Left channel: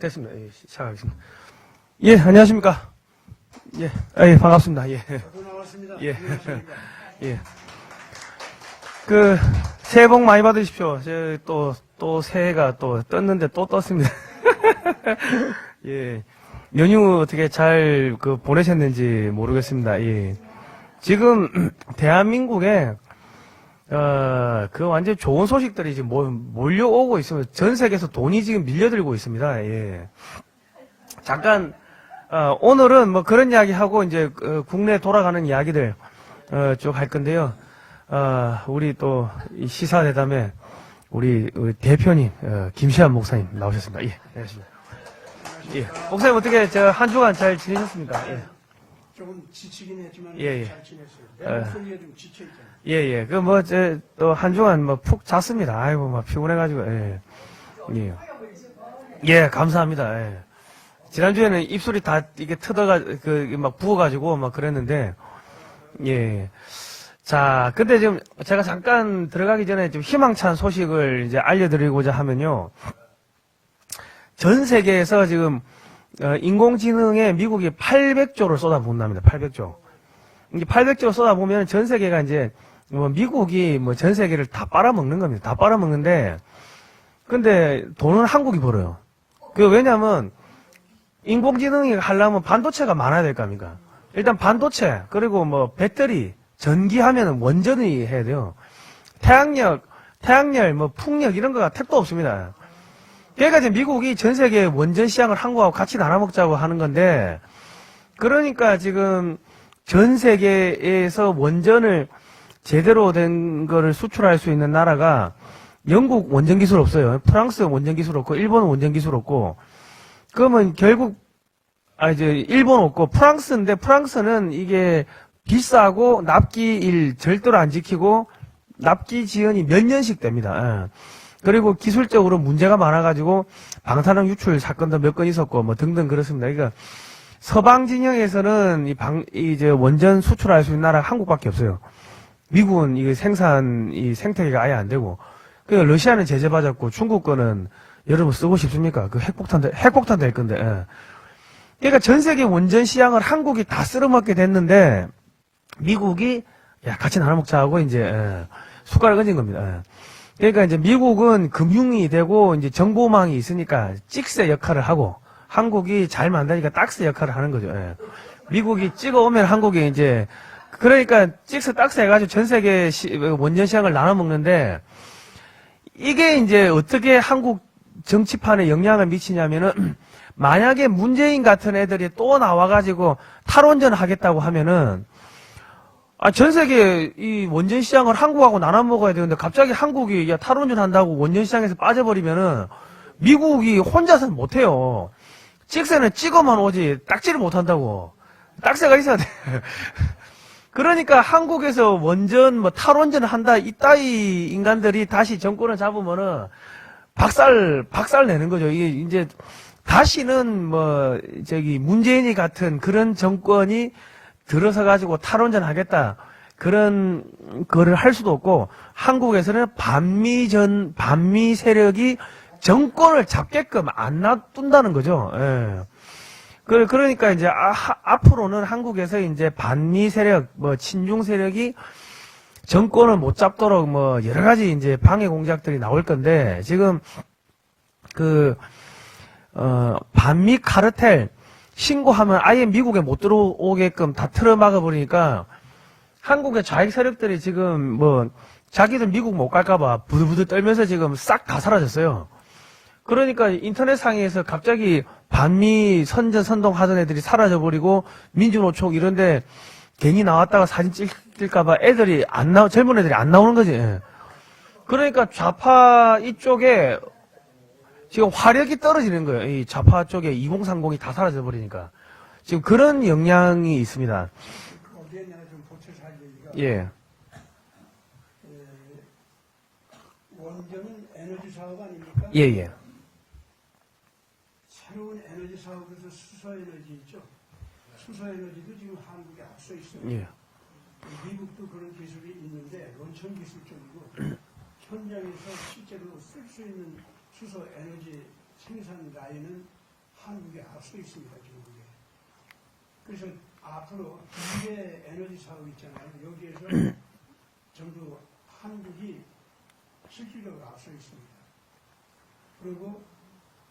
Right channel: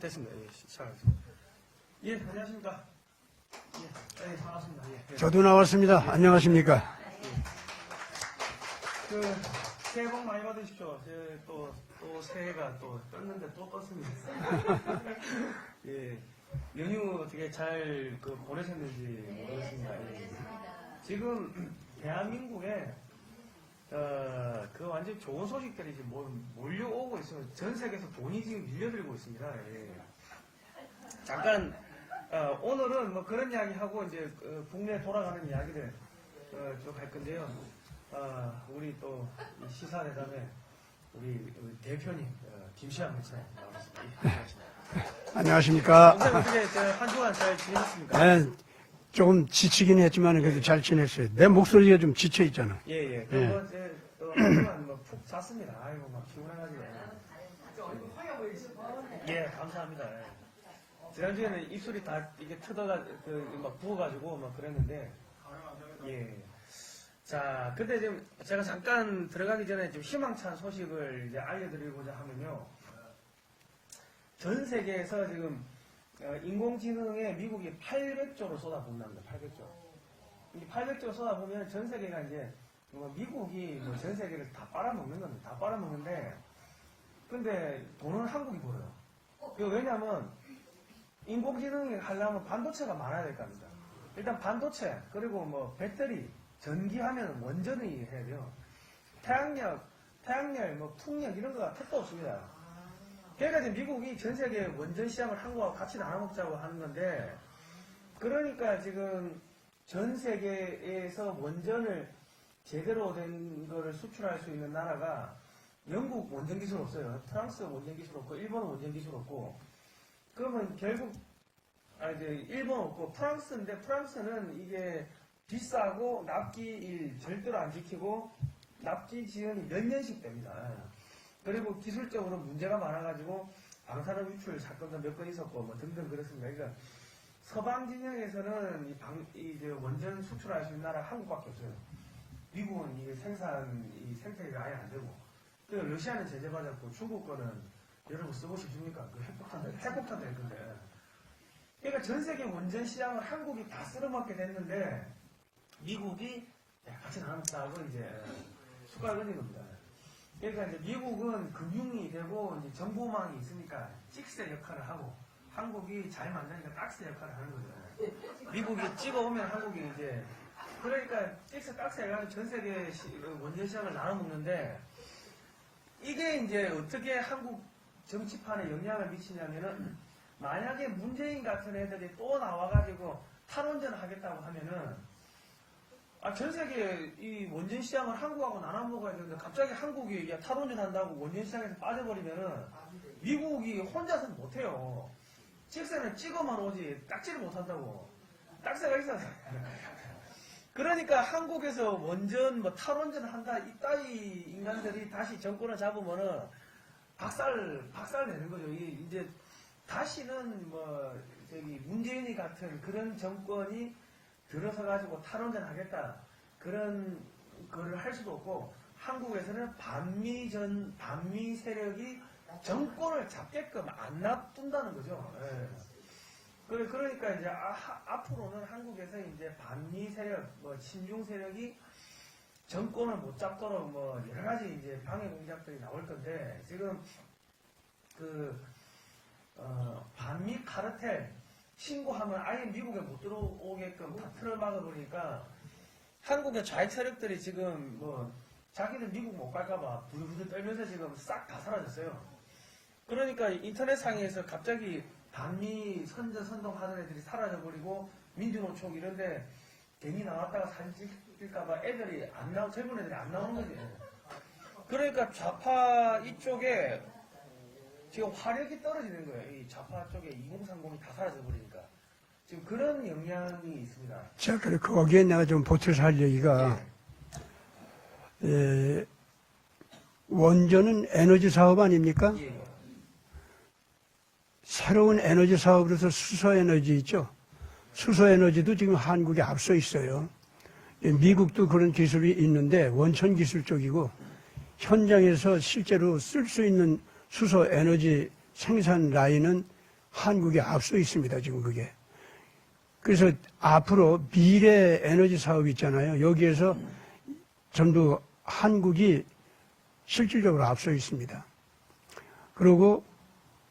됐습니다. 예, 시작하겠습니다. 예, 안녕하십니까. 예, 예, 반갑습니다. 예. 저도 나왔습니다. 예. 안녕하십니까. 예. 새해 복 많이 받으십시오. 또 새해가 또 떴는데 또 떴습니다. 예. 연휴 어떻게 잘 보내셨는지 모르겠습니다. 예. 지금, 대한민국에, 완전 좋은 소식들이 지금 몰려오고 있습니다. 전 세계에서 돈이 지금 밀려들고 있습니다. 예. 잠깐, 오늘은 뭐 그런 이야기 하고 이제 국내 돌아가는 이야기들, 쭉 할 건데요. 우리 또 이 시사대담에 우리 대표님, 김시한 목사님 나오셨습니다. 예. 안녕하십니까. 안녕하십니까. 목사님 어떻게 한 주간 잘 지내셨습니까? 네, 조금 지치긴 했지만 그래도 예. 잘 지냈어요. 내 목소리가 좀 지쳐 있잖아. 예, 예. 또 한 주간 푹 잤습니다. 아이고, 피곤해가지고, 예. 예. 예, 감사합니다. 예. 지난주에는 입술이 다 이게 부어가지고 그랬는데, 예. 자, 근데 지금 제가 잠깐 들어가기 전에 좀 희망찬 소식을 이제 알려드리고자 하면요. 전 세계에서 지금, 인공지능에 미국이 800조를 쏟아붓는답니다. 800조. 이게 800조 쏟아보면 전 세계가 이제, 미국이 전 세계를 다 빨아먹는 겁니다. 다 빨아먹는데, 근데 돈은 한국이 벌어요. 왜냐면, 인공지능이 하려면 반도체가 많아야 될 거 아닙니까? 일단 반도체, 그리고 배터리, 전기하면 원전이 해야 돼요. 태양열, 풍력 이런 거가 택도 없습니다. 그러니까 이제 미국이 전 세계 원전 시장을 한국하고 같이 나눠먹자고 하는 건데, 그러니까 지금 전 세계에서 원전을 제대로 된 거를 수출할 수 있는 나라가 영국 원전 기술 없어요. 프랑스 원전 기술 없고, 일본 원전 기술 없고, 그러면 결국, 이제 일본 없고, 프랑스인데, 프랑스는 이게 비싸고 납기일 절대로 안 지키고, 납기 지연이 몇 년씩 됩니다. 예. 그리고 기술적으로 문제가 많아가지고, 방사능 유출 사건도 몇 건 있었고, 등등 그렇습니다. 그러니까, 서방 진영에서는 이제 원전 수출할 수 있는 나라가 한국밖에 없어요. 미국은 이 생태계가 아예 안 되고, 그러니까 러시아는 제재받았고, 중국 거는 여러분 쓰고 싶습니까? 핵폭탄 될 건데, 예. 그러니까 전 세계 원전 시장을 한국이 다 쓸어먹게 됐는데, 미국이, 같이 나눠먹자 하고, 이제, 숟가락 얹은 겁니다. 예. 그러니까 이제 미국은 금융이 되고, 이제 정보망이 있으니까 찍새 역할을 하고, 한국이 잘 만드니까 딱새 역할을 하는 거죠. 예. 미국이 찍어오면 한국이 이제, 그러니까 찍새 딱새 해가지고 전 세계 원전 시장을 나눠먹는데, 이게 이제 어떻게 한국 정치판에 영향을 미치냐면은, 만약에 문재인 같은 애들이 또 나와가지고 탈원전 하겠다고 하면은, 전 세계 이 원전 시장을 한국하고 나눠 먹어야 되는데 갑자기 한국이 탈원전 한다고 원전 시장에서 빠져버리면은 미국이 혼자서는 못해요. 찍새는 찍어만 오지 딱지를 못한다고. 딱새가 있어야 돼. 그러니까 한국에서 원전 탈원전 한다 이따위 인간들이 다시 정권을 잡으면은 박살 내는 거죠. 이게 이제 다시는 문재인이 같은 그런 정권이 들어서 가지고 탈원전 하겠다. 그런 거를 할 수도 없고, 한국에서는 반미 세력이 정권을 잡게끔 안 놔둔다는 거죠. 예. 그러니까 이제 앞으로는 한국에서 이제 반미 세력, 친중 세력이 정권을 못 잡도록 여러 가지 이제 방해 공작들이 나올 건데, 지금 반미 카르텔 신고하면 아예 미국에 못 들어오게끔 다 틀어막아 버리니까 한국의 좌익 세력들이 지금 자기들 미국 못 갈까봐 부들부들 떨면서 지금 싹 다 사라졌어요. 그러니까 인터넷 상에서 갑자기 반미 선동 하던 애들이 사라져 버리고 민주노총 이런데 괜히 나왔다가 사진 찍힐까봐 젊은 애들이 안 나오는 거지. 예. 그러니까 좌파 이쪽에 지금 화력이 떨어지는 거예요. 이 좌파 쪽에 2030이 다 사라져 버리니까. 지금 그런 영향이 있습니다. 자, 그리고 거기에 내가 좀 보태서 할 얘기가, 예. 원전은 에너지 사업 아닙니까? 예, 예. 새로운 에너지 사업으로서 수소에너지 있죠? 수소에너지도 지금 한국에 앞서 있어요. 미국도 그런 기술이 있는데 원천 기술 쪽이고, 현장에서 실제로 쓸 수 있는 수소 에너지 생산 라인은 한국이 앞서 있습니다. 지금 그게. 그래서 앞으로 미래 에너지 사업 있잖아요. 여기에서 전부 한국이 실질적으로 앞서 있습니다. 그리고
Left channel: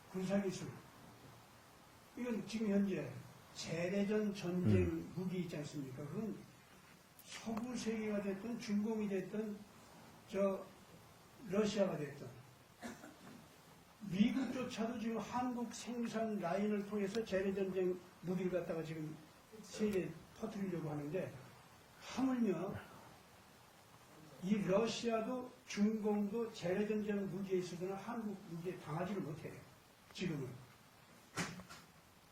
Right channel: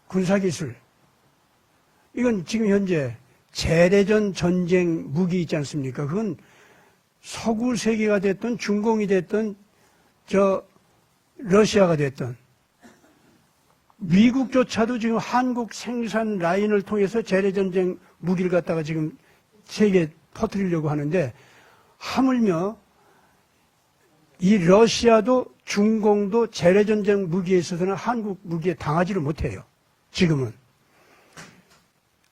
군사기술. 이건 지금 현재 재래전 전쟁 무기 있지 않습니까? 그건 서구 세계가 됐든 중공이 됐든 러시아가 됐든 미국조차도 지금 한국 생산 라인을 통해서 재래전쟁 무기를 갖다가 지금 세계에 퍼뜨리려고 하는데 하물며 이 러시아도 중공도 재래전쟁 무기에 있어서는 한국 무기에 당하지를 못해요. 지금은.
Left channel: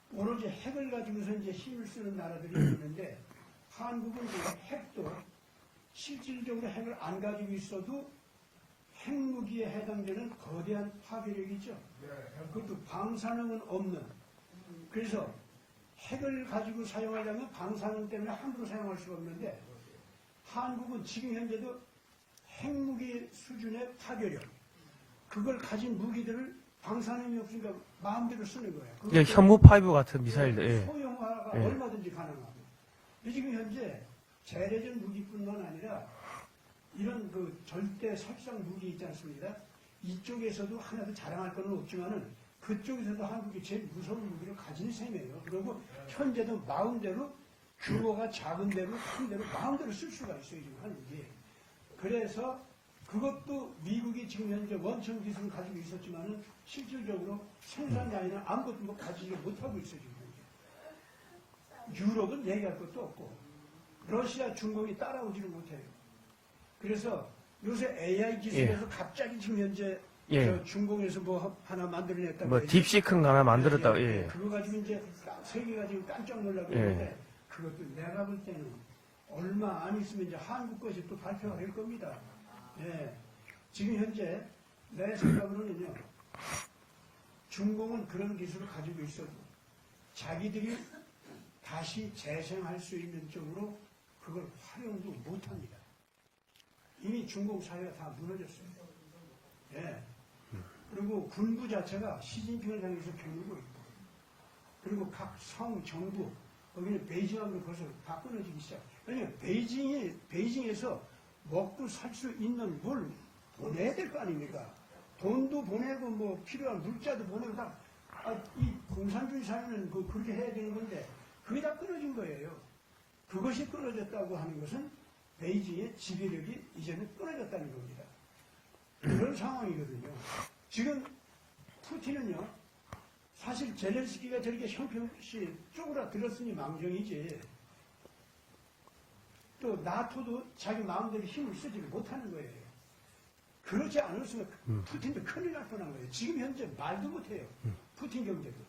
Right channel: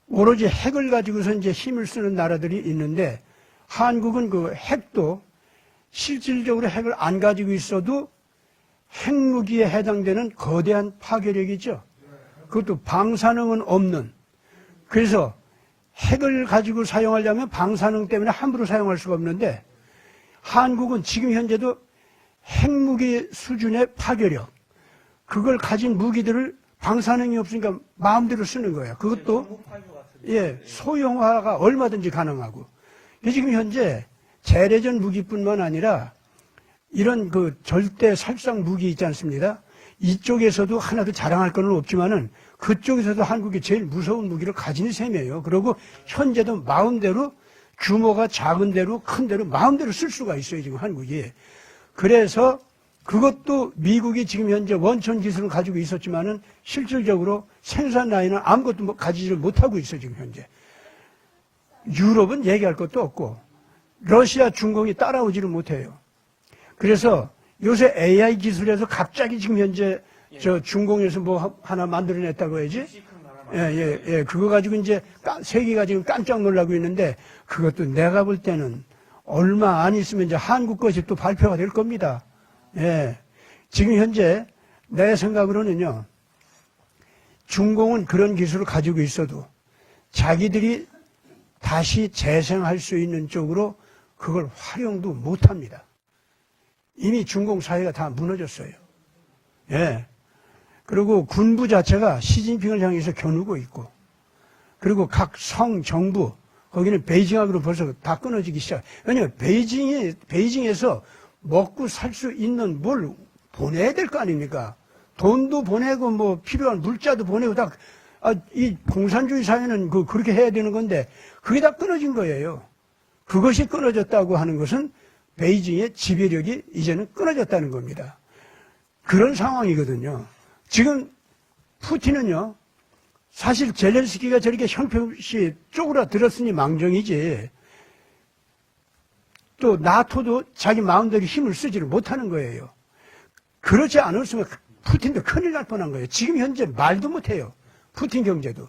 오로지 핵을 가지고서 이제 힘을 쓰는 나라들이 있는데 한국은 그 핵도 실질적으로 핵을 안 가지고 있어도 핵무기에 해당되는 거대한 파괴력이죠. 그것도 방사능은 없는. 그래서 핵을 가지고 사용하려면 방사능 때문에 함부로 사용할 수가 없는데 한국은 지금 현재도 핵무기 수준의 파괴력, 그걸 가진 무기들을 방사능이 없으니까 마음대로 쓰는 거예요. 그것도 현무 파이브 같은 예, 미사일. 소형화가 예. 얼마든지 가능하고. 지금 현재 재래전 무기뿐만 아니라 이런 그 절대 살상 무기 있지 않습니다. 이쪽에서도 하나도 자랑할 건 없지만은 그쪽에서도 한국이 제일 무서운 무기를 가진 셈이에요. 그리고 현재도 마음대로 규모가 작은 대로 큰 대로 마음대로 쓸 수가 있어요. 지금 한국이. 그래서 그것도 미국이 지금 현재 원천 기술을 가지고 있었지만은 실질적으로 생산 라인은 아무것도 가지지를 못하고 있어요. 지금 현재. 유럽은 얘기할 것도 없고 러시아, 중공이 따라오지를 못해요. 그래서 요새 AI 기술에서 갑자기 지금 현재 예. 저 중공에서 뭐 하나 만들어냈다고 뭐 해야지. 딥시크인가 하나 만들었다고. 예. 그거 가지고 이제 세계가 지금 깜짝 놀라고 있는데 그것도 내가 볼 때는 얼마 안 있으면 이제 한국 것이 또 발표가 될 겁니다. 예. 지금 현재 내 생각으로는요. 중공은 그런 기술을 가지고 있어도 자기들이 다시 재생할 수 있는 쪽으로 그걸 활용도 못합니다. 이미 중공 사회가 다 무너졌어요. 예. 그리고 군부 자체가 시진핑을 향해서 겨누고 있고, 그리고 각 성, 정부, 거기는 베이징하고도 벌써 다 끊어지기 시작. 왜냐하면 베이징에서 먹고 살 수 있는 뭘 보내야 될 거 아닙니까? 돈도 보내고 뭐 필요한 물자도 보내고 다, 이 공산주의 사회는 그렇게 해야 되는 건데 그게 다 끊어진 거예요. 그것이 끊어졌다고 하는 것은 베이징의 지배력이 이제는 끊어졌다는 겁니다. 그런 상황이거든요. 지금 푸틴은요, 사실 젤렌스키가 저렇게 형편없이 쪼그라들었으니 망정이지, 또 나토도 자기 마음대로 힘을 쓰지를 못하는 거예요. 그렇지 않았으면 푸틴도 큰일 날 뻔한 거예요. 지금 현재 말도 못해요. 푸틴 경제도.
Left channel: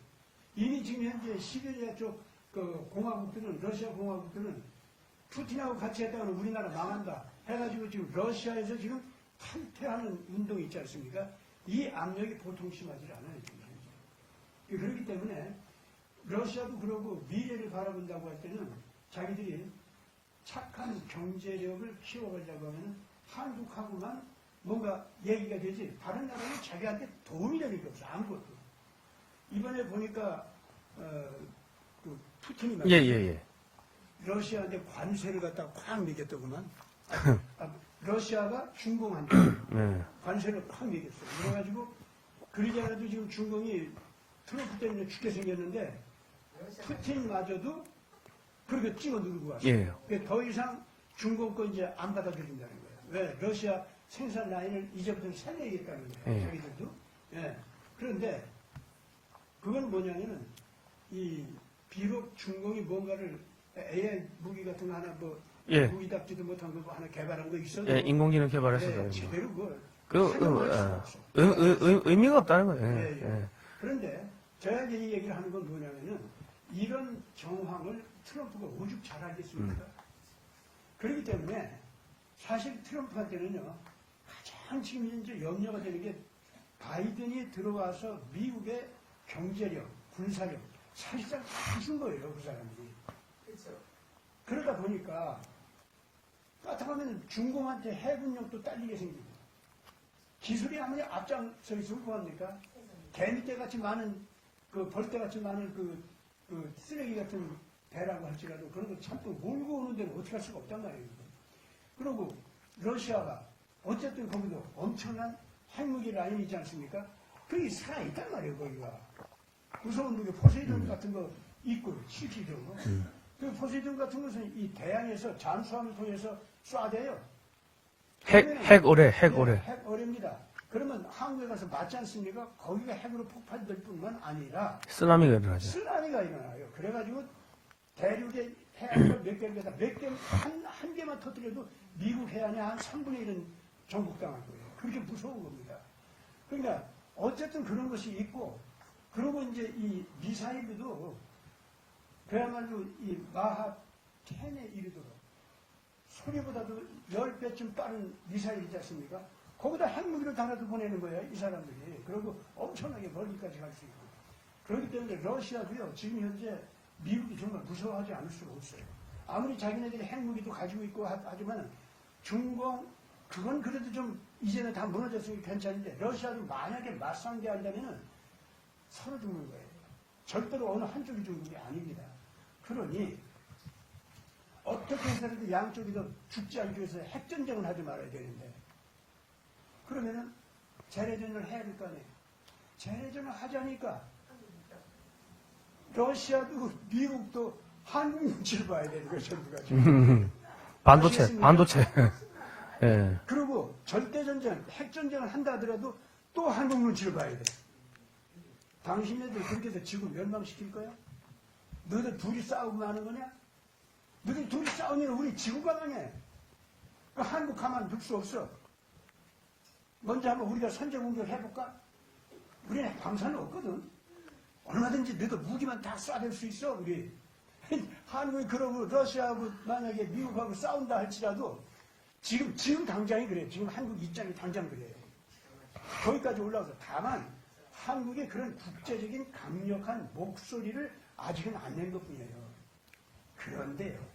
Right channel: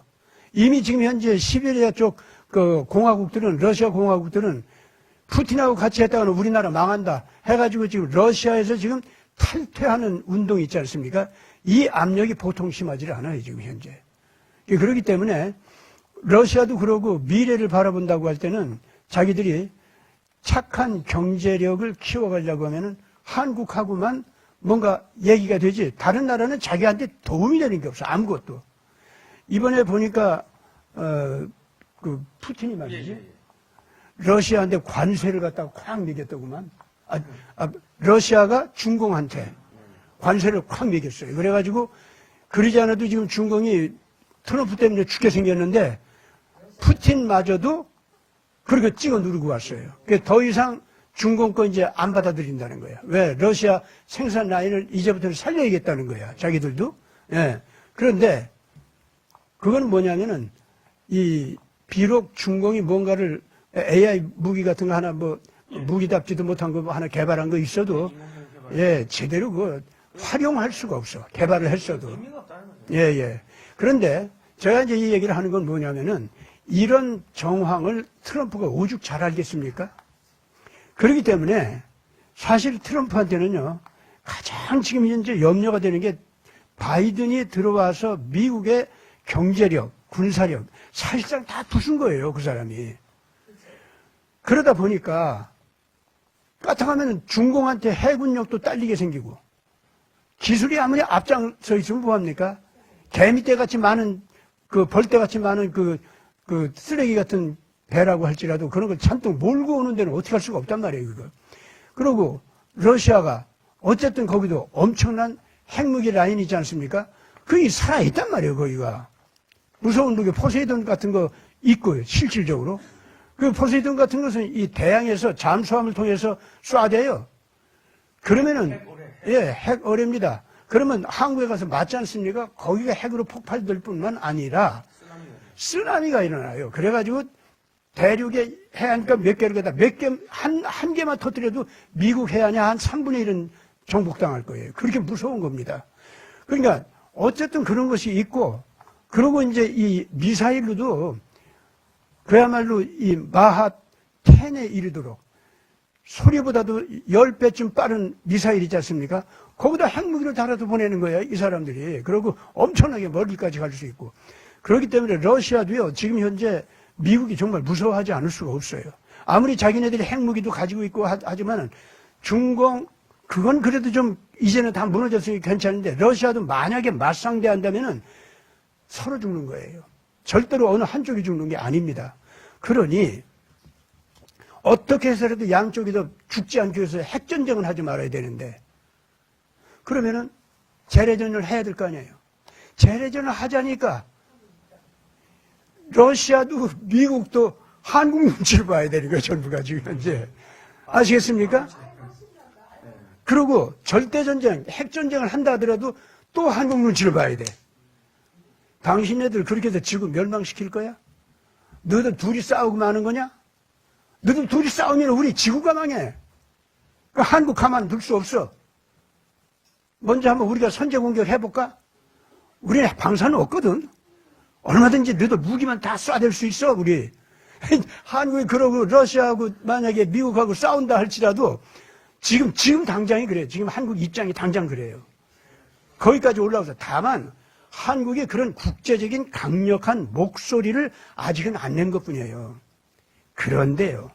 이미 지금 현재 시베리아 쪽 그 공화국들은, 러시아 공화국들은 푸틴하고 같이 했다가는 우리나라 망한다 해가지고 지금 러시아에서 지금 탈퇴하는 운동이 있지 않습니까? 이 압력이 보통 심하지 않아요, 지금 현재. 그렇기 때문에 러시아도 그러고 미래를 바라본다고 할 때는 자기들이 착한 경제력을 키워가려고 하면은 한국하고만 뭔가 얘기가 되지, 다른 나라는 자기한테 도움이 되는 게 없어, 아무것도. 이번에 보니까, 그 푸틴이 말이죠. 러시아한테 관세를 갖다가 콱 매겼더구만. 러시아가 중공한테 관세를 콱 매겼어요. 그래가지고 그러지 않아도 지금 중공이 트럼프 때문에 죽게 생겼는데 푸틴마저도 그렇게 찍어 누르고 왔어요. 그러니까 더 이상 중공 거 이제 안 받아들인다는 거야. 왜? 러시아 생산 라인을 이제부터는 살려야겠다는 거야. 자기들도. 예. 그런데 그건 뭐냐면은 비록 중공이 뭔가를 AI 무기 같은 거 하나 무기답지도 못한 거 하나 개발한 거 있어도 인공지능 개발을 제대로 활용할 수가 없어. 개발을 할 수 없어. 의미가 없다는 거예요. 예. 그런데 제가 이제 이 얘기를 하는 건 뭐냐면은 이런 정황을 트럼프가 오죽 잘 알겠습니까? 그렇기 때문에 사실 트럼프한테는요, 가장 지금 현재 염려가 되는 게 바이든이 들어와서 미국의 경제력, 군사력, 사실상 다 부순 거예요, 그 사람이. 그러다 보니까 까딱하면 중공한테 해군력도 딸리게 생기고, 기술이 아무리 앞장서 있으면 뭐합니까? 개미떼같이 많은 그 벌떼같이 많은 그 쓰레기 같은 배라고 할지라도 그런 걸 잔뜩 몰고 오는 데는 어떻게 할 수가 없단 말이에요, 그거. 그리고 러시아가 어쨌든 거기도 엄청난 핵무기 라인이 있지 않습니까? 그게 살아있단 말이에요, 거기가. 무서운 무기 포세이돈 같은 거 있고요, 실질적으로. 그 포세이돈 같은 것은 이 대양에서 잠수함을 통해서 쏴대요. 그러면은 핵어뢰. 예, 핵어뢰입니다. 그러면 한국에 가서 맞지 않습니까? 거기가 핵으로 폭발될 뿐만 아니라 쓰나미가 일어나죠. 쓰나미가 일어나요. 그래가지고 대륙의 해안가 몇 개를 갖다 한 개만 터뜨려도 미국 해안이 한 3분의 1은 정복당할 거예요. 그렇게 무서운 겁니다. 그러니까 어쨌든 그런 것이 있고, 그리고 이제 이 미사일로도 그야말로 이 마하 10에 이르도록 소리보다도 10배쯤 빠른 미사일이지 않습니까? 거기다 핵무기를 달아도 보내는 거예요, 이 사람들이. 그리고 엄청나게 멀리까지 갈 수 있고. 그렇기 때문에 러시아도요, 지금 현재 미국이 정말 무서워하지 않을 수가 없어요. 아무리 자기네들이 핵무기도 가지고 있고 하지만은 중공, 그건 그래도 좀 이제는 다 무너졌으니 괜찮은데, 러시아도 만약에 맞상대한다면은 서로 죽는 거예요. 절대로 어느 한쪽이 죽는 게 아닙니다. 그러니 어떻게 해서라도 양쪽이 더 죽지 않기 위해서 핵전쟁은 하지 말아야 되는데, 그러면은 재래전을 해야 될 거 아니에요. 재래전을 하자니까 러시아도 미국도 한국 눈치를 봐야 되는 거예요, 전부가 지금 이제. 아시겠습니까? 반도체. 예. 그리고 절대전쟁, 핵전쟁을 한다 하더라도 또 한국 눈치를 봐야 돼. 당신네들 그렇게 해서 지구 멸망시킬 거야? 너희들 둘이 싸우고 마는 거냐? 너희들 둘이 싸우면 우리 지구가 망해. 그 한국 가만 둘 수 없어. 먼저 한번 우리가 선제 공격 해볼까? 우리는 방사는 없거든. 얼마든지 너희들 무기만 다 쏴댈 수 있어, 우리. 한국이 그러고 러시아하고 만약에 미국하고 싸운다 할지라도 지금 당장이 그래요. 지금 한국 입장이 당장 그래요. 거기까지 올라와서 다만 한국의 그런 국제적인 강력한 목소리를 아직은 안 낸 것뿐이에요. 그런데요,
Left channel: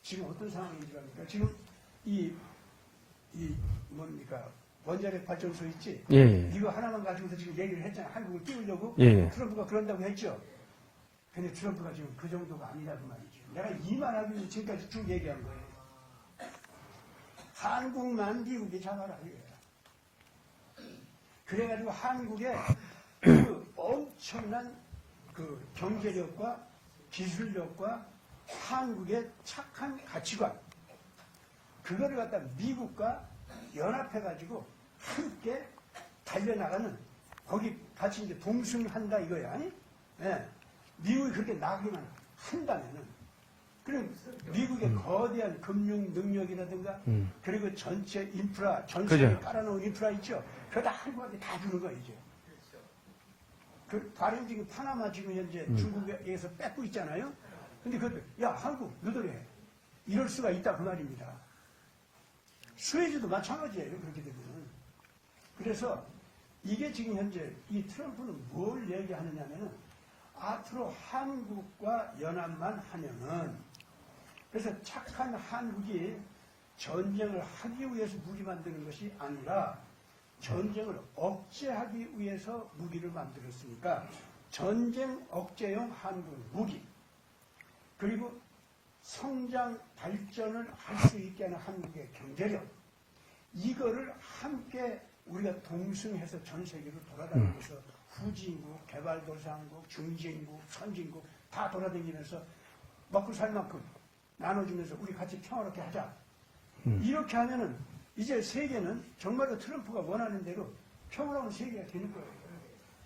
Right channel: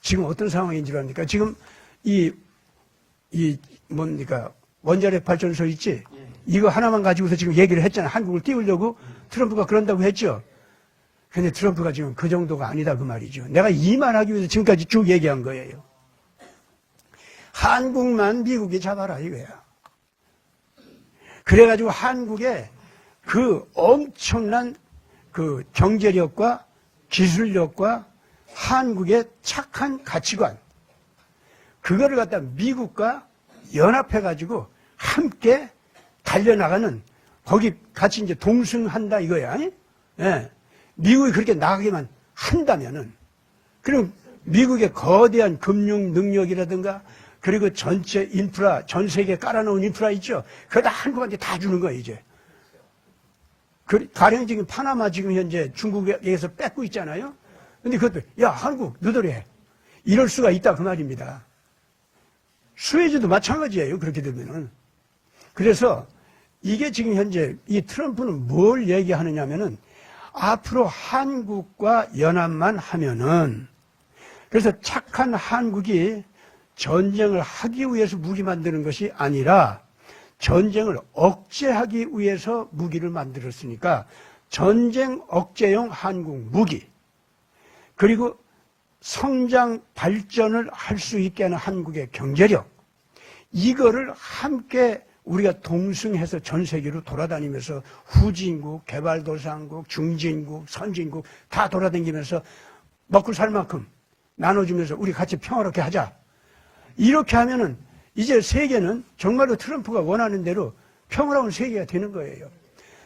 지금 어떤 상황인 줄 압니까? 지금 뭡니까? 원자력 발전소 있지? 예. 이거 하나만 가지고서 지금 얘기를 했잖아. 한국을 띄우려고. 예. 트럼프가 그런다고 했죠. 근데 트럼프가 지금 그 정도가 아니다 그 말이죠. 내가 이 말하기 위해서 지금까지 쭉 얘기한 거예요. 한국만 미국이 잡아라 이거야. 그래가지고 한국의 그 엄청난 그 경제력과 기술력과 한국의 착한 가치관, 그거를 갖다 미국과 연합해가지고 함께 달려나가는, 거기 같이 이제 동승한다 이거야. 예. 미국이 그렇게 나가기만 한다면은, 그럼 미국의 거대한 금융 능력이라든가, 그리고 전체 인프라, 전 세계에 깔아놓은 인프라 있죠? 그거 다 한국한테 다 주는 거야, 이제. 가령 지금 파나마 지금 현재 중국에서 뺏고 있잖아요? 근데 그것도, 야, 한국, 너들 해. 이럴 수가 있다, 그 말입니다. 스웨즈도 마찬가지예요, 그렇게 되면은. 그래서 이게 지금 현재 이 트럼프는 뭘 얘기하느냐면은 앞으로 한국과 연합만 하면은, 그래서 착한 한국이 전쟁을 하기 위해서 무기 만드는 것이 아니라 전쟁을 억제하기 위해서 무기를 만들었으니까 전쟁 억제용 한국 무기, 그리고 성장 발전을 할 수 있게 하는 한국의 경제력, 이거를 함께 우리가 동승해서 전 세계로 돌아다니면서 후진국, 개발도상국, 중진국, 선진국 다 돌아다니면서 먹고 살 만큼 나눠주면서 우리 같이 평화롭게 하자. 이렇게 하면은 이제 세계는 정말로 트럼프가 원하는 대로 평화로운 세계가 되는 거예요.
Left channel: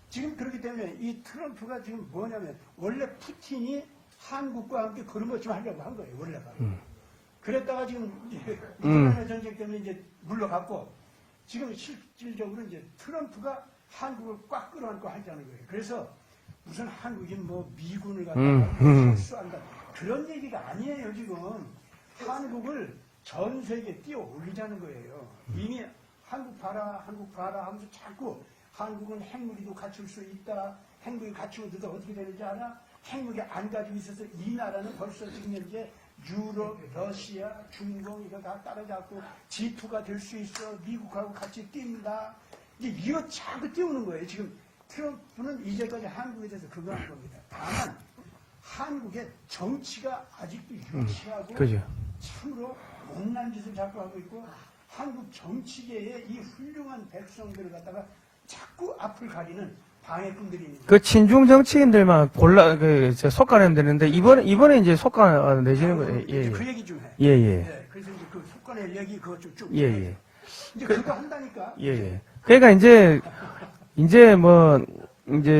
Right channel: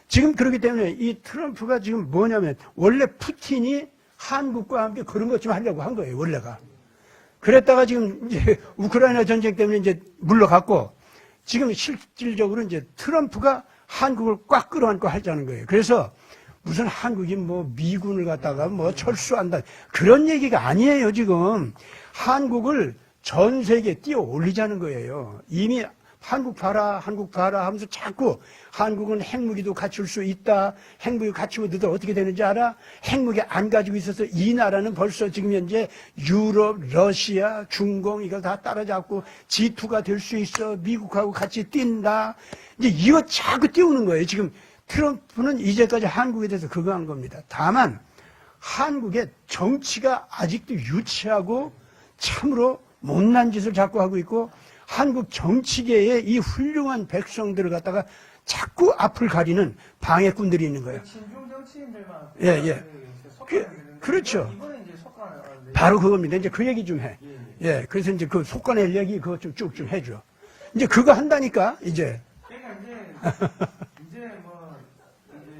지금 그렇기 때문에 이 트럼프가 지금 뭐냐면 원래 푸틴이 한국과 함께 그런 것 좀 하려고 한 거예요, 원래가. 그랬다가 지금 이제 우크라이나 전쟁 때문에 이제 물러갔고, 지금 실질적으로 이제 트럼프가 한국을 꽉 끌어안고 하자는 거예요. 그래서 무슨 한국이 뭐 미군을 갖다가 뭐 철수한다, 그런 얘기가 아니에요, 지금. 한국을 전 세계에 띄워 올리자는 거예요. 이미 한국 봐라 하면서 자꾸 한국은 핵무기도 갖출 수 있다. 핵무기 갖추면 너들 어떻게 되는지 알아? 핵무기 안 가지고 있어서 이 나라는 벌써 지금 현재 유럽, 러시아, 중공 이걸 다 따라잡고 G2가 될 수 있어. 미국하고 같이 뛴다. 이제 이거 자꾸 띄우는 거예요. 지금 트럼프는 이제까지 한국에 대해서 그거 한 겁니다. 다만 한국의 정치가 아직도 유치하고 그죠. 참으로 못난 짓을 자꾸 하고 있고 한국 정치계의 이 훌륭한 백성들을 갖다가 자꾸 앞을 가리는 방해꾼들이 있는 거예요. 그 친중 정치인들만 골라 예. 속가내면 되는데 그렇죠. 이번에 이제 속가내 바로 그겁니다. 이제 그 얘기 좀 해. 예예. 그래서 이제 그 속관의 얘기 그거 좀 쭉 예, 해줘. 이제 그거 한다니까 예. 이제. 그러니까 이제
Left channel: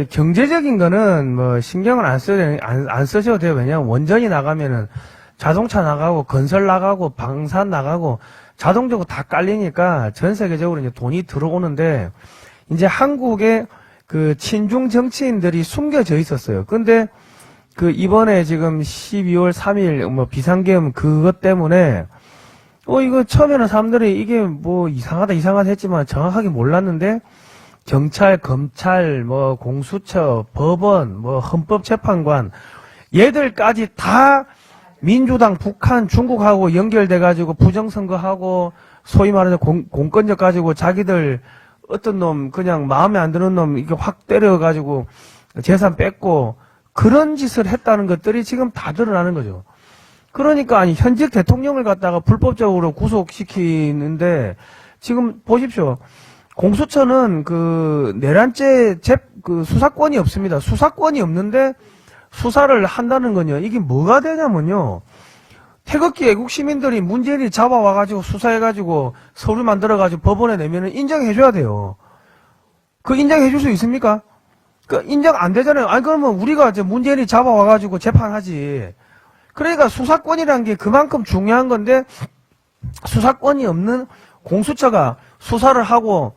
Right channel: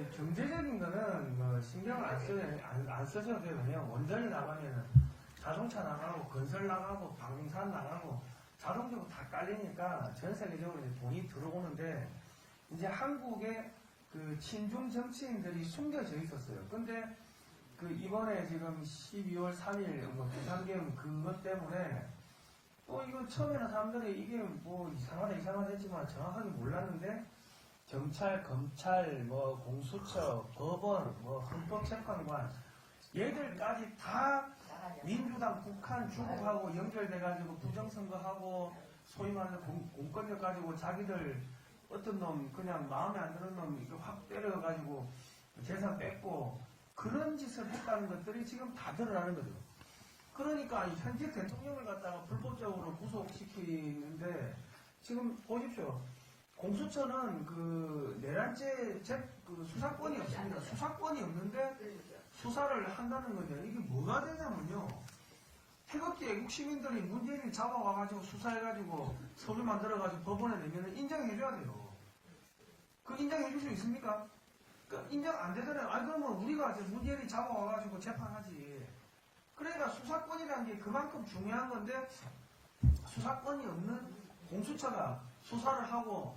경제적인 거는 뭐 신경을 안 쓰셔도 돼요. 왜냐하면 원전이 나가면은 자동차 나가고 건설 나가고 방산 나가고 자동적으로 다 깔리니까 전 세계적으로 이제 돈이 들어오는데 이제 한국에 그 친중 정치인들이 숨겨져 있었어요. 근데 그 이번에 지금 12월 3일 뭐 비상계엄 그것 때문에 이거 처음에는 사람들이 이게 뭐 이상하다 했지만 정확하게 몰랐는데 경찰, 검찰, 뭐 공수처, 법원, 뭐 헌법재판관 얘들까지 다 민주당, 북한, 중국하고 연결돼 가지고 부정선거하고 소위 말해서 공권력 가지고 자기들 어떤 놈 그냥 마음에 안 드는 놈 이게 확 때려 가지고 재산 뺏고 그런 짓을 했다는 것들이 지금 다 드러나는 거죠. 그러니까 아니 현직 대통령을 갖다가 불법적으로 구속시키는데 지금 보십시오. 공수처는 그 내란죄 그 수사권이 없습니다. 수사권이 없는데 수사를 한다는 건요. 이게 뭐가 되냐면요. 태극기 애국 시민들이 문재인이 잡아와가지고 수사해가지고 서류 만들어가지고 법원에 내면은 인정해줘야 돼요. 그 인정해줄 수 있습니까? 그 인정 안 되잖아요. 아니 그러면 우리가 이제 문재인이 잡아와가지고 재판하지. 그러니까 수사권이라는 게 그만큼 중요한 건데 수사권이 없는 공수처가 수사를 하고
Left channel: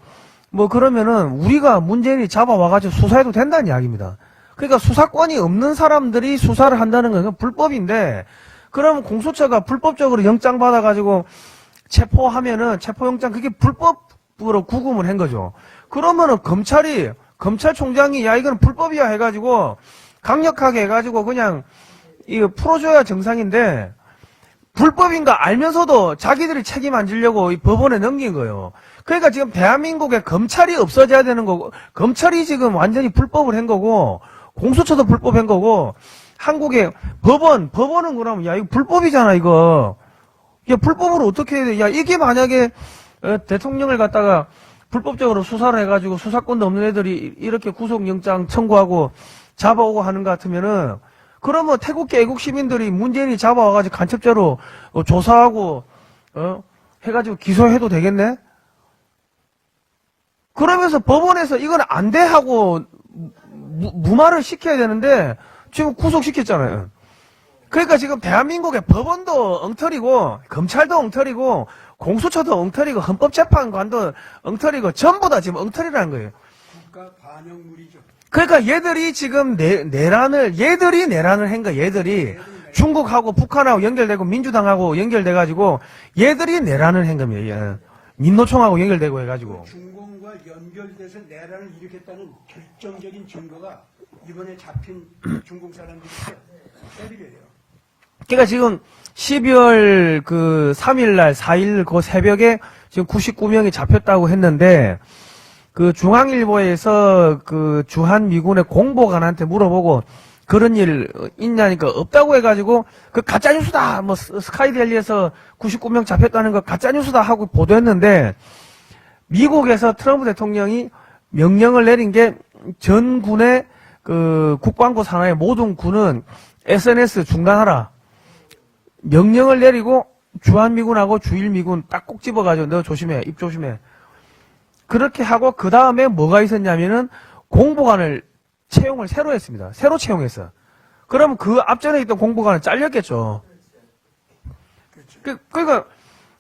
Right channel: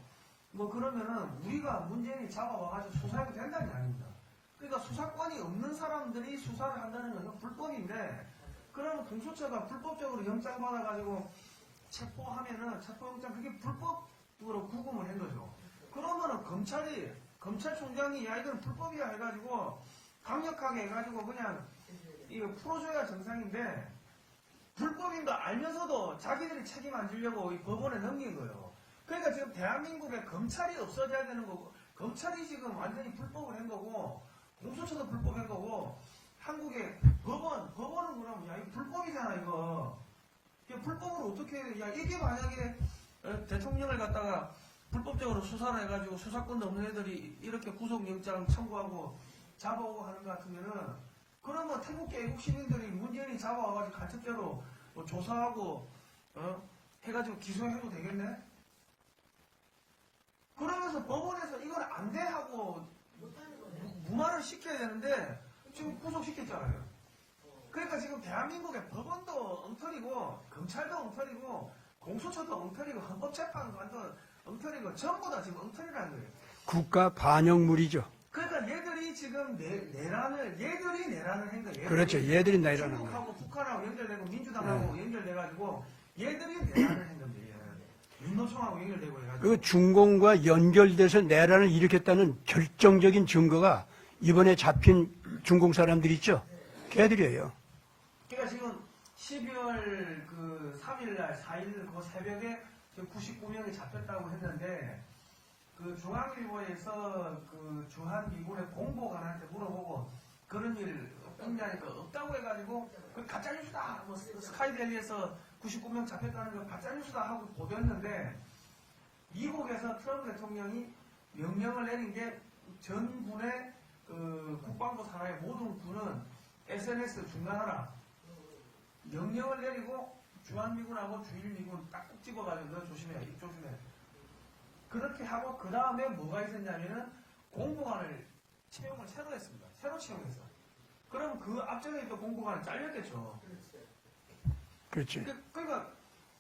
뭐 그러면은 우리가 문재인이 잡아와가지고 수사해도 된다는 이야기입니다. 그러니까 수사권이 없는 사람들이 수사를 한다는 건 불법인데 그러면 공수처가 불법적으로 영장 받아가지고 체포하면은 체포영장 그게 불법으로 구금을 한 거죠. 그러면은 검찰총장이 야 이건 불법이야 해가지고 강력하게 해가지고 그냥 이거 풀어줘야 정상인데 불법인 거 알면서도 자기들이 책임 안 지려고 이 법원에 넘긴 거예요. 그러니까 지금 대한민국에 검찰이 없어져야 되는 거고 검찰이 지금 완전히 불법을 한 거고 공수처도 불법한 거고 한국의 법원은 그러면 야 이거 불법이잖아 이거. 야 불법으로 어떻게 해야 돼? 야 이게 만약에 대통령을 갖다가 불법적으로 수사를 해가지고 수사권도 없는 애들이 이렇게 구속영장 청구하고 잡아오고 하는 것 같으면은 그러면 태국계 애국 시민들이 문재인이 잡아와가지고 간첩죄로 조사하고 해가지고 기소해도 되겠네? 그러면서 법원에서 이건 안 돼 하고 무마를 시켜야 되는데 지금 구속시켰잖아요. 그러니까 지금 대한민국의 법원도 엉터리고 검찰도 엉터리고 공수처도 엉터리고 헌법재판관도 엉터리고 전부 다 지금 엉터리라는 거예요. 국가 반영물이죠. 그러니까 얘들이 지금 얘들이 내란을 한 거야. 얘들이 그렇죠. 얘들이 내란. 중국하고 북한하고 연결되고 민주당하고 연결돼가지고 얘들이 내란을 한 겁니다. 예. 민노총하고 연결되고 해가지고. 그 중공과 연결돼서 내란을 일으켰다는 결정적인 증거가 이번에 잡힌 중공 사람들 있죠. 걔들이에요. 그러니까 지금 12월 그 3일날 4일 그 새벽에 지금 99명이 잡혔다고 했는데 그 중앙일보에서 그 주한미군의 공보관한테 물어보고 그런 일 있냐니까 없다고 해가지고 그 가짜뉴스다 뭐 스카이델리에서 99명 잡혔다는 거 가짜뉴스다 하고 보도했는데 미국에서 트럼프 대통령이 명령을 내린 게 전 군의 그 국방부 산하의 모든 군은 SNS 중단하라 명령을 내리고 주한미군하고 주일미군 딱 꼭 집어가지고 너 조심해 입 조심해 그렇게 하고 그 다음에 뭐가 있었냐면은 공보관을 채용을 새로 했습니다. 새로 채용했어. 그럼 그 앞전에 있던 공보관은 잘렸겠죠. 그렇지. 그러니까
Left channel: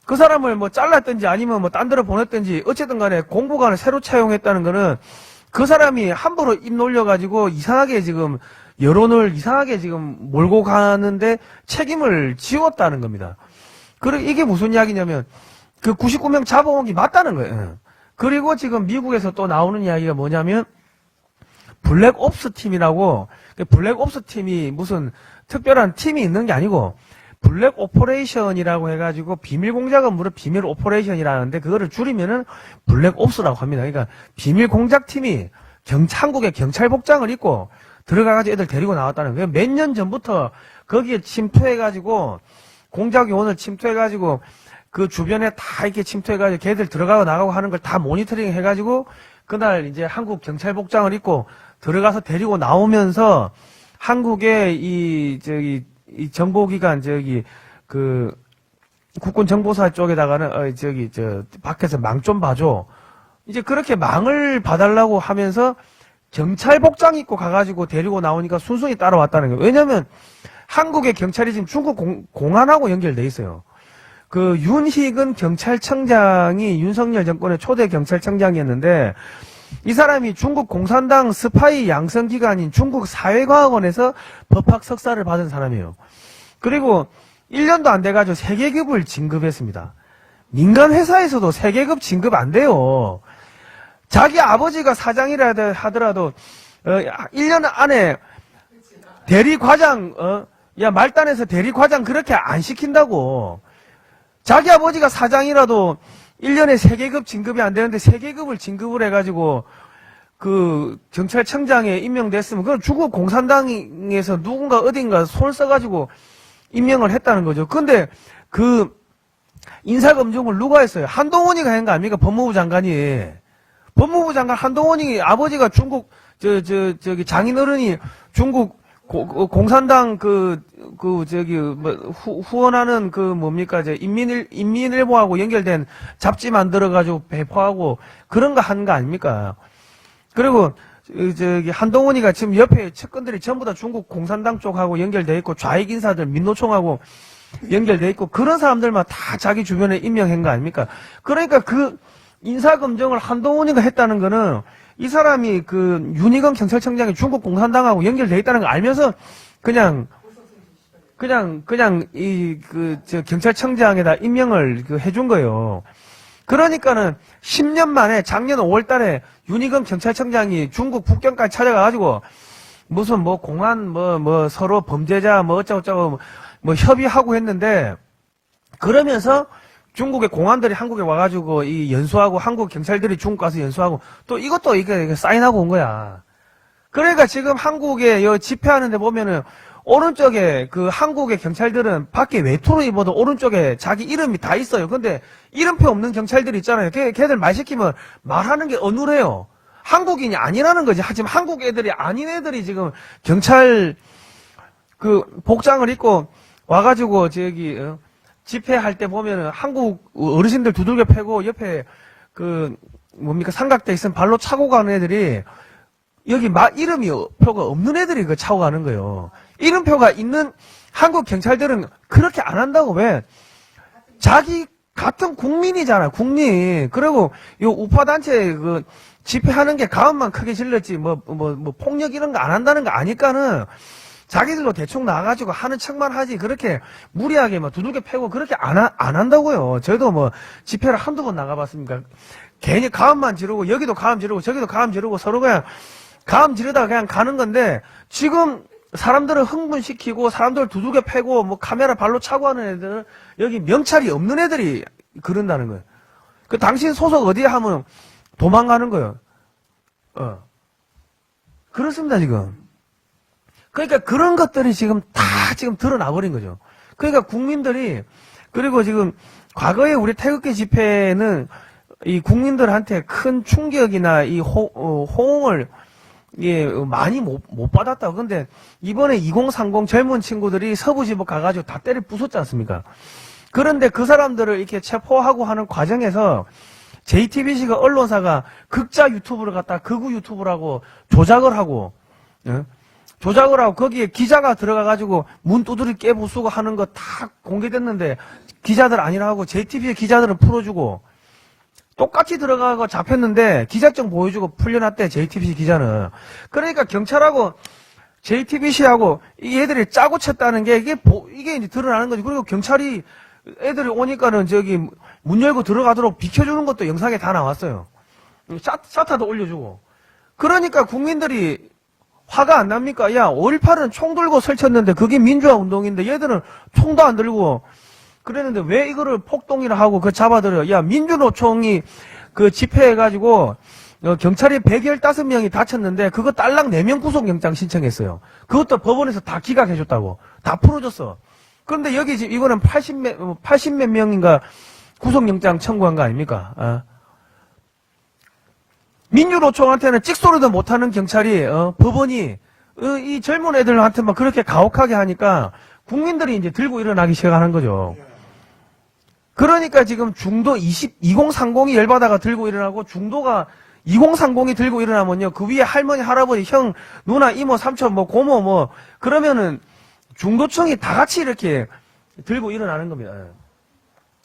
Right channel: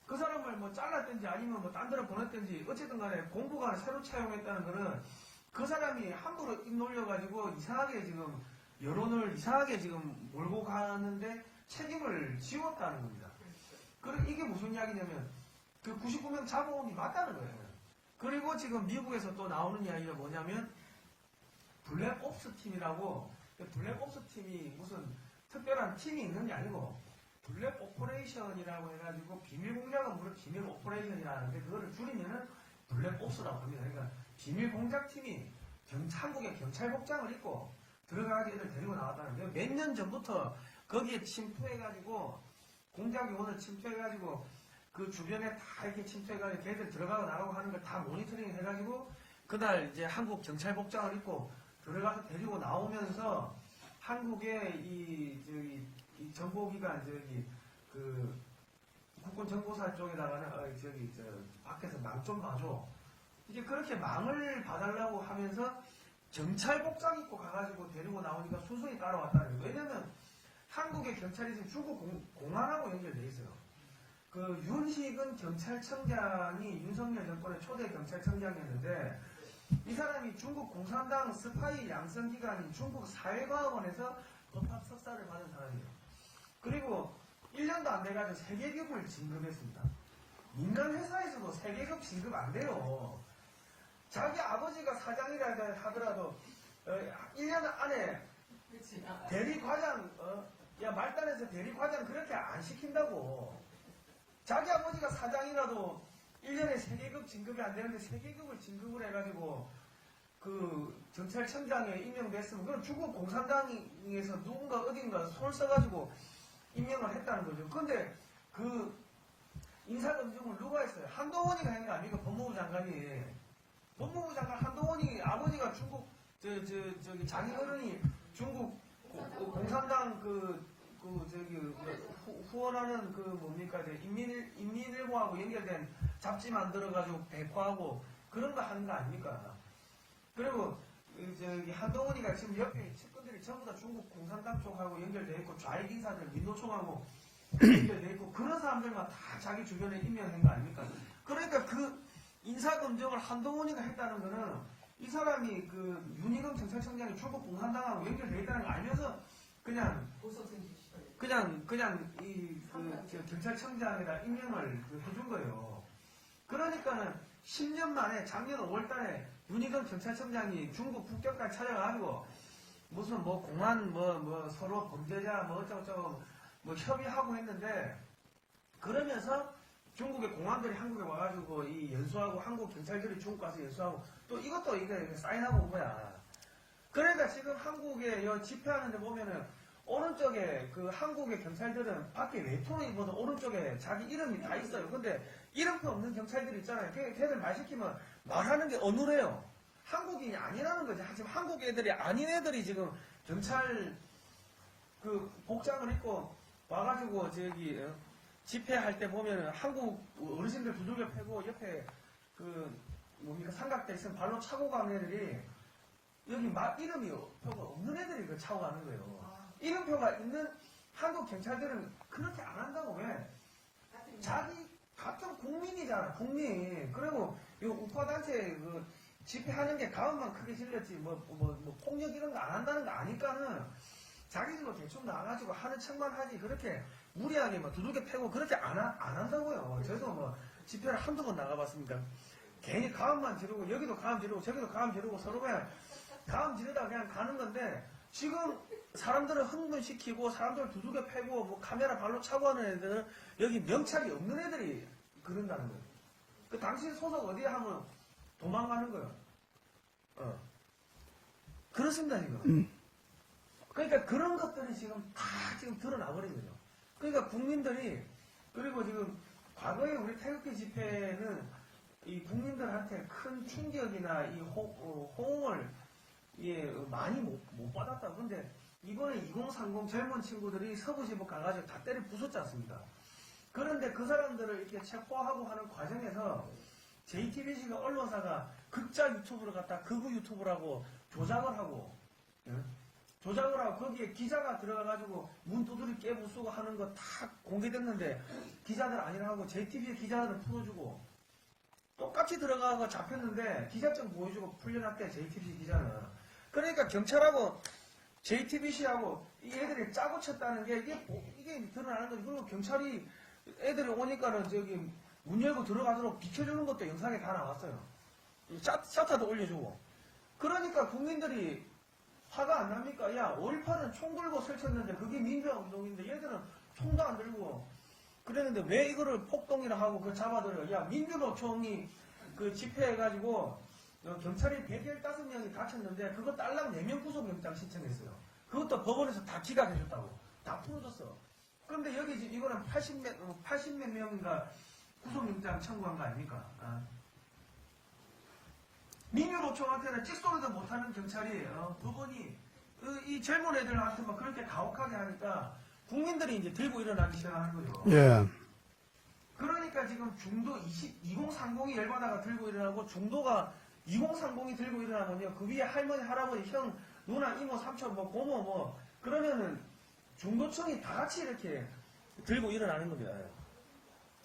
그 사람을 뭐 잘랐든지 아니면 뭐 딴 데로 보냈든지 어쨌든 간에 공보관을 새로 채용했다는 거는 그 사람이 함부로 입 놀려가지고 이상하게 지금 여론을 이상하게 지금 몰고 가는데 책임을 지웠다는 겁니다. 그리고 이게 무슨 이야기냐면 그 99명 잡아온 게 맞다는 거예요. 그리고 지금 미국에서 또 나오는 이야기가 뭐냐면 블랙옵스 팀이라고 블랙옵스 팀이 무슨 특별한 팀이 있는 게 아니고 블랙 오퍼레이션이라고 해가지고 비밀 공작은 물론 비밀 오퍼레이션이라는데 그거를 줄이면은 블랙옵스라고 합니다. 그러니까 비밀 공작 팀이 한국의 경찰 복장을 입고 들어가가지고 애들 데리고 나왔다는 거예요. 몇 년 전부터 거기에 침투해가지고 공작요원을 침투해가지고 그 주변에 다 이렇게 침투해가지고 걔들 들어가고 나가고 하는 걸 다 모니터링 해가지고 그날 이제 한국 경찰 복장을 입고 들어가서 데리고 나오면서 한국의 이 정보기관 그 국군 정보사 쪽에다가는 밖에서 망 좀 봐줘. 이제 그렇게 망을 봐달라고 하면서 경찰 복장 입고 가가지고 데리고 나오니까 순순히 따라왔다는 거예요. 왜냐면 한국의 경찰이 지금 중국 공안하고 연결돼 있어요. 그 윤희근 경찰청장이 윤석열 정권의 초대 경찰청장이었는데 이 사람이 중국 공산당 스파이 양성기관인 중국 사회과학원에서 법학 석사를 받은 사람이에요. 그리고 1년도 안 돼가지고 세계급을 진급했습니다. 민간 회사에서도 세계급 진급 안 돼요. 자기 아버지가 사장이라 하더라도 1년 안에 대리과장 말단에서 대리과장 그렇게 안 시킨다고. 자기 아버지가 사장이라도 1년에 세계급 진급이 안 되는데 세계급을 진급을 해가지고 그 경찰청장에 임명됐으면 그건 중국 공산당에서 누군가 어딘가 손을 써가지고 임명을 했다는 거죠. 근데 그 인사검증을 누가 했어요? 한동훈이가 한 거 아닙니까? 법무부 장관이. 법무부 장관 한동훈이 아버지가 중국 저기 장인어른이 중국 공산당 후원하는 뭡니까 인민일보하고 연결된 잡지 만들어 가지고 배포하고 그런 거 한 거 아닙니까? 그리고 한동훈이가 지금 옆에 측근들이 전부 다 중국 공산당 쪽하고 연결돼 있고 좌익 인사들 민노총하고 연결돼 있고 그런 사람들만 다 자기 주변에 임명한 거 아닙니까? 그러니까 그 인사검증을 한동훈이가 했다는 거는 이 사람이 그 윤희건 경찰청장이 중국 공산당하고 연결돼 있다는 걸 알면서 그냥 경찰청장에다 임명을 해준 거예요. 그러니까는 10년 만에 작년 5월 달에 윤희건 경찰청장이 중국 북경까지 찾아가가지고 무슨 공안 서로 범죄자 어쩌고저쩌고 협의하고 했는데 그러면서 중국의 공안들이 한국에 와가지고 이 연수하고 한국 경찰들이 중국 가서 연수하고 또 이것도 이게 사인하고 온 거야. 그러니까 지금 한국에 집회하는데 보면은 오른쪽에 그 한국의 경찰들은 밖에 외투로 입어도 오른쪽에 자기 이름이 다 있어요. 근데 이름표 없는 경찰들 있잖아요. 걔들 말 시키면 말하는 게 어눌해요. 한국인이 아니라는 거지. 하지만 한국 애들이 아닌 애들이 지금 경찰 그 복장을 입고 와가지고 집회할 때 보면은 한국 어르신들 두들겨 패고 옆에 삼각대 있으면 발로 차고 가는 애들이 여기 이름이 표가 없는 애들이 차고 가는 거예요. 이름표가 있는 한국 경찰들은 그렇게 안 한다고. 왜? 자기 같은 국민이잖아, 국민. 그리고 이 우파단체 집회하는 게 가음만 크게 질렀지 폭력 이런 거 안 한다는 거 아니까는 자기들도 대충 나가가지고 하는 척만 하지 그렇게 무리하게 두들겨 패고 그렇게 안 한다고요. 저도 집회를 한두 번 나가봤습니까? 괜히 가음만 지르고 여기도 가음 지르고 저기도 가음 지르고 서로 그냥 가음 지르다가 그냥 가는 건데 지금 사람들을 흥분시키고 사람들을 두들겨 패고 카메라 발로 차고 하는 애들은 여기 명찰이 없는 애들이 그런다는 거예요. 그 당신 소속 어디에 하면 도망가는 거예요. 그렇습니다, 지금. 그러니까 그런 것들이 지금 다 드러나 버린 거죠. 그러니까 국민들이 그리고 지금 과거에 우리 태극기 집회는 이 국민들한테 큰 충격이나 이 호응을 많이 못 받았다고. 근데 이번에 2030 젊은 친구들이 서부지법 가가지고 다 때려 부쉈지 않습니까? 그런데 그 사람들을 이렇게 체포하고 하는 과정에서 JTBC가 언론사가 극자 유튜브를 갖다 극우 유튜브라고 조작을 하고 거기에 기자가 들어가가지고 문 두드리 깨부수고 하는 거 다 공개됐는데 기자들 아니라고 JTBC 기자들은 풀어주고 똑같이 들어가고 잡혔는데 기자증 보여주고 풀려났대, JTBC 기자는. 그러니까 경찰하고 JTBC하고 이 애들이 짜고 쳤다는 게 이게 이제 드러나는 거지. 그리고 경찰이 애들이 오니까는 문 열고 들어가도록 비켜주는 것도 영상에 다 나왔어요. 샤타도 올려주고. 그러니까 국민들이 화가 안 납니까? 야, 5.18은 총 들고 설쳤는데 그게 민주화 운동인데 얘들은 총도 안 들고 그랬는데 왜 이거를 폭동이라 하고 잡아들여? 야, 민주노총이 집회해가지고 경찰이 115명이 다쳤는데 그거 딸랑 4명 구속영장 신청했어요. 그것도 법원에서 다 기각해줬다고. 다 풀어줬어. 그런데 여기 지금 이거는 80몇 명인가 구속영장 청구한 거 아닙니까? 민주노총한테는 찍소리도 못하는 경찰이 법원이 이 젊은 애들한테만 그렇게 가혹하게 하니까 국민들이 이제 들고 일어나기 시작하는 거죠. 예. 그러니까 지금 중도 2030이 열받아가 들고 일어나고 중도가 2030이 들고 일어나면요. 그 위에 할머니, 할아버지, 형, 누나, 이모, 삼촌, 뭐 고모 뭐 그러면은 중도층이 다 같이 이렇게 들고 일어나는 겁니다.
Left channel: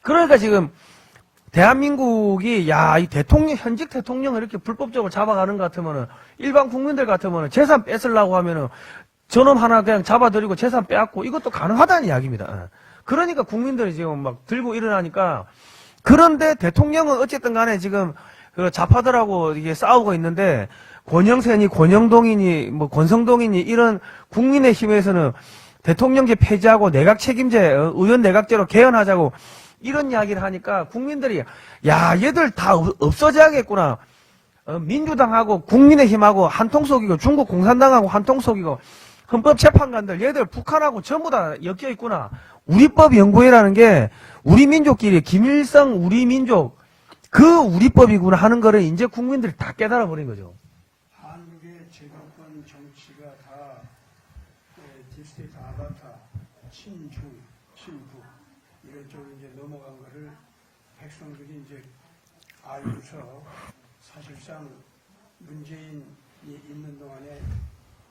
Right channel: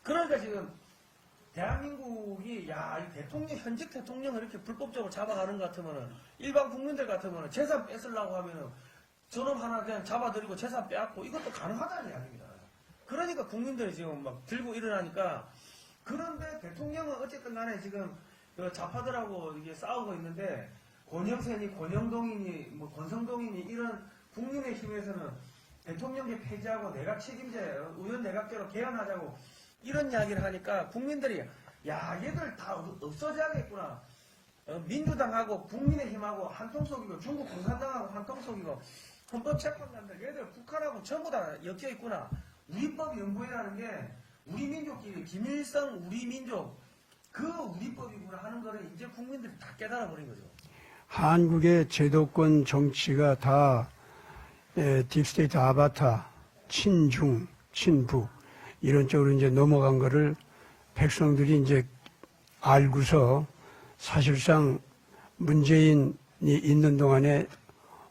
그러니까 지금 대한민국이 이 대통령 현직 대통령을 이렇게 불법적으로 잡아가는 것 같으면은 일반 국민들 같으면은 재산 뺏으려고 하면은 저놈 하나 그냥 잡아들이고 재산 빼앗고 이것도 가능하다는 이야기입니다. 그러니까 국민들이 지금 막 들고 일어나니까 그런데 대통령은 어쨌든 간에 지금 그 좌파들하고 이게 싸우고 있는데 권영세니 권영동이니 뭐 권성동이니 이런 국민의힘에서는 대통령제 폐지하고 내각 책임제 의원 내각제로 개헌하자고 이런 이야기를 하니까 국민들이 얘들 다 없어져야겠구나. 민주당하고 국민의힘하고 한통속이고 중국 공산당하고 한통속이고 헌법재판관들 얘들 북한하고 전부 다 엮여 있구나. 우리법연구회라는 게 우리 민족끼리 김일성 우리 민족 그 우리법이구나 하는 거를 이제 국민들이 다 깨달아 버린 거죠. 한국의 제도권 정치가 다 딥스테이트 아바타, 친중, 친북 이런 쪽으로 이제 넘어간 거를 백성들이 이제 알고서 사실상 문재인이 있는 동안에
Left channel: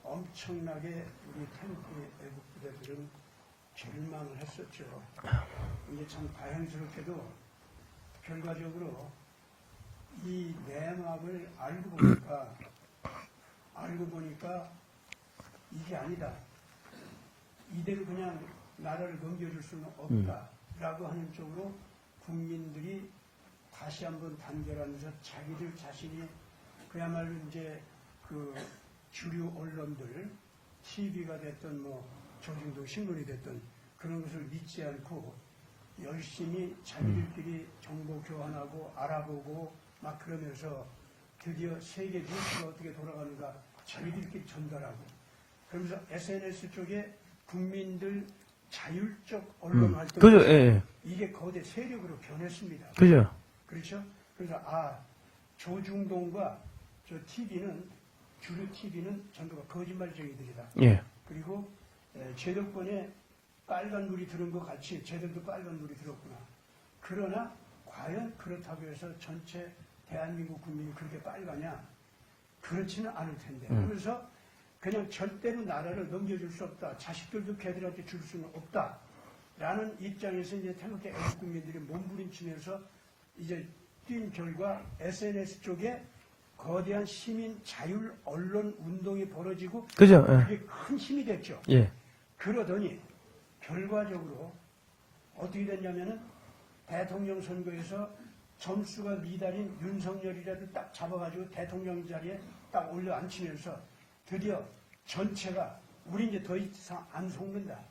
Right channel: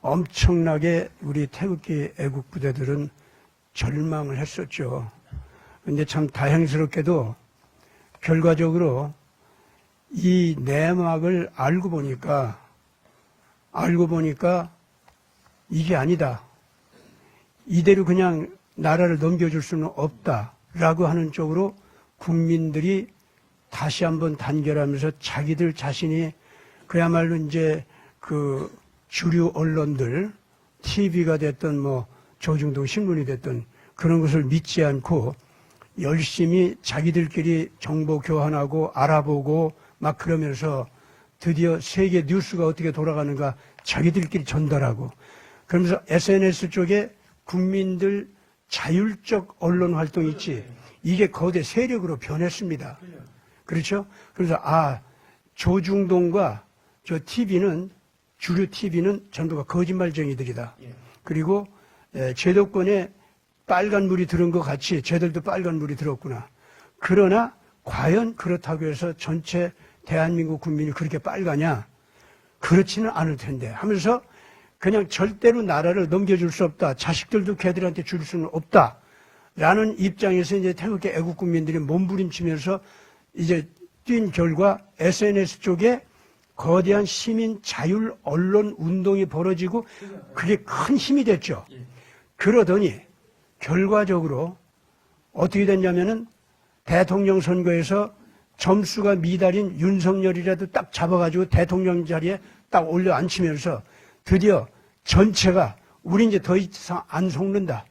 엄청나게 우리 태극기 애국부대들은 절망을 했었죠. 근데 참 다행스럽게도 결과적으로 이 내막을 알고 보니까 이게 아니다. 이대로 그냥 나라를 넘겨줄 수는 없다라고 하는 쪽으로 국민들이 다시 한번 단결하면서 자기들 자신이 그야말로 이제 그 주류 언론들, TV가 됐든 뭐 조중동 신문이 됐든 그런 것을 믿지 않고 열심히 자기들끼리 정보 교환하고 알아보고 막 그러면서 드디어 세계 뉴스가 어떻게 돌아가는가 자기들끼리 전달하고 그러면서 SNS 쪽에 국민들 자율적 언론 활동이 그죠, 있지. 예. 이게 거대 세력으로 변했습니다. 그죠? 그렇죠? 그래서 조중동과 저 TV는 주류 TV는 전부가 거짓말쟁이들이다. 예. 그리고 제도권에 빨간 물이 들은 것 같이 쟤들도 빨간 물이 들었구나. 그러나 과연 그렇다고 해서 전체 대한민국 국민이 그렇게 빨가냐? 그렇지는 않을 텐데 하면서 그냥 절대로 나라를 넘겨줄 수 없다. 자식들도 걔들한테 줄 수는 없다. 라는 입장에서 이제 태극기 애국 국민들이 몸부림치면서 이제 뛴 결과 SNS 쪽에 거대한 시민 자율 언론 운동이 벌어지고 그죠? 예. 그게 큰 힘이 됐죠. 예. 그러더니 결과적으로 어떻게 됐냐면은 대통령 선거에서 점수가 미달인 윤석열이라도 딱 잡아가지고 대통령 자리에 딱 올려 앉히면서 드디어 전체가 우리 이제 더 이상 안 속는다.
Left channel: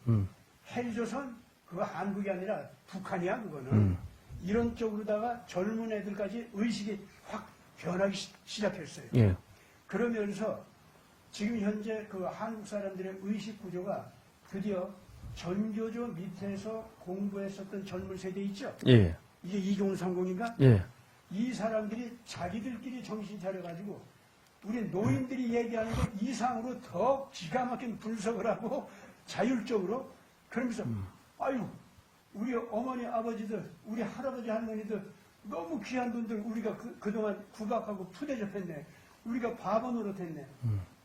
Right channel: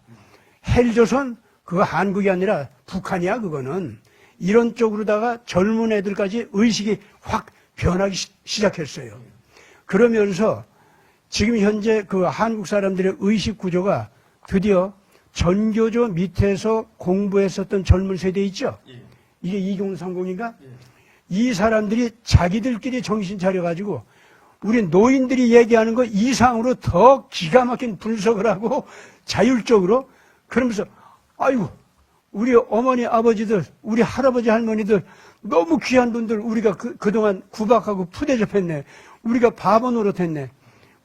헬조선 그거 한국이 아니라 북한이야 그거는. 이런 쪽으로다가 젊은 애들까지 의식이 확 변하기 시작했어요. 예. 그러면서 지금 현재 그 한국 사람들의 의식 구조가 드디어 전교조 밑에서 공부했었던 젊은 세대 있죠? 예. 이게 이종훈 상공인가? 예. 이 사람들이 자기들끼리 정신 차려가지고 우리 노인들이 얘기하는 거 이상으로 더 기가 막힌 분석을 하고 자율적으로 그러면서 아이고 우리 어머니 아버지들 우리 할아버지 할머니들 너무 귀한 분들 우리가 그동안 구박하고 푸대접했네. 우리가 바보 노릇했네.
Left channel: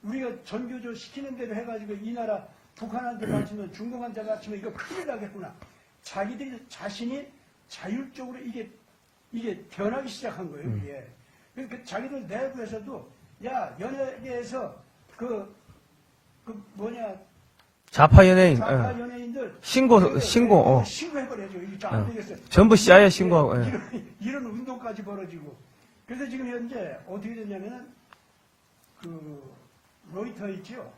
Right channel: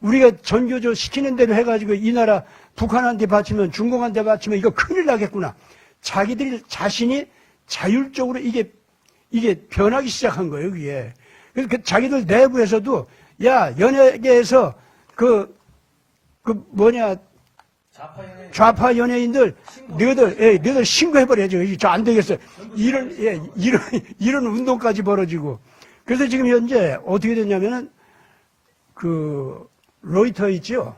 우리가 전교조 시키는 대로 해가지고 이 나라 북한한테 바치면 중공한테 바치면 이거 큰일 나겠구나. 자기들 자신이 자율적으로 이게 변하기 시작한 거예요, 그게. 그래서 자기들 내부에서도 야, 연예계에서 좌파 연예인. 좌파 연예인들 너희들 신고해버려야죠. 저 안 되겠어요. 전부 CIA 신고. 이런 운동까지 벌어지고. 그래서 지금 현재 어떻게 됐냐면은 그 로이터 있죠.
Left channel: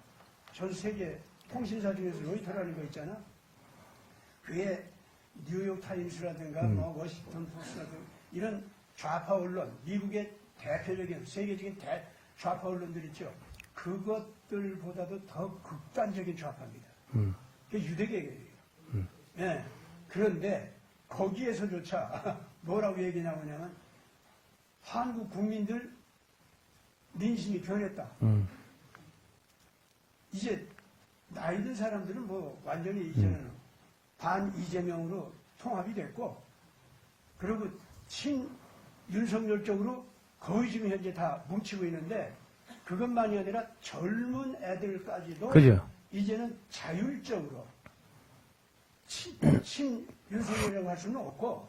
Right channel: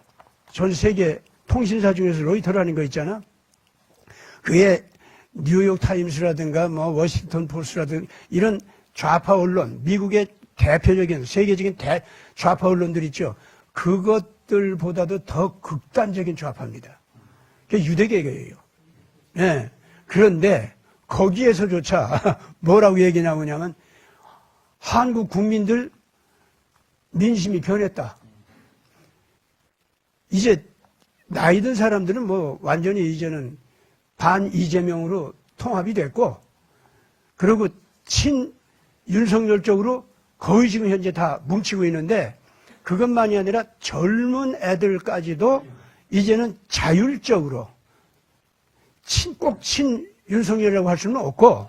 전 세계 통신사 중에서 로이터라는 거 있잖아. 그게 뉴욕 타임스라든가 뭐 워싱턴 포스트라든가 이런 좌파 언론, 미국의 대표적인 세계적인 좌파 언론들 있죠. 그것들보다도 더 극단적인 좌파입니다. 그게 유대계예요. 예. 그런데 거기에서조차 뭐라고 얘기 나오냐면 한국 국민들 민심이 변했다. 이제 나이 든 사람들은 뭐 완전히 이제는 반 이재명으로 통합이 됐고, 그리고 친 윤석열 쪽으로 거의 지금 현재 다 뭉치고 있는데, 그것만이 아니라 젊은 애들까지도 그죠. 이제는 자율적으로 꼭 친 윤석열이라고 할 수는 없고,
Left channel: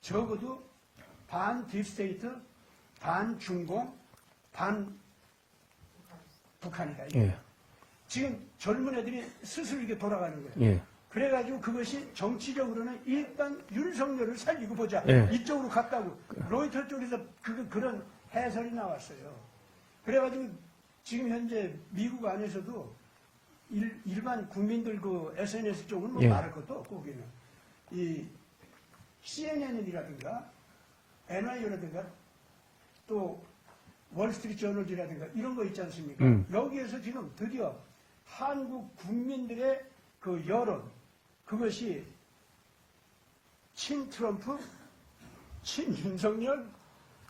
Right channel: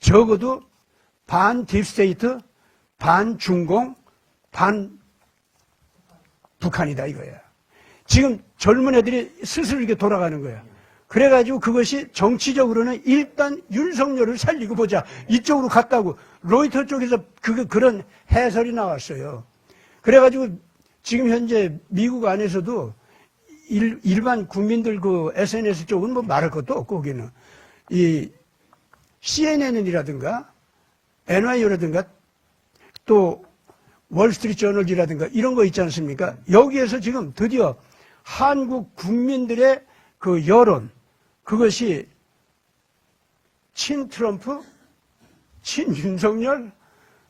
적어도 반 딥스테이트, 반 중공, 반 북한이다 이거예요. 지금 젊은 애들이 슬슬 이렇게 돌아가는 거예요. 예. 그래가지고 그것이 정치적으로는 일단 윤석열을 살리고 보자. 예. 이쪽으로 갔다고. 로이터 쪽에서 그런 해설이 나왔어요. 그래가지고 지금 현재 미국 안에서도 일반 국민들 그 SNS 쪽은 뭐 예. 말할 것도 없고, 거기는. 이 CNN이라든가 NYU라든가 또 월스트리트 저널이라든가 이런 거 있지 않습니까? 여기에서 지금 드디어 한국 국민들의 그 여론, 그것이 친 트럼프, 친 윤석열,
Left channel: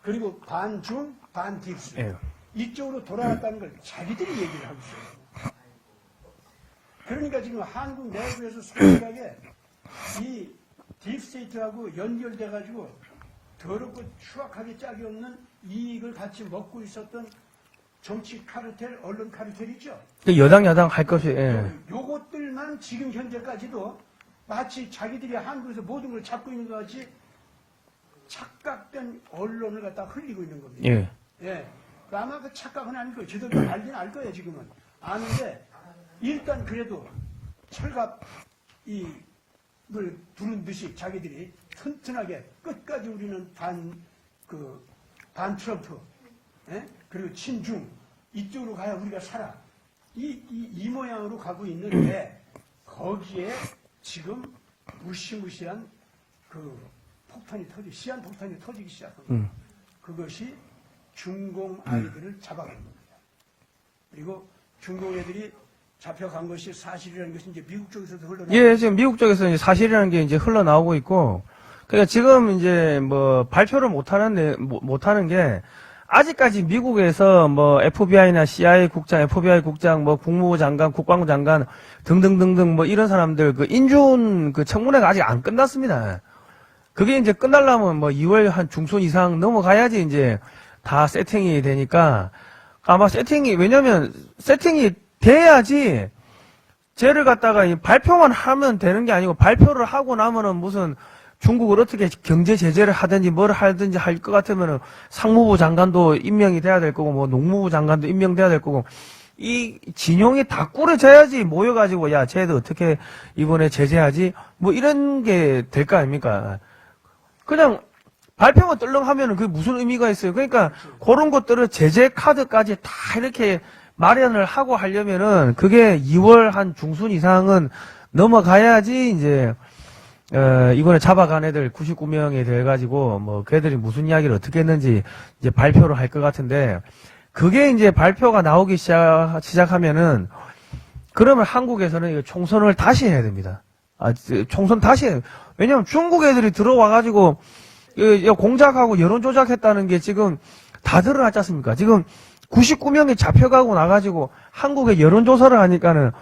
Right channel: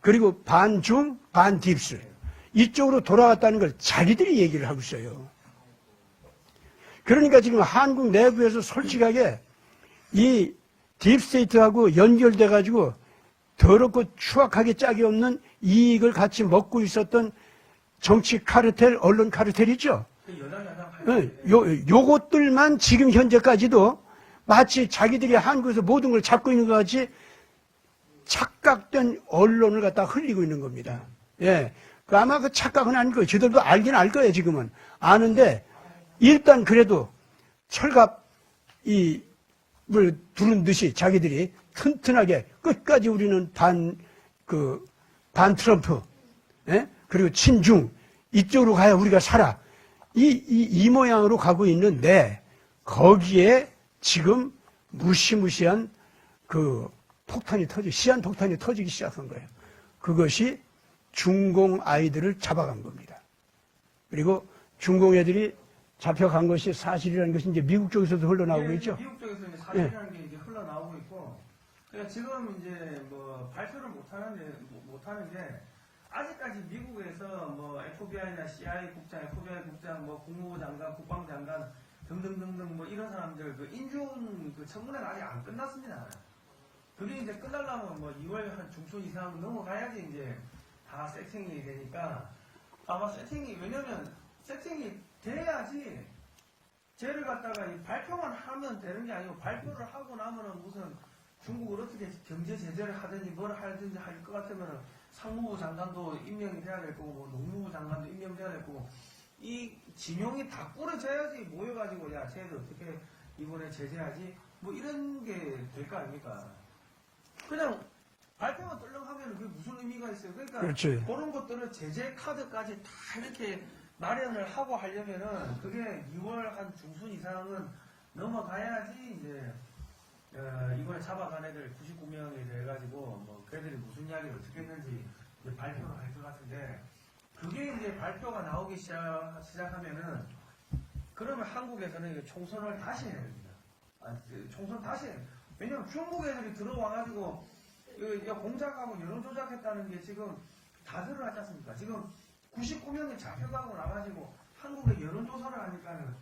그리고 반중, 반 딥스. 예. 이쪽으로 돌아왔다는 걸 자기들이 얘기를 하고 있어요. 그러니까 지금 한국 내부에서 솔직하게 이 딥스테이트하고 연결돼가지고 더럽고 추악하게 짝이 없는 이익을 같이 먹고 있었던 정치 카르텔, 언론 카르텔이죠. 여당 야당 할 것이. 예. 요것들만 지금 현재까지도 마치 자기들이 한국에서 모든 걸 잡고 있는 것 같이 착각된 언론을 갖다 흘리고 있는 겁니다. 예. 예. 아마 그 착각은 아닐 거예요. 저들도 알긴 알 거예요, 지금은. 아는데, 일단 그래도 철갑 물 두른 듯이 자기들이 튼튼하게 끝까지 우리는 반 트럼프, 예? 그리고 친중, 이쪽으로 가야 우리가 살아. 이 모양으로 가고 있는데, 거기에 지금 무시무시한 그 시한 폭탄이 터지기 시작한 거예요. 그것이 중공 아이들을 잡아간 겁니다. 그리고 중공 애들이 잡혀간 것이 사실이라는 것이 이제 미국 쪽에서도 흘러나오고 예, 있어요. 지금 미국 쪽에서 이제 사실이라는 게 이제 흘러나오고 있고, 그러니까 지금 이제 뭐 발표를 못하는 게, 아직까지 미국에서 뭐 FBI나 CIA 국장, FBI 국장, 뭐 국무부 장관, 국방부 장관 등등등등 뭐 이런 사람들 그 인준 그 청문회가 아직 안 끝났습니다. 그게 이제 끝나려면 뭐 2월 한 중순 이상 넘어가야지 이제 다 세팅이 되니까, 아마 왜냐면 세팅이 돼야지 쟤를 갖다가 발표만 하면 되는 게 아니고, 발표를 하고 나면은 무슨 중국을 어떻게 경제 제재를 하든지 뭘 하든지 할 것 같으면은 상무부 장관도 임명이 돼야 될 거고, 뭐 농무부 장관도 임명돼야 될 거고, 이 진용이 다 꾸려져야지 모여가지고, 야, 쟤도 어떻게 이번에 제재하지? 뭐 이런 게 될 거 아닙니까? 그냥 발표만 떨렁하면은 그게 무슨 의미가 있어요? 그러니까 그렇지. 그런 것들을 제재 카드까지 다 이렇게 마련을 하고 하려면은 그게 2월 한 중순 이상은 넘어가야지 이제 이번에 잡아간 애들 99명이 돼가지고 뭐 걔들이 무슨 이야기를 어떻게 했는지 이제 발표를 할 것 같은데, 그게 이제 발표가 나오기 시작하면은 그러면 한국에서는 이거 총선을 다시 해야 됩니다. 총선 다시 해요. 왜냐면 중국 애들이 들어와가지고 공작하고 여론 조작했다는 게 지금 다 드러났지 않습니까? 지금 99명이 잡혀가고 나가지고 한국에 여론조사를 하니까는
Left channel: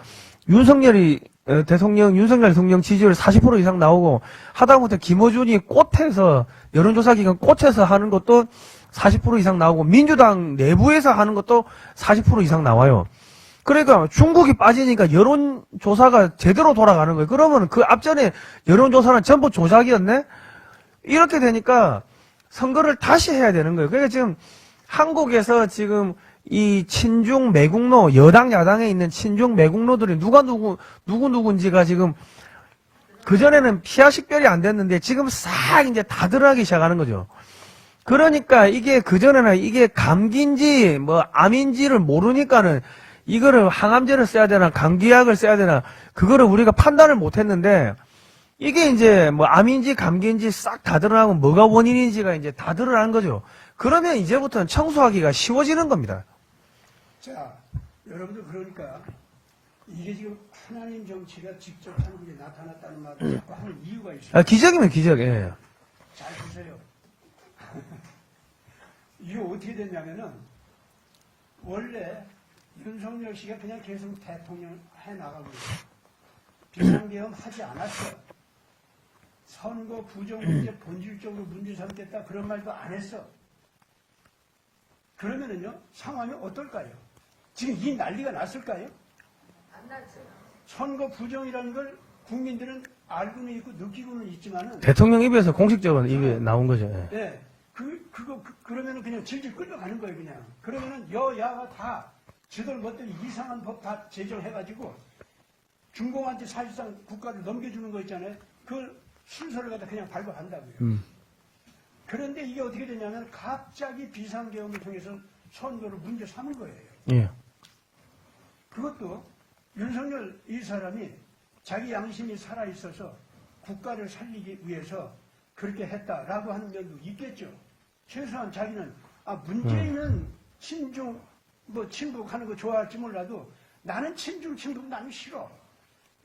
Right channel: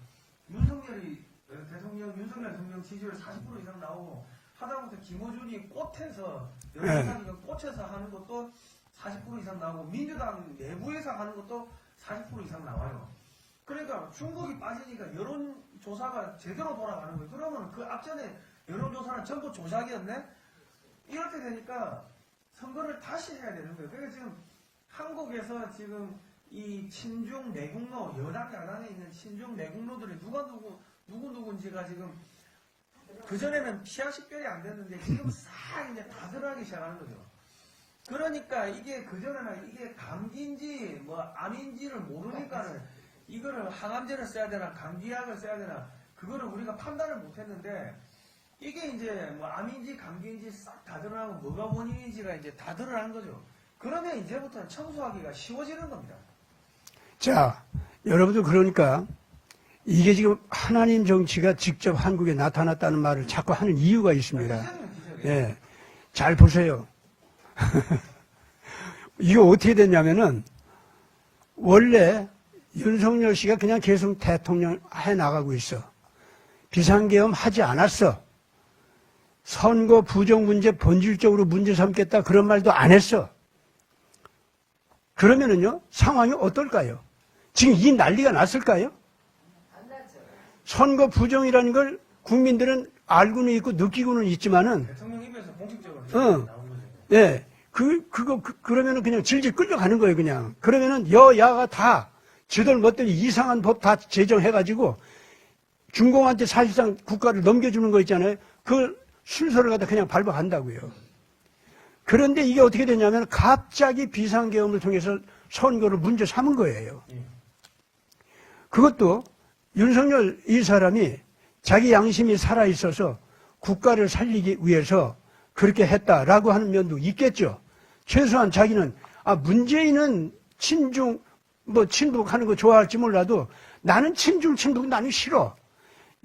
윤석열 대통령 지지율 40% 이상 나오고, 하다못해 김어준이 꽃에서, 여론조사 기관 꽃에서 하는 것도 40% 이상 나오고, 민주당 내부에서 하는 것도 40% 이상 나와요. 그러니까 중국이 빠지니까 여론조사가 제대로 돌아가는 거예요. 그러면 그 앞전에 여론조사는 전부 조작이었네? 이렇게 되니까 선거를 다시 해야 되는 거예요. 그러니까 지금 한국에서 지금 이 친중 매국노, 여당 야당에 있는 친중 매국노들이 누군지가 지금 그전에는 피하 식별이 안 됐는데 지금 싹 이제 다 드러나기 시작하는 거죠. 그러니까 이게 그전에는 이게 감기인지 뭐 암인지를 모르니까는 이거를 항암제를 써야 되나 감기약을 써야 되나 그거를 우리가 판단을 못 했는데, 이게 이제 뭐 암인지 감기인지 싹 다 드러나고 뭐가 원인인지가 이제 다 드러난 거죠. 그러면 이제부터는 청소하기가 쉬워지는 겁니다. 자, 여러분들 그러니까 이게 지금 하나님 정치가 직접 한국에 나타났다는 말을 자꾸 하는 이유가 있습니다. 기적이면 기적. 예. 네. 잘 보세요. 이게 어떻게 됐냐면은 원래 윤석열 씨가 그냥 계속 대통령 해 나가고 있어. 비상계엄 하지 않았어. 선거 부정 문제 본질적으로 문제 삼겠다 그런 말도 안 했어. 그러면은요 상황이 어떨까요? 지금 이 난리가 났을까요? 선거 부정이라는 걸 국민들은 알고는 있고 느끼고는 있지만은 대통령 입에서 공식적으로 이게 나온 거죠. 예. 예. 그러면은 그냥 질질 끌려가는 거예요, 그냥. 그러면은 여야가 다 지들 멋대로 이상한 법 다 제정해가지고 중공한테 사실상 국가를 넘겨주는 거 있잖아요. 그 순서를 갖다 그냥 밟아간다고요. 그런데 이게 어떻게 되냐면 갑자기 비상계엄을 통해서 선거를 문제 삼은 거예요. 예. 그것도 윤석열 이 사람이 자기 양심이 살아있어서 국가를 살리기 위해서 그렇게 했다라고 하는 면도 있겠죠. 최소한 자기는 문재인은 친중 친북하는 거 좋아할지 몰라도 나는 친북 나는 싫어.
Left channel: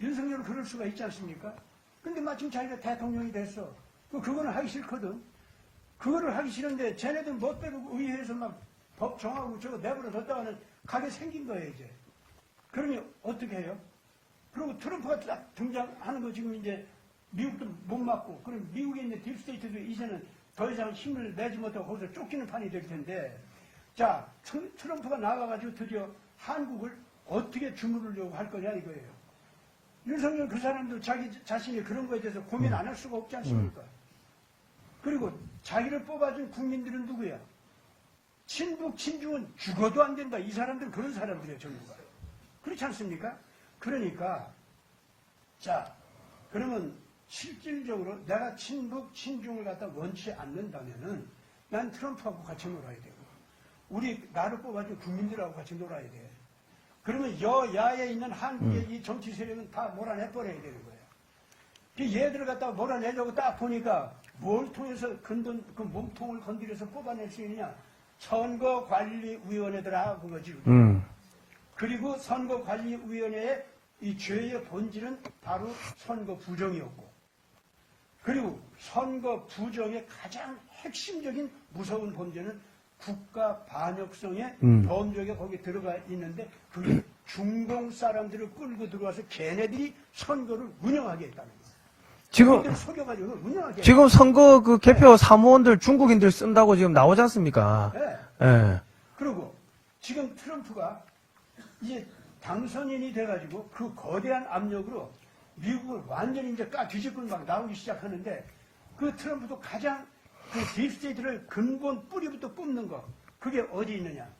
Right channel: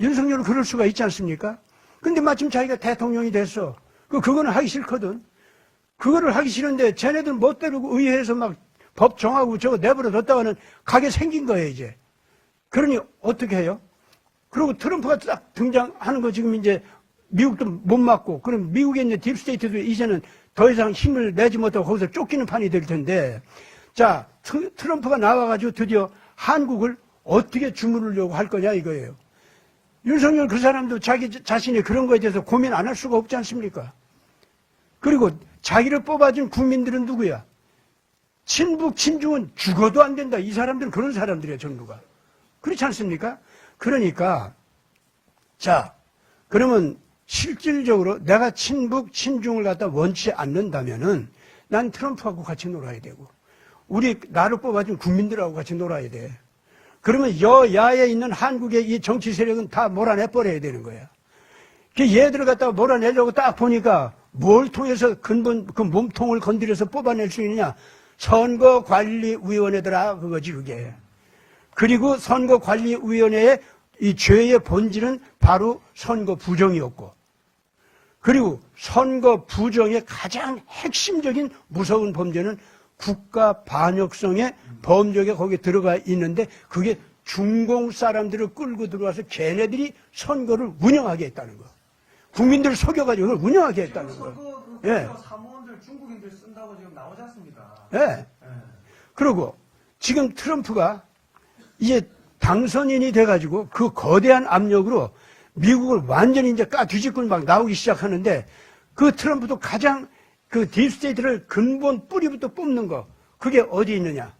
윤석열은 그럴 수가 있지 않습니까? 근데 마침 자기가 대통령이 됐어. 그거는 하기 싫거든. 그거를 하기 싫은데 쟤네들 멋대로 의회에서 막 법 정하고 저거 내버려 뒀다가는 가게 생긴 거예요, 이제. 그러니 어떻게 해요? 그리고 트럼프가 딱 등장하는 거 지금 이제 미국도 못 맞고, 그럼 미국에 있는 딥스테이트도 이제는 더 이상 힘을 내지 못하고 거기서 쫓기는 판이 될 텐데, 자, 트럼프가 나와가지고 드디어 한국을 어떻게 주무르려고 할 거냐 이거예요. 윤석열 그 사람도 자기 자신이 그런 거에 대해서 고민 안 할 수가 없지 않습니까? 그리고 자기를 뽑아준 국민들은 누구야? 친북, 친중은 죽어도 안 된다. 이 사람들은 그런 사람들이에요, 전부가. 그렇지 않습니까? 그러니까, 자, 그러면 실질적으로 내가 친북, 친중을 갖다 원치 않는다면은 난 트럼프하고 같이 놀아야 되고, 나를 뽑아준 국민들하고 같이 놀아야 돼. 그러면 여야에 있는 한국의 이 정치 세력은 다 몰아내버려야 되는 거야. 얘들을 갖다가 몰아내려고 딱 보니까 뭘 통해서 근본 그 몸통을 건드려서 뽑아낼 수 있느냐? 선거관리위원회더라 그거지 그게. 그리고 선거관리위원회의 이 죄의 본질은 바로 선거 부정이었고, 그리고 선거 부정의 가장 핵심적인 무서운 범죄는 국가 반역성의 범죄가 거기에 들어가 있는데 그게 중공 사람들을 끌고 들어와서 걔네들이 선거를 운영하게 했다는 거. 국민들을 속여가지고 그걸 운영하게 지금 했다는 선거 그 개표 사무원들 중국인들 쓴다고 지금 나오지 않습니까? 네. 예. 그리고 지금 트럼프가 이제 당선인이 돼가지고 그 거대한 압력으로 미국을 완전히 이제 뒤집고 막 나오기 시작하는데 그 트럼프도 가장 그 딥스테이트를 근본 뿌리부터 뽑는 거 그게 어디 있느냐?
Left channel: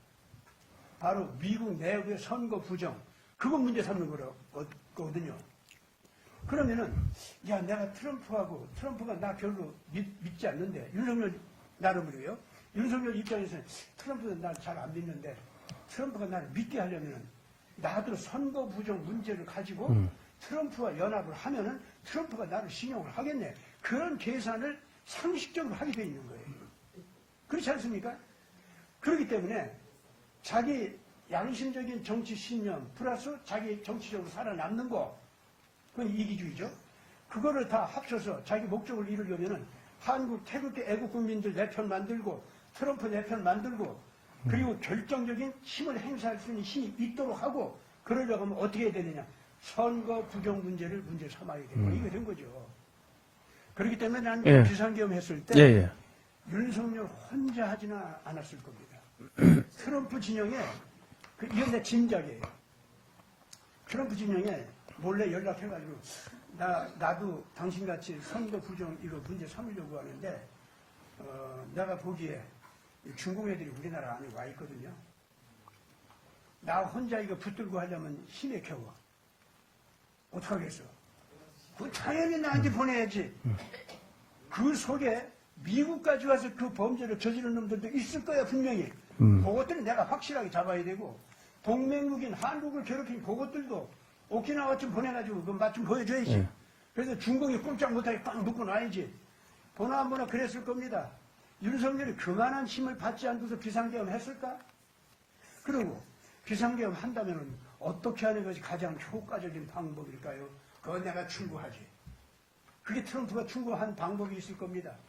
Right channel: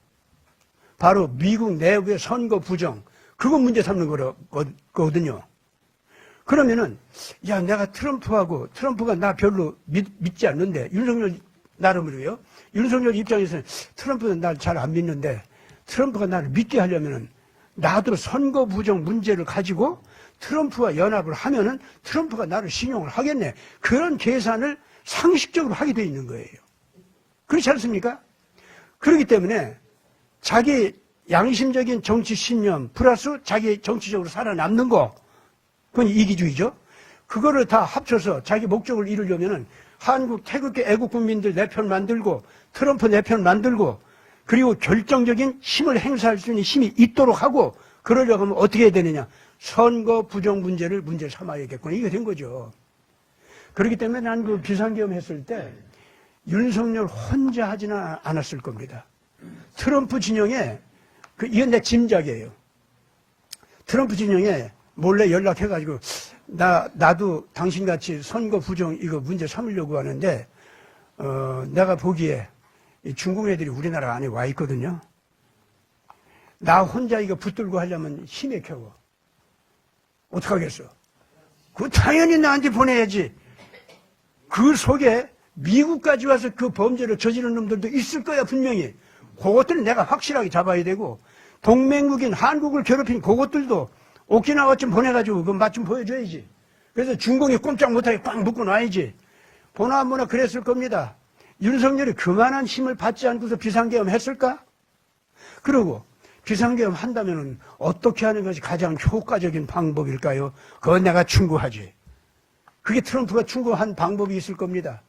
바로 미국 내부의 선거 부정 그거 문제 삼는 거거든요. 그러면은 야 내가 트럼프가 나 별로 믿지 않는데 윤석열 나름으로요. 윤석열 입장에서는 트럼프는 날 잘 안 믿는데 트럼프가 나를 믿게 하려면은 나도 선거 부정 문제를 가지고 트럼프와 연합을 하면은 트럼프가 나를 신용을 하겠네. 그런 계산을 상식적으로 하게 돼 있는 거예요. 그렇지 않습니까? 그렇기 때문에 자기 양심적인 정치 신념 플러스 자기 정치적으로 살아남는 거 그건 이기주의죠. 그거를 다 합쳐서 자기 목적을 이루려면은 한국 태극기 애국 국민들 내 편 만들고 트럼프 내 편 만들고 그리고 결정적인 힘을 행사할 수 있는 힘이 있도록 하고 그러려고 하면 어떻게 해야 되느냐. 선거 부정 문제를 문제 삼아야겠구나. 이게 된 거죠. 그렇기 때문에 나는 그 비상계엄 했을 때 윤석열 혼자 하지는 않았을 겁니다. 트럼프 진영에 이건 내 짐작이에요. 트럼프 진영에 몰래 연락해가지고 나도 당신같이 선거 부정 이거 문제 삼으려고 하는데 내가 보기에 중국 애들이 우리나라 안에 와 있거든요. 나 혼자 이거 붙들고 하려면 힘에 겨워. 어떡하겠어? 그 당연히 나한테 보내야지. 그 속에 미국까지 와서 그 범죄를 저지른 놈들도 있을 거야 분명히. 그것들은 내가 확실하게 잡아야 되고 동맹국인 한국을 괴롭힌 그것들도 오키나와쯤 보내가지고 그 맛 좀 보여줘야지. 그래서 중공이 꼼짝 못하게 꽉 묶어 놔야지. 보나 안 보나 그랬을 겁니다. 윤석열이 그만한 힘을 받지 않고서 비상계엄 했을까? 그리고 비상계엄 한다면은 어떻게 하는 것이 가장 효과적인 방법일까요? 그건 내가 충고하지. 그게 트럼프가 충고한 방법이 있을 겁니다.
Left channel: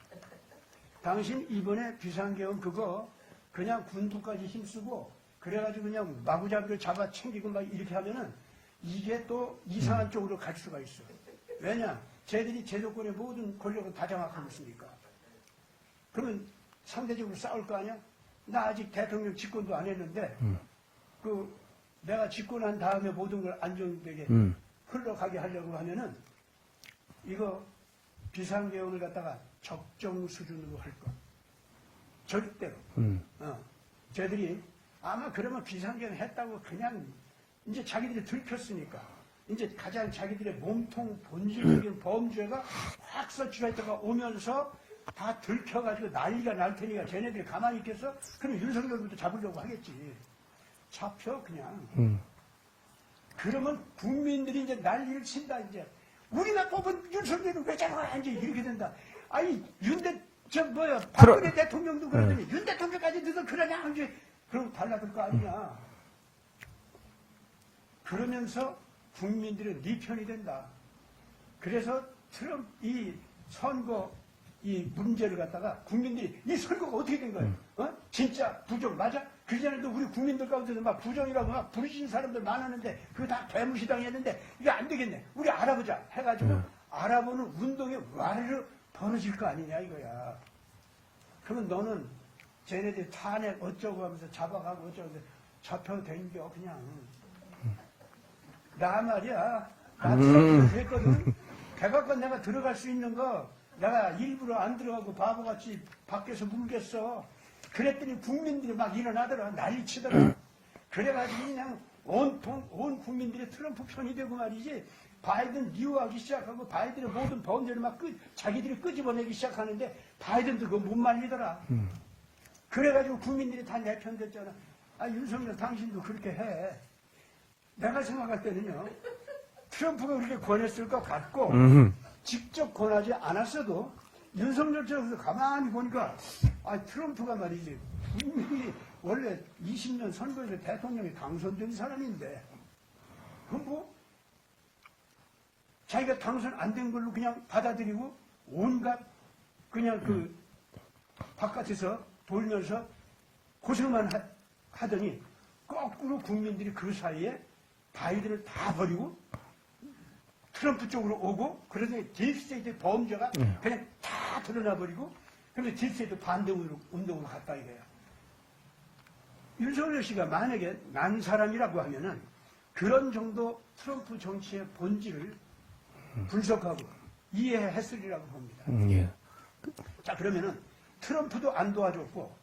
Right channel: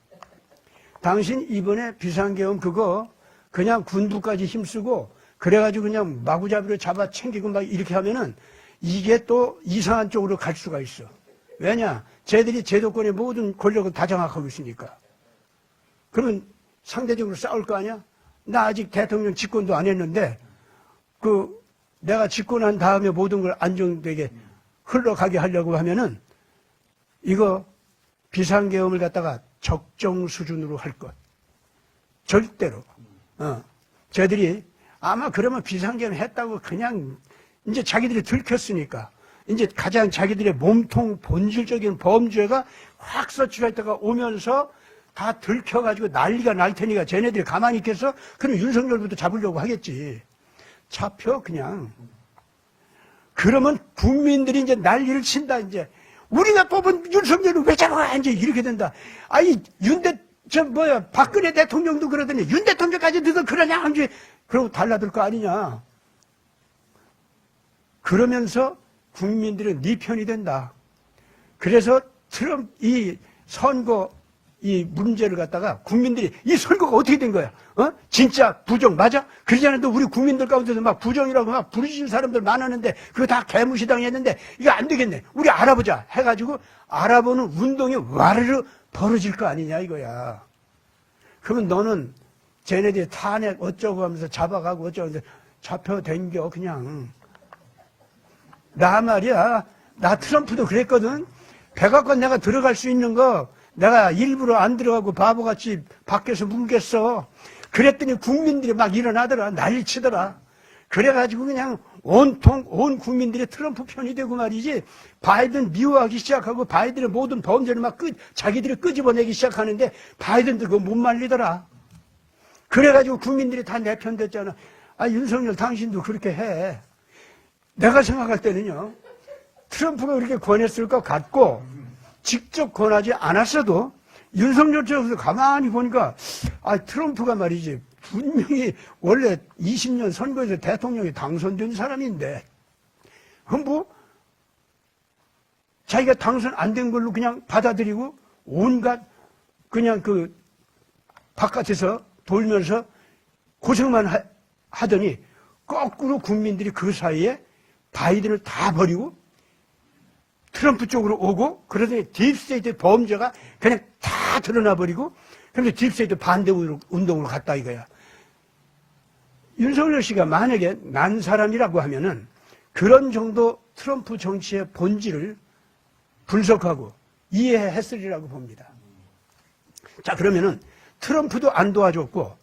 당신 이번에 비상계엄 그거 그냥 군부까지 힘쓰고 그래가지고 그냥 마구잡이로 잡아 챙기고 막 이렇게 하면은 이게 또 이상한 쪽으로 갈 수가 있어. 왜냐? 쟤들이 제도권의 모든 권력을 다 장악하고 있으니까. 그러면 상대적으로 싸울 거 아니야? 나 아직 대통령 집권도 안 했는데 내가 집권한 다음에 모든 걸 안정되게 흘러가게 하려고 하면은 이거 비상계엄을 갖다가 적정 수준으로 할 것. 절대로. 쟤들이 아마 그러면 비상계엄 했다고 그냥 이제 자기들이 들켰으니까 이제 가장 자기들의 몸통 본질적인 범죄가 확 서치가 있다가 오면서 다 들켜가지고 난리가 날 테니까 쟤네들이 가만히 있겠어? 그럼 윤석열부터 잡으려고 하겠지. 잡혀 그냥. 그러면 국민들이 이제 난리를 친다 이제. 우리가 뽑은 윤석열을 왜 잡아? 이제 이렇게 된다. 아이 박근혜 대통령도 그러더니 윤 대통령까지 너도 그러냐? 이제 그러고 달라들 거 아니냐. 그러면서 국민들은 네 편이 된다. 그래서 트럼프 이 선거 이 문제를 갖다가 국민들이 이 선거가 어떻게 된 거야? 진짜 부정 맞아? 그러지 않아도 우리 국민들 가운데서 막 부정이라고 막 부르짖는 사람들 많았는데 그거 다 개무시당했는데 이거 안 되겠네. 우리 알아보자 해가지고 알아보는 운동이 와르르 벌어질 거 아니냐 이거야. 그러면 너는 쟤네들이 탄핵 어쩌고 하면서 잡아가고 어쩌고 하면서 잡혀댕겨 그냥. 나 말이야. 나 트럼프도 그랬거든. 백악관 내가 들어갈 수 있는 거 내가 일부러 안 들어가고 바보같이 밖에서 뭉갰어. 그랬더니 국민들이 막 일어나더라. 난리치더라. 그래가지고 그냥 온 국민들이 트럼프 편이 되고 말이지. 바이든 미워하기 시작하고 바이든의 모든 범죄를 막 자기들이 끄집어내기 시작하는데 바이든도 그거 못 말리더라. 그래가지고 국민들이 다 내 편 됐잖아. 아, 윤석열 당신도 그렇게 해. 내가 생각할 때는요. 트럼프가 그렇게 권했을 것 같고 직접 권하지 않았어도 윤석열 쪽에서 가만히 보니까 트럼프가 말이지 분명히 원래 20년 선거에서 대통령이 당선된 사람인데 자기가 당선 안 된 걸로 그냥 받아들이고 온갖 그냥 바깥에서 돌면서 고생만 하더니 거꾸로 국민들이 그 사이에 바이든을 다 버리고 트럼프 쪽으로 오고 그러더니 딥스테이트 범죄가 그냥 다 드러나 버리고 그래서 딥스테이트 반대 운동으로 갔다 이거야. 윤석열 씨가 만약에 난 사람이라고 하면은 그런 정도 트럼프 정치의 본질을 분석하고 이해했으리라고 봅니다. 예. 자, 그러면은 트럼프도 안 도와줬고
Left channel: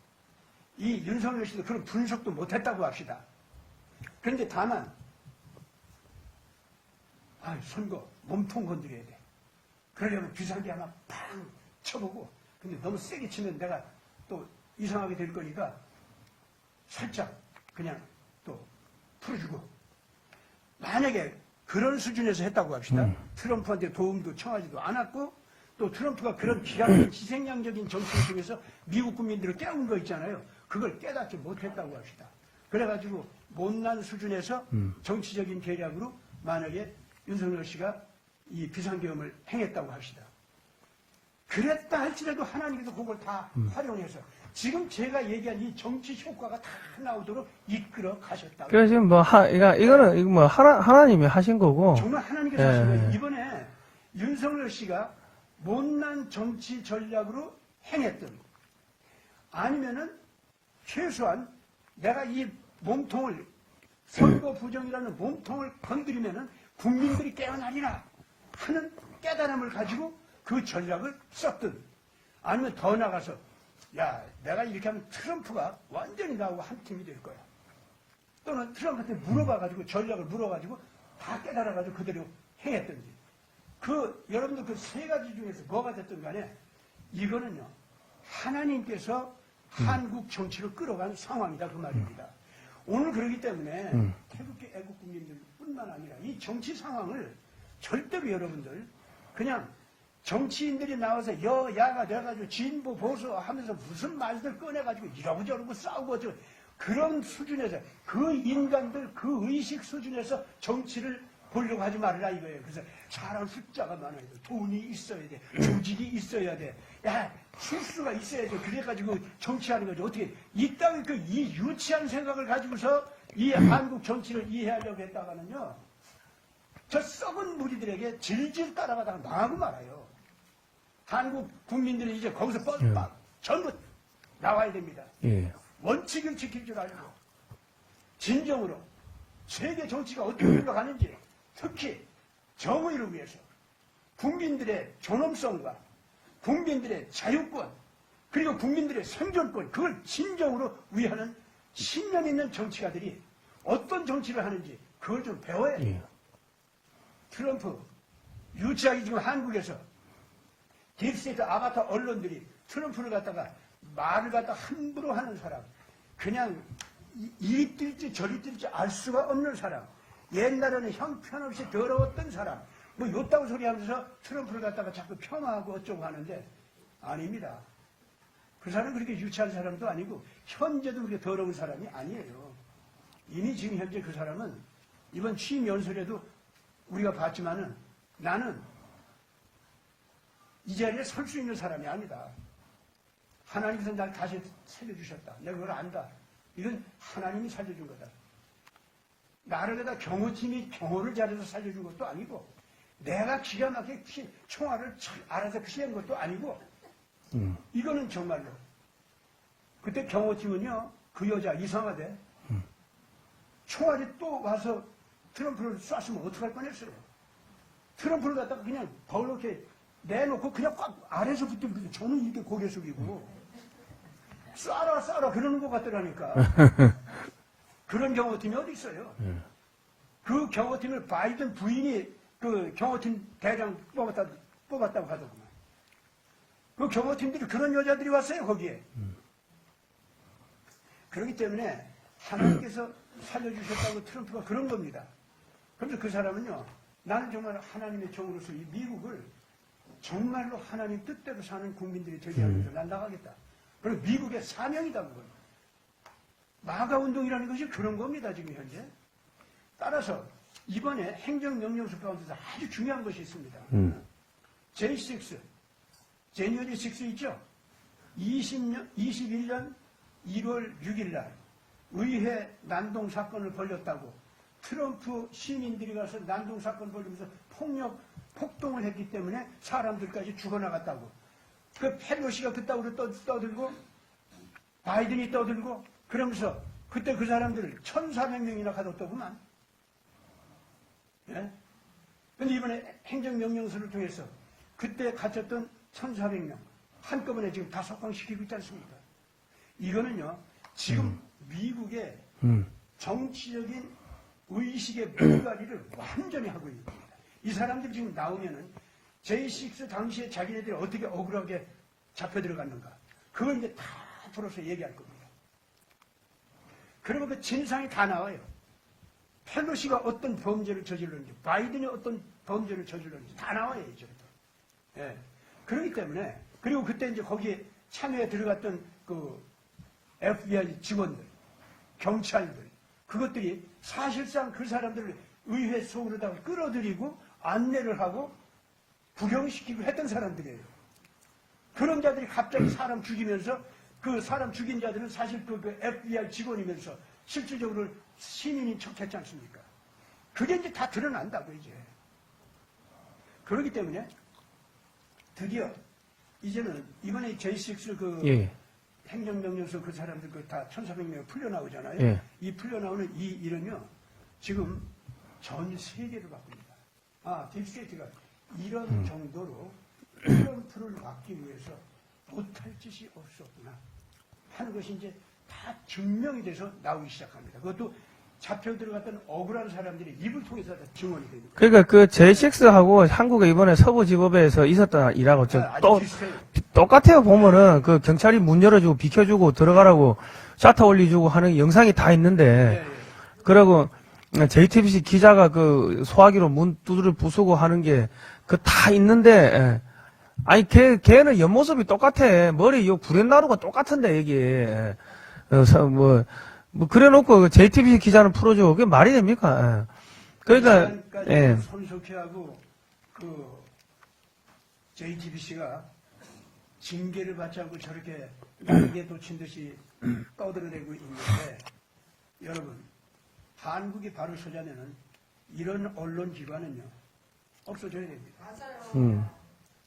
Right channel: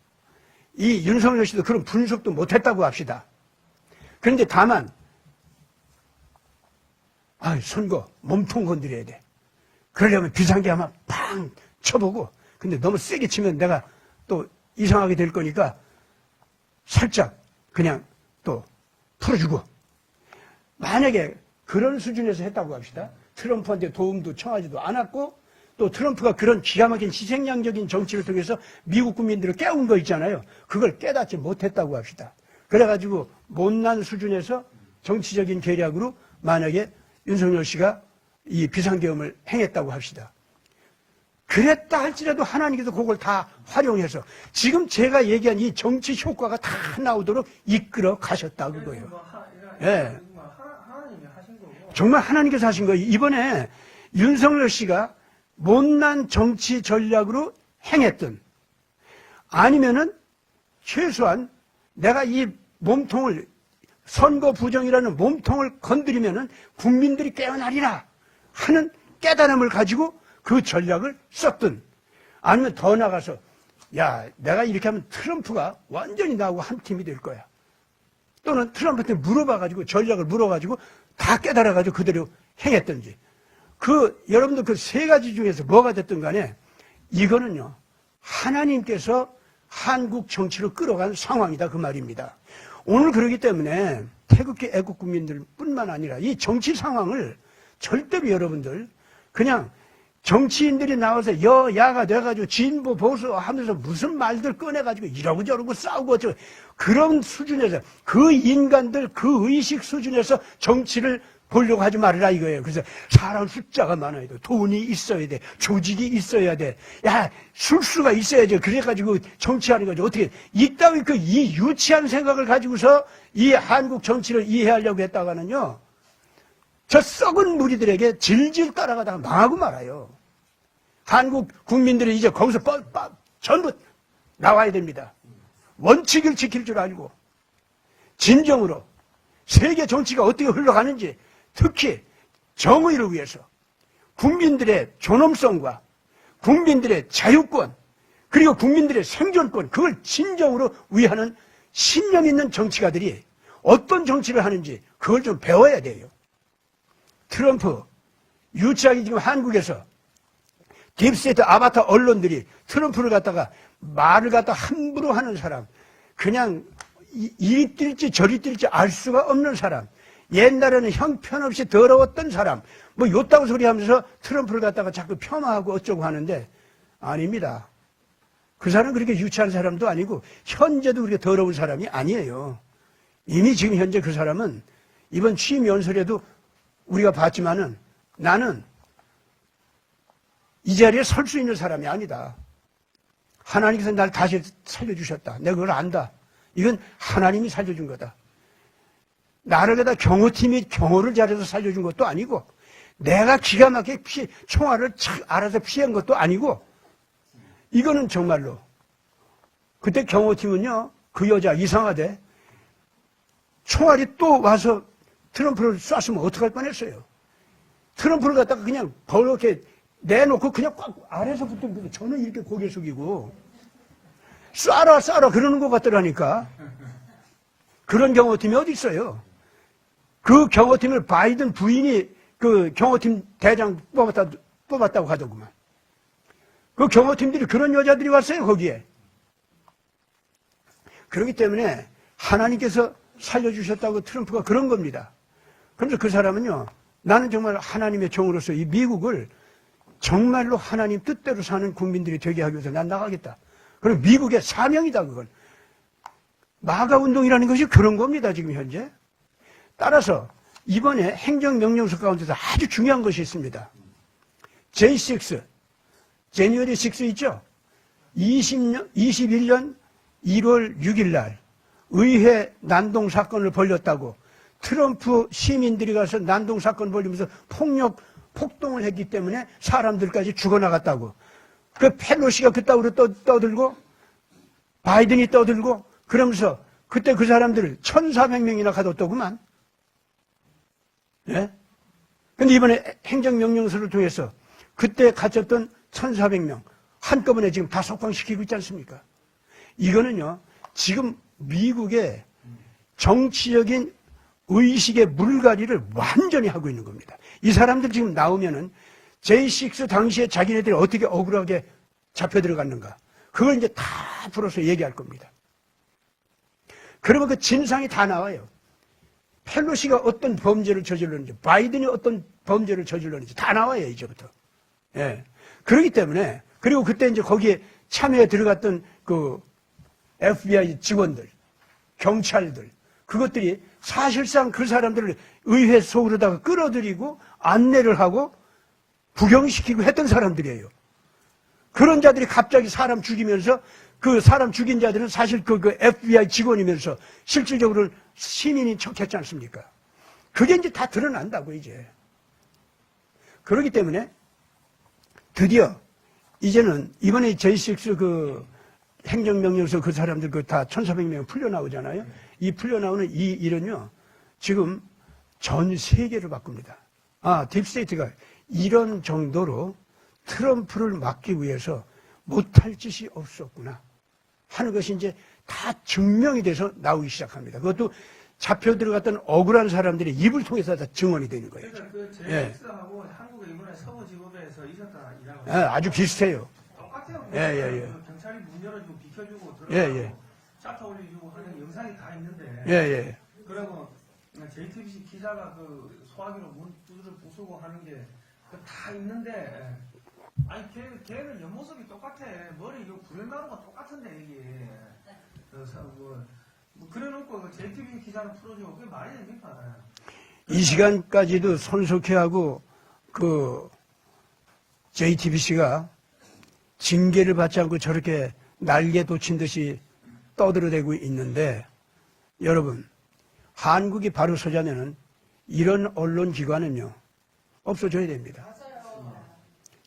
이 윤석열 씨도 그런 분석도 못했다고 합시다. 그런데 다만 선거 몸통 건드려야 돼. 그러려면 비상계엄 한번 팡 쳐보고 근데 너무 세게 치면 내가 또 이상하게 될 거니까 살짝 그냥 또 풀어주고 만약에 그런 수준에서 했다고 합시다. 트럼프한테 도움도 청하지도 않았고 또 트럼프가 그런 기가 막힌 희생양적인 정치를 통해서 미국 국민들을 깨운 거 있잖아요. 그걸 깨닫지 못했다고 합시다. 그래가지고 못난 수준에서 정치적인 계략으로 만약에 윤석열 씨가 이 비상계엄을 행했다고 합시다. 그랬다 할지라도 하나님께서 그걸 다 활용해서 지금 제가 얘기한 이 정치 효과가 다 나오도록 이끌어 가셨다고. 그래서 지금 이거는 하나님이 하신 거고. 정말 하나님께서 하신 네. 거예요. 이번에 윤석열 씨가 못난 정치 전략으로 행했든 아니면은 최소한 내가 이 몸통을 선거 부정이라는 몸통을 건드리면은 국민들이 깨어나리라 하는 깨달음을 가지고 그 전략을 썼든 아니면 더 나가서 내가 이렇게 하면 트럼프가 완전히 나하고 한 팀이 될 거야. 또는 트럼프한테 물어봐가지고 전략을 물어가지고 다 깨달아가지고 그대로 행했든지 여러분들 그 세 가지 중에서 뭐가 됐든 간에 이거는요 하나님께서 한국 정치를 끌어간 상황이다 그 말입니다. 오늘 그러기 때문에 태극기 애국 국민들 뿐만 아니라 이 정치 상황을 절대로 여러분들 그냥 정치인들이 나와서 여야가 돼가지고 진보 보수 하면서 무슨 말들 꺼내가지고 이러고 저러고 싸우고 어쩌고 그런 수준에서 그 인간들 그 의식 수준에서 정치를 보려고 하지 말아라 이거예요. 그래서 사람 숫자가 많아야 돼. 돈이 있어야 돼. 조직이 있어야 돼. 야, 술수가 있어야죠. 그래가지고 정치하는 거죠. 어떻게, 이 따위 이 유치한 생각을 가지고서 이 한국 정치를 이해하려고 했다가는요, 저 썩은 무리들에게 질질 따라가다가 망하고 말아요. 한국 국민들이 이제 거기서 전부 나와야 됩니다. 예. 원칙을 지킬 줄 알고, 진정으로 세계 정치가 어떻게 흘러가는지, 특히 정의를 위해서 국민들의 존엄성과 국민들의 자유권 그리고 국민들의 생존권 그걸 진정으로 위하는 신념 있는 정치가들이 어떤 정치를 하는지 그걸 좀 배워야 돼요. 트럼프 유치하게 지금 한국에서 딥스테이트 아바타 언론들이 트럼프를 갖다가 말을 갖다 함부로 하는 사람 그냥 이리 뛸지 저리 뛸지 알 수가 없는 사람 옛날에는 형편없이 더러웠던 사람, 뭐 요따구 소리 하면서 트럼프를 갖다가 자꾸 폄하하고 어쩌고 하는데, 아닙니다. 그 사람 그렇게 유치한 사람도 아니고, 현재도 그렇게 더러운 사람이 아니에요. 이미 지금 현재 그 사람은 이번 취임 연설에도 우리가 봤지만은 나는 이 자리에 설 수 있는 사람이 아니다. 하나님께서 날 다시 살려주셨다. 내가 그걸 안다. 이건 하나님이 살려준 거다. 나를 갖다 경호팀이 경호를 잘해서 살려준 것도 아니고 내가 기가 막히게 총알을 착 알아서 피한 것도 아니고 이거는 정말로 그때 경호팀은요 그 여자 이상하대 총알이 또 와서 트럼프를 쐈으면 어떡할 뻔했어요. 트럼프를 갖다가 그냥 벌겋게 내놓고 그냥 꽉 아래서 붙은 저는 이렇게 고개 숙이고 쏴라 그러는 것 같더라니까. 그런 경호팀이 어디 있어요? 그 경호팀을 바이든 부인이 그 경호팀 대장 뽑았다고 하더구만. 그 경호팀들이 그런 여자들이 왔어요, 거기에. 그렇기 때문에 하나님께서 살려주셨다고 트럼프가 그런 겁니다. 그래서 그 사람은요, 나는 정말 하나님의 종으로서 이 미국을 정말로 하나님 뜻대로 사는 국민들이 되게 하기 위해서 난 나가겠다. 그리고 미국의 사명이다, 그건. 마가 운동이라는 것이 그런 겁니다, 지금 현재. 따라서 이번에 행정명령서 가운데서 아주 중요한 것이 있습니다. J6, 제뉴어리 6 있죠? 21년 1월 6일 날 의회 난동 사건을 벌였다고 트럼프 시민들이 가서 난동 사건 벌리면서 폭동을 했기 때문에 사람들까지 죽어나갔다고. 그 펠로시가 그따위로 떠들고 바이든이 떠들고 그러면서 그때 그 사람들을 1,400명이나 가뒀더구만. 예? 근데 이번에 행정명령서를 통해서 그때 갇혔던 1,400명 한꺼번에 지금 다 석방시키고 있지 않습니까? 이거는요, 지금 미국의 정치적인 의식의 물갈이를 완전히 하고 있는 겁니다. 이 사람들 지금 나오면은 J6 당시에 자기네들이 어떻게 억울하게 잡혀 들어갔는가. 그걸 이제 다 풀어서 얘기할 겁니다. 그러면 그 진상이 다 나와요. 펠로시가 어떤 범죄를 저질렀는지, 바이든이 어떤 범죄를 저질렀는지 다 나와요, 이제부터. 예. 그렇기 때문에, 그리고 그때 이제 거기에 참여에 들어갔던 그 FBI 직원들, 경찰들, 그것들이 사실상 그 사람들을 의회 속으로다가 끌어들이고 안내를 하고 부경시키고 했던 사람들이에요. 그런 자들이 갑자기 사람 죽이면서 그 사람 죽인 자들은 사실 그 FBI 직원이면서 실질적으로 시민인 척했지 않습니까? 그게 이제 다 드러난다고, 이제. 그렇기 때문에 드디어 이제는 이번에 J6 그 행정명령서 그 사람들 그 다 1,400명 풀려나오잖아요. 예. 이 풀려나오는 이 일은요, 지금 전 세계를 바꿉니다. 아, 딥스테이트가 이런 정도로 트럼프를 막기 위해서 못할 짓이 없었구나 하는 것이 이제 다 증명이 돼서 나오기 시작합니다. 그것도 잡혀 들어갔던 억울한 사람들의 입을 통해서 다 증언이 되는 거예요. 그러니까 그 J6하고 한국에 이번에 서부지법에서 있었던 일하고 아주 비슷해요. 똑같아요. 보면은 그 경찰이 문 열어주고 비켜주고 들어가라고 샤터 올려주고 하는 영상이 다 있는데 그러고 JTBC 기자가 그 소화기로 문 두드려 부수고 하는 게 그 다 있는데 아니, 걔는 옆모습이 똑같아. 머리, 요 구렛나루가 똑같은데, 이게. 그래 놓고 JTBC 기자는 풀어줘. 그게 말이 됩니까? 이 시간까지 예. 그 손석희하고 그 JTBC가 징계를 받지 않고 저렇게 날개 돋친 듯이 떠들어대고 있는데, 여러분, 한국이 바로 서자면은 이런 언론기관은요, 없어져야 됩니다.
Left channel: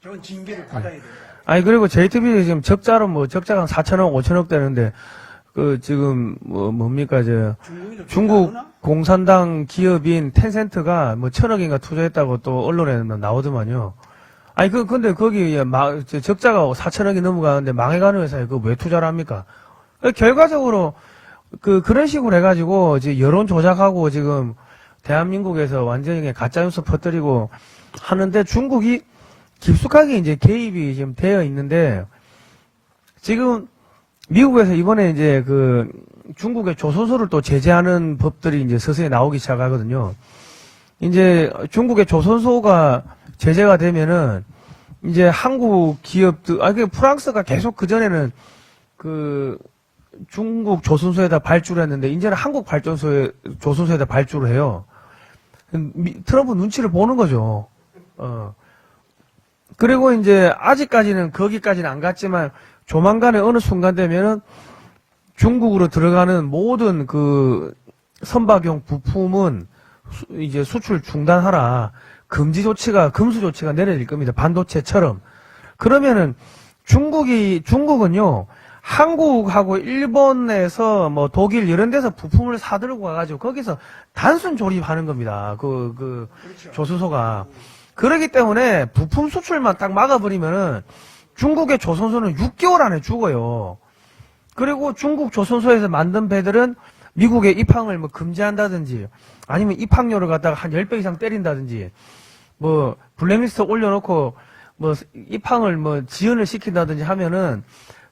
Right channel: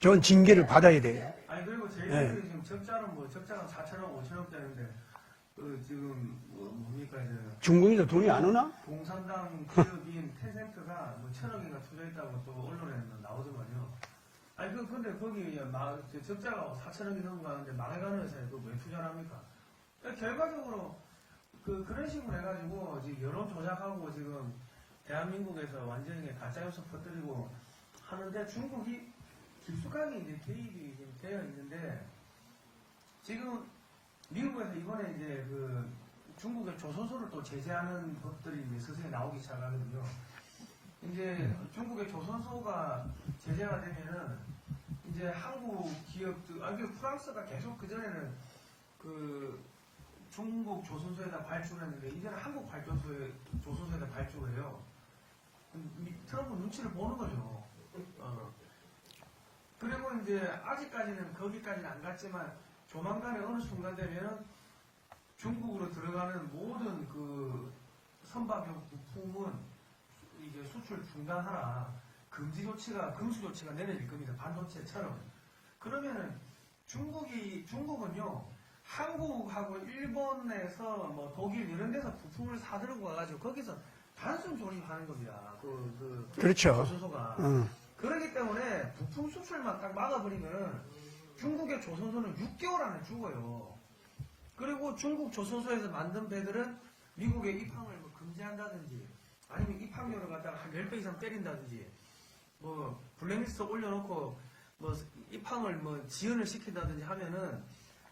저건 징계를 받아야 돼요. 아니, 그리고 JTBC 지금 적자로 적자가 한 4천억, 5천억 되는데, 지금, 뭡니까, 중국이 중국 공산당 기업인 텐센트가 1,000억인가 투자했다고 또 언론에 나오더만요. 아니, 근데 거기 적자가 4천억이 넘어가는데 망해가는 회사에 그거 왜 투자를 합니까? 결과적으로 그런 식으로 해가지고 이제 여론 조작하고 지금 대한민국에서 완전히 가짜뉴스 퍼뜨리고 하는데 중국이 깊숙하게 이제 개입이 지금 되어 있는데 지금 미국에서 이번에 이제 중국의 조선소를 또 제재하는 법들이 이제 서서히 나오기 시작하거든요. 이제 중국의 조선소가 제재가 되면은 이제 한국 기업들, 프랑스가 계속 그전에는 중국 조선소에다 발주를 했는데 이제는 한국 조선소에다 발주를 해요. 트럼프 눈치를 보는 거죠. 그리고 이제 아직까지는 거기까지는 안 갔지만 조만간에 어느 순간 되면은 중국으로 들어가는 모든 선박용 부품은 이제 수출 중단하라. 금수 조치가 내려질 겁니다. 반도체처럼. 그러면은 중국은요, 한국하고 일본에서 독일 이런 데서 부품을 사들고 가가지고 거기서 단순 조립하는 겁니다. 그렇죠. 조선소가. 그렇기 때문에 부품 수출만 딱 막아버리면은 중국의 조선소는 6개월 안에 죽어요. 그리고 중국 조선소에서 만든 배들은 미국의 입항을 금지한다든지 아니면 입항료를 갖다가 한 10배 이상 때린다든지 블랙리스트 올려놓고 입항을 지연을 시킨다든지 하면은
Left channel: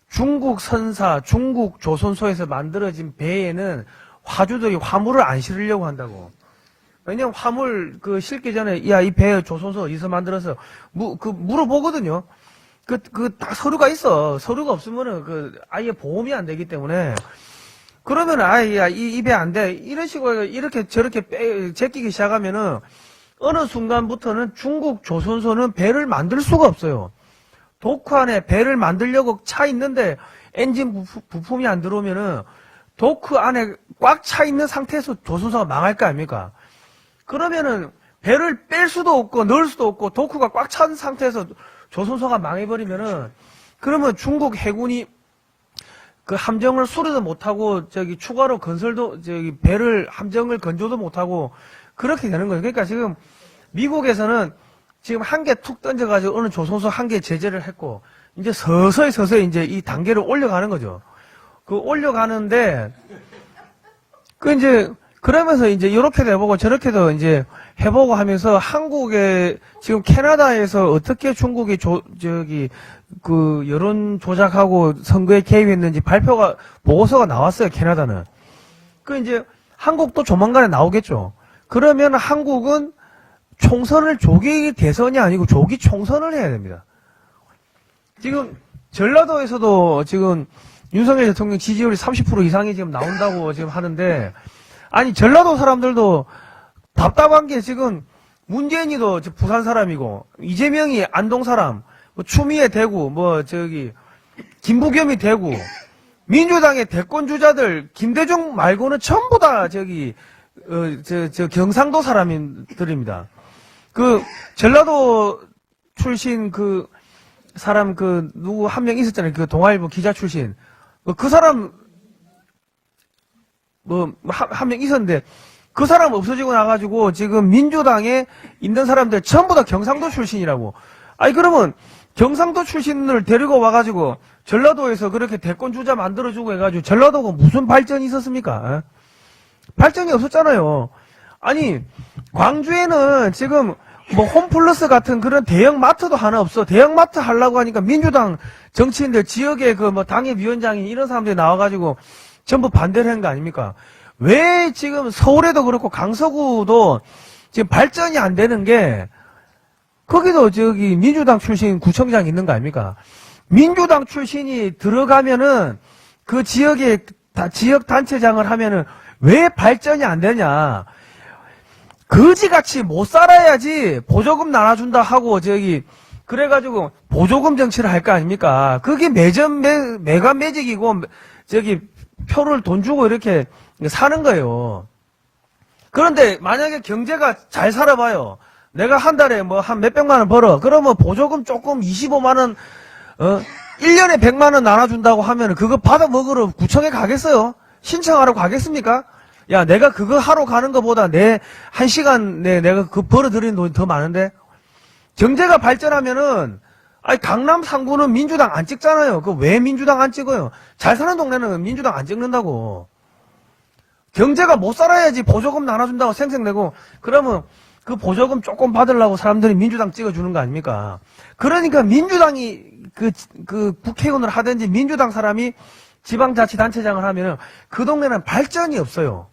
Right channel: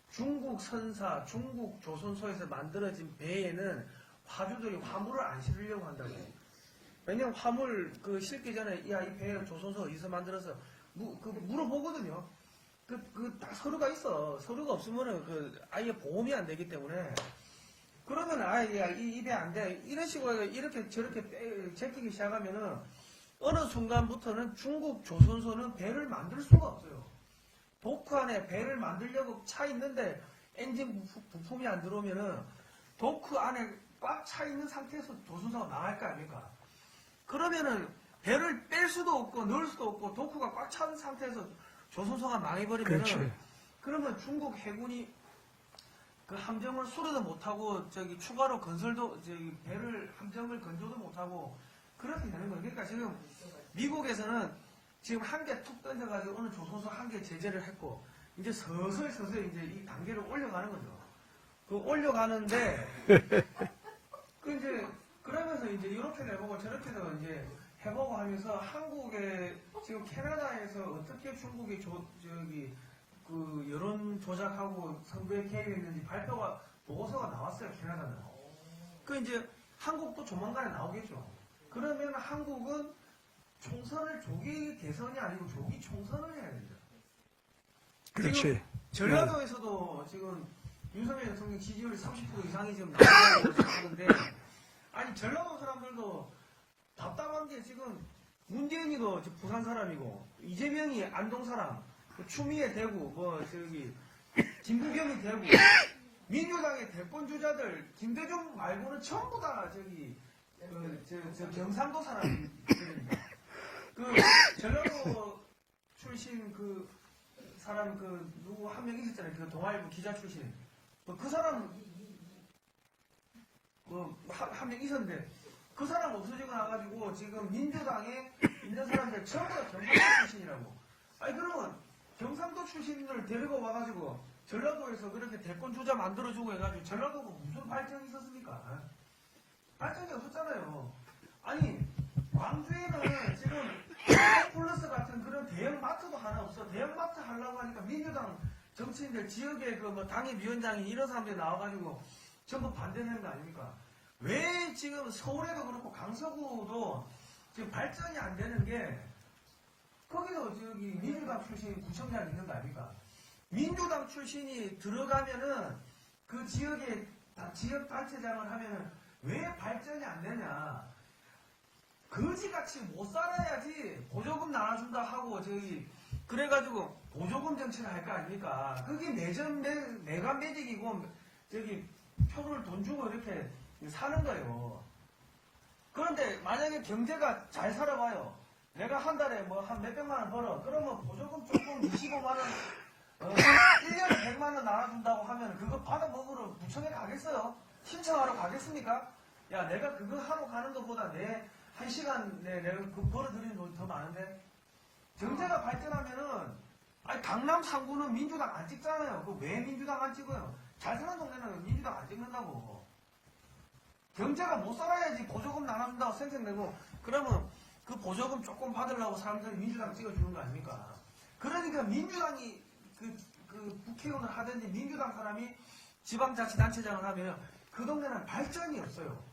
중국 선사, 중국 조선소에서 만들어진 배에는 화주들이 화물을 안 실으려고 한다고. 왜냐면 화물 실기 전에 이 배 조선소 어디서 만들어서 물어보거든요. 딱 서류가 있어. 서류가 없으면은 아예 보험이 안 되기 때문에 그러면 이 배 안 돼. 이런 식으로 이렇게 저렇게 제끼기 시작하면은 어느 순간부터는 중국 조선소는 배를 만들 수가 없어요. 도크 안에 배를 만들려고 차 있는데 엔진 부품이 안 들어오면은 도크 안에 꽉 차 있는 상태에서 조선소가 망할 거 아닙니까? 그러면은 배를 뺄 수도 없고 넣을 수도 없고 도크가 꽉 찬 상태에서 조선소가 망해버리면은 그렇죠. 그러면 중국 해군이 함정을 수리도 못하고 추가로 함정을 건조도 못하고 그렇게 되는 거예요. 그러니까 지금 미국에서는 지금 한 개 툭 던져가지고 어느 조선소 한 개 제재를 했고 이제 서서히 이제 이 단계를 올려가는 거죠. 올려가는데 이제 그러면서 이제 이렇게도 해보고 저렇게도 이제 해보고 하면서 한국에 지금 캐나다에서 어떻게 중국이 여론 조작하고 선거에 개입했는지 보고서가 나왔어요. 캐나다는. 이제 한국도 조만간에 나오겠죠. 그러면 한국은 총선을 조기 대선이 아니고 조기 총선을 해야 됩니다. 지금 그렇지. 전라도에서도 지금 윤석열 대통령 지지율이 30% 이상이 지금 나온다고 지금 하는데 아니 전라도 사람들도 답답한 게 지금 문재인이도 부산 사람이고 이재명이 안동 사람, 추미애 대구, 김부겸이 대구, 민주당의 대권 주자들 김대중 말고는 전부 다 경상도 사람들입니다. 전라도 출신 사람 누구 한 명 있었잖아요. 동아일보 기자 출신. 그 사람 한 명 있었는데 그 사람 없어지고 나가지고 지금 민주당에 있는 사람들 전부 다 경상도 출신이라고. 아니 그러면 경상도 출신을 데리고 와가지고 전라도에서 그렇게 대권 주자 만들어주고 해가지고 전라도가 무슨 발전이 있었습니까? 발전이 없었잖아요. 아니 광주에는 지금 홈플러스 같은 그런 대형 마트도 하나 없어. 대형 마트 하려고 하니까 민주당 정치인들 지역에 당협위원장인 이런 사람들이 나와가지고 전부 반대를 한 거 아닙니까? 왜 지금 서울에도 그렇고 강서구도 지금 발전이 안 되는 게 거기도 저기 민주당 출신 구청장 있는 거 아닙니까? 민주당 출신이 들어가면은 그 지역에 지역 단체장을 하면은 왜 발전이 안 되냐? 거지같이 못 살아야지 보조금 나눠준다 하고 저기 그래가지고 보조금 정치를 할 거 아닙니까? 그게 매관 매직이고 저기 표를 돈 주고 이렇게 사는 거예요. 그런데 만약에 경제가 잘 살아봐요. 내가 한 달에 뭐 한 몇백만 원 벌어. 그러면 보조금 조금 25만 원, 1년에 100만 원 나눠준다고 하면 그거 받아 먹으러 구청에 가겠어요? 신청하러 가겠습니까? 야, 내가 그거 하러 가는 것보다 내 한 시간 내 내가 그 벌어들이는 돈이 더 많은데? 경제가 발전하면은, 아니, 강남 상구는 민주당 안 찍잖아요. 그 왜 민주당 안 찍어요? 잘 사는 동네는 민주당 안 찍는다고. 경제가 못 살아야지 보조금 나눠준다고 생색내고, 그러면 그 보조금 조금 받으려고 사람들이 민주당 찍어주는 거 아닙니까? 그러니까 민주당이 그 국회의원을 하든지 민주당 사람이 지방자치단체장을 하면은 그 동네는 발전이 없어요.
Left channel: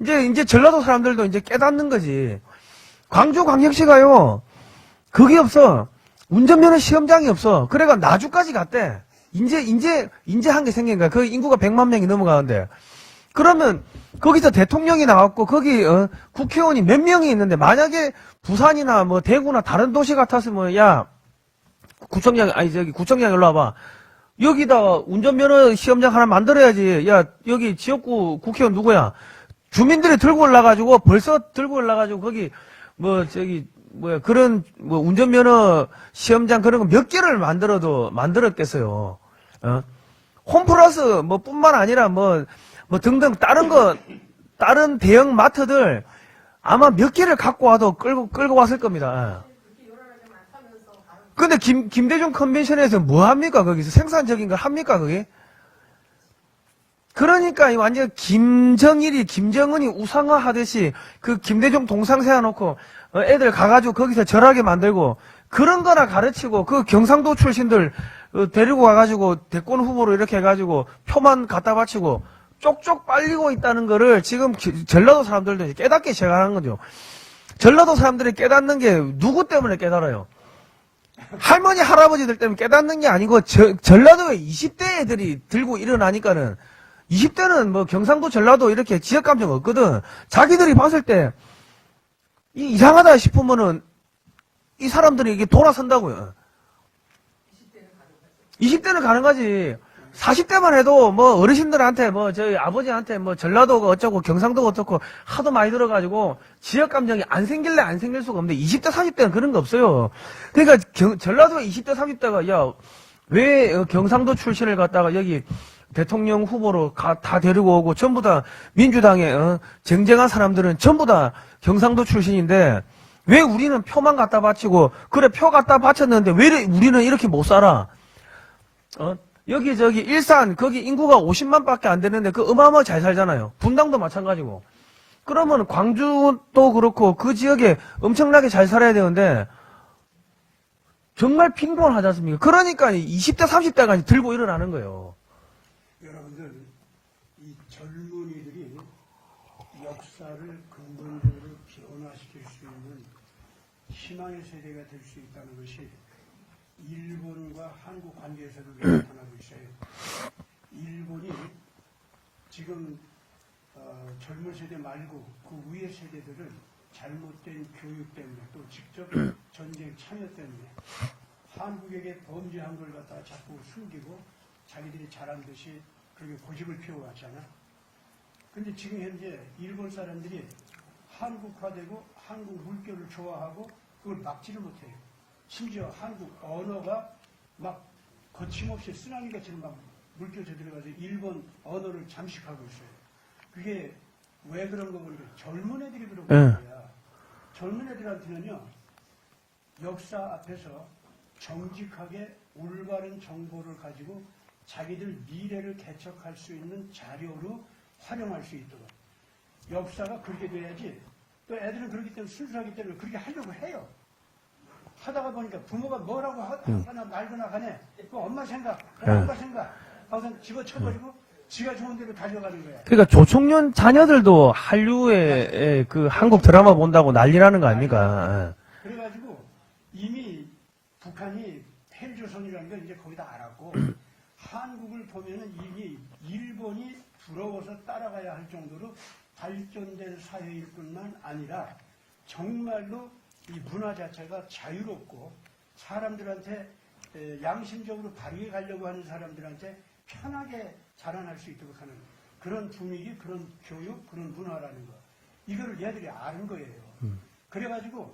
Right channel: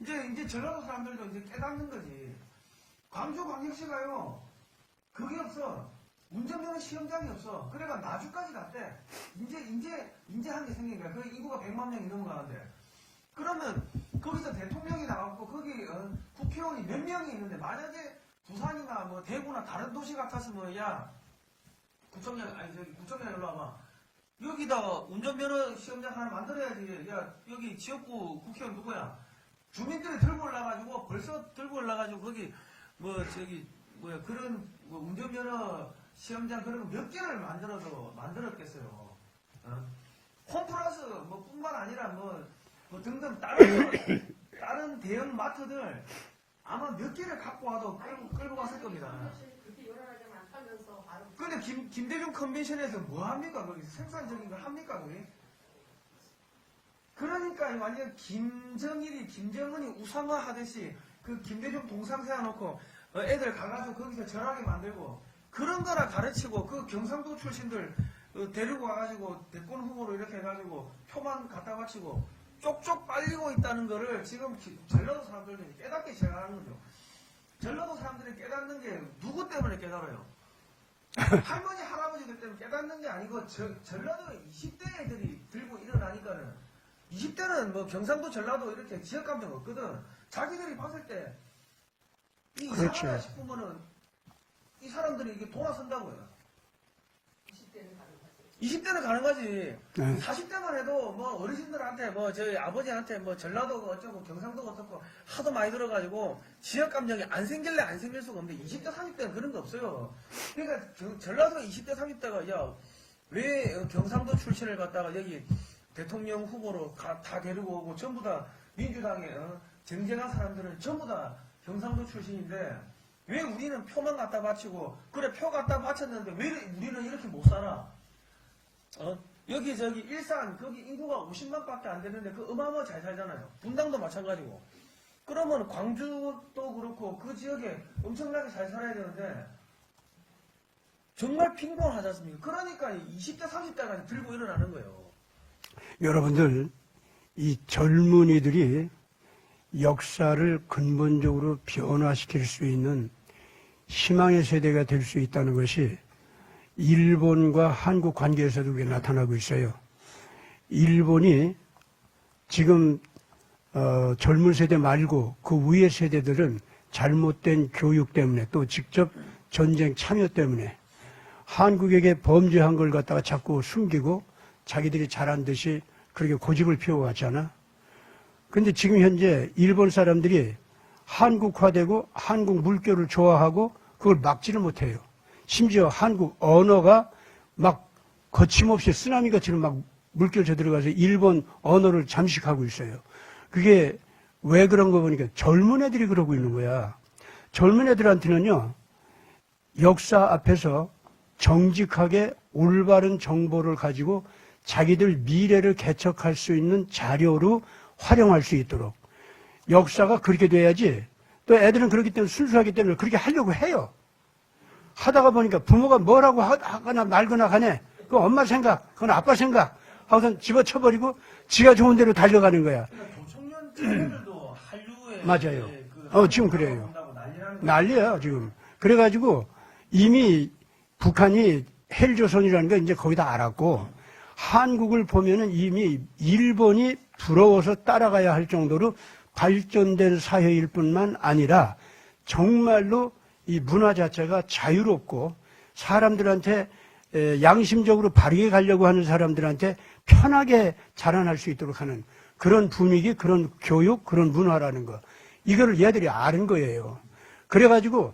이제 전라도 사람들도 이제 깨닫는 거지. 광주광역시가요, 그게 없어. 운전면허 시험장이 없어. 그래가 나주까지 갔대. 인제 한 게 생긴 거야. 그 인구가 100만 명이 넘어가는데. 그러면 거기서 대통령이 나왔고 거기 국회의원이 몇 명이 있는데 만약에 부산이나 뭐 대구나 다른 도시 같았으면 야 구청장 구청장 일로 와봐. 여기다가 운전면허 시험장 하나 만들어야지. 야 여기 지역구 국회의원 누구야? 주민들이 들고 올라가지고 벌써 들고 올라가지고 거기 뭐 저기 뭐야 그런 뭐 운전면허 시험장 그런 거 몇 개를 만들었겠어요. 홈플러스 뭐 뿐만 아니라 뭐 등등 다른 대형 마트들 아마 몇 개를 갖고 와도 끌고 왔을 겁니다. 근데 김대중 컨벤션에서 뭐 합니까? 거기서 생산적인 걸 합니까? 그게? 그러니까 완전 김정은이 우상화 하듯이 그 김대중 동상 세워놓고 애들 가가지고 거기서 절하게 만들고 그런 거나 가르치고 그 경상도 출신들 데리고 가가지고 대권 후보로 이렇게 해가지고 표만 갖다 바치고 쪽쪽 빨리고 있다는 거를 지금 전라도 사람들도 깨닫기 시작하는 거죠. 전라도 사람들이 깨닫는 게 누구 때문에 깨달아요? 할머니, 할아버지들 때문에 깨닫는 게 아니고 전라도에 20대 애들이 들고 일어나니까는 20대는 뭐 경상도, 전라도 이렇게 지역감정 없거든. 자기들이 봤을 때 이상하다 싶으면은 이 사람들이 이게 돌아선다고요. 20대는 가능하지. 40대만 해도 뭐 어르신들한테 뭐 저희 아버지한테 뭐 전라도가 어쩌고 경상도가 어쩌고 하도 많이 들어가지고 지역 감정이 안 생길래 안 생길 수가 없는데 20대 30대는 그런 거 없어요. 그러니까 전라도 20대 30대가 야 왜 경상도 출신을 갖다가 여기 대통령 후보로 다 데리고 오고 전부 다 민주당에 쟁쟁한 사람들은 전부 다 경상도 출신인데 왜 우리는 표만 갖다 바치고 그래 표 갖다 바쳤는데 왜 우리는 이렇게 못 살아? 여기 저기 일산 거기 인구가 50만 밖에 안 되는데 그 어마어마 잘 살잖아요. 분당도 마찬가지고. 그러면 광주도 그렇고 그 지역에 엄청나게 잘 살아야 되는데 정말 빈곤하지 않습니까? 그러니까 20대 30대가 들고 일어나는 거예요. 여러분들 이 젊은이들이 역사를 근본적으로 변화시킬 수 있는 희망의 세대가 될 수 있다는 것이 일본과 한국 관계에서도 그게 나타나고 있어요. 일본이 지금 젊은 세대 말고 그 위의 세대들은 잘못된 교육 때문에 또 직접 전쟁 참여 때문에 한국에게 범죄한 걸 갖다가 자꾸 숨기고 자기들이 잘한 듯이 그렇게 고집을 피워왔잖아. 근데 지금 현재 일본 사람들이 한국화되고 한국 물결을 좋아하고 그걸 막지를 못해요. 심지어 한국 언어가 막 거침없이 쓰나미같이 막 물결 쳐들어가서 일본 언어를 잠식하고 있어요. 그게 왜 그런 거 보니까 젊은 애들이 그러고 있는 거야. 젊은 애들한테는요, 역사 앞에서 정직하게 올바른 정보를 가지고 자기들 미래를 개척할 수 있는 자료로 활용할 수 있도록 역사가 그렇게 돼야지. 또 애들은 그렇기 때문에 순수하기 때문에 그렇게 하려고 해요. 하다가 보니까 부모가 뭐라고 하거나 말거나 가네. 그 엄마 생각, 그건 아빠 생각. 하고선 집어쳐버리고 지가 좋은 대로 달려가는 거야. 그러니까 조총련 자녀들도 한류에 맞아요. 그 한국 지금 드라마 그래요. 본다고 난리라는 거 난리야, 아닙니까? 지금. 그래가지고 이미 북한이 헬조선이라는 걸 이제 거의 다 알았고 한국을 보면은 이미 일본이 부러워서 따라가야 할 정도로 발전된 사회일 뿐만 아니라 정말로 이 문화 자체가 자유롭고 사람들한테 양심적으로 바르게 가려고 하는 사람들한테 편하게 자라날 수 있도록 하는 그런 분위기, 그런 교육, 그런 문화라는 거. 이거를 얘들이 아는 거예요. 그래가지고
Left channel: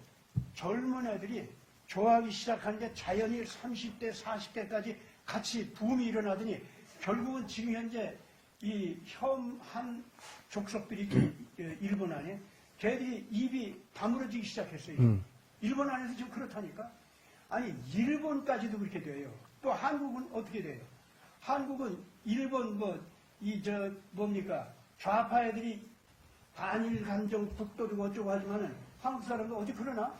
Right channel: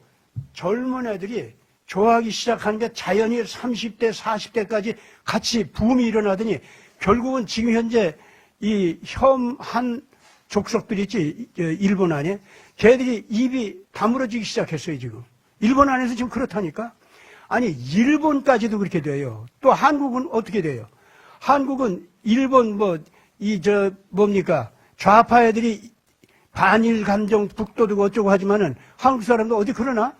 젊은 애들이 좋아하기 시작한 게 자연히 30대, 40대까지 같이 붐이 일어나더니 결국은 지금 현재 이 혐한 족속들이 있지, 일본 안에. 걔들이 입이 다물어지기 시작했어요, 지금. 일본 안에서 지금 그렇다니까? 아니, 일본까지도 그렇게 돼요. 또 한국은 어떻게 돼요? 한국은 일본 뭡니까? 좌파 애들이 반일 감정 북돋우고 어쩌고 하지만은 한국 사람도 어디 그러나?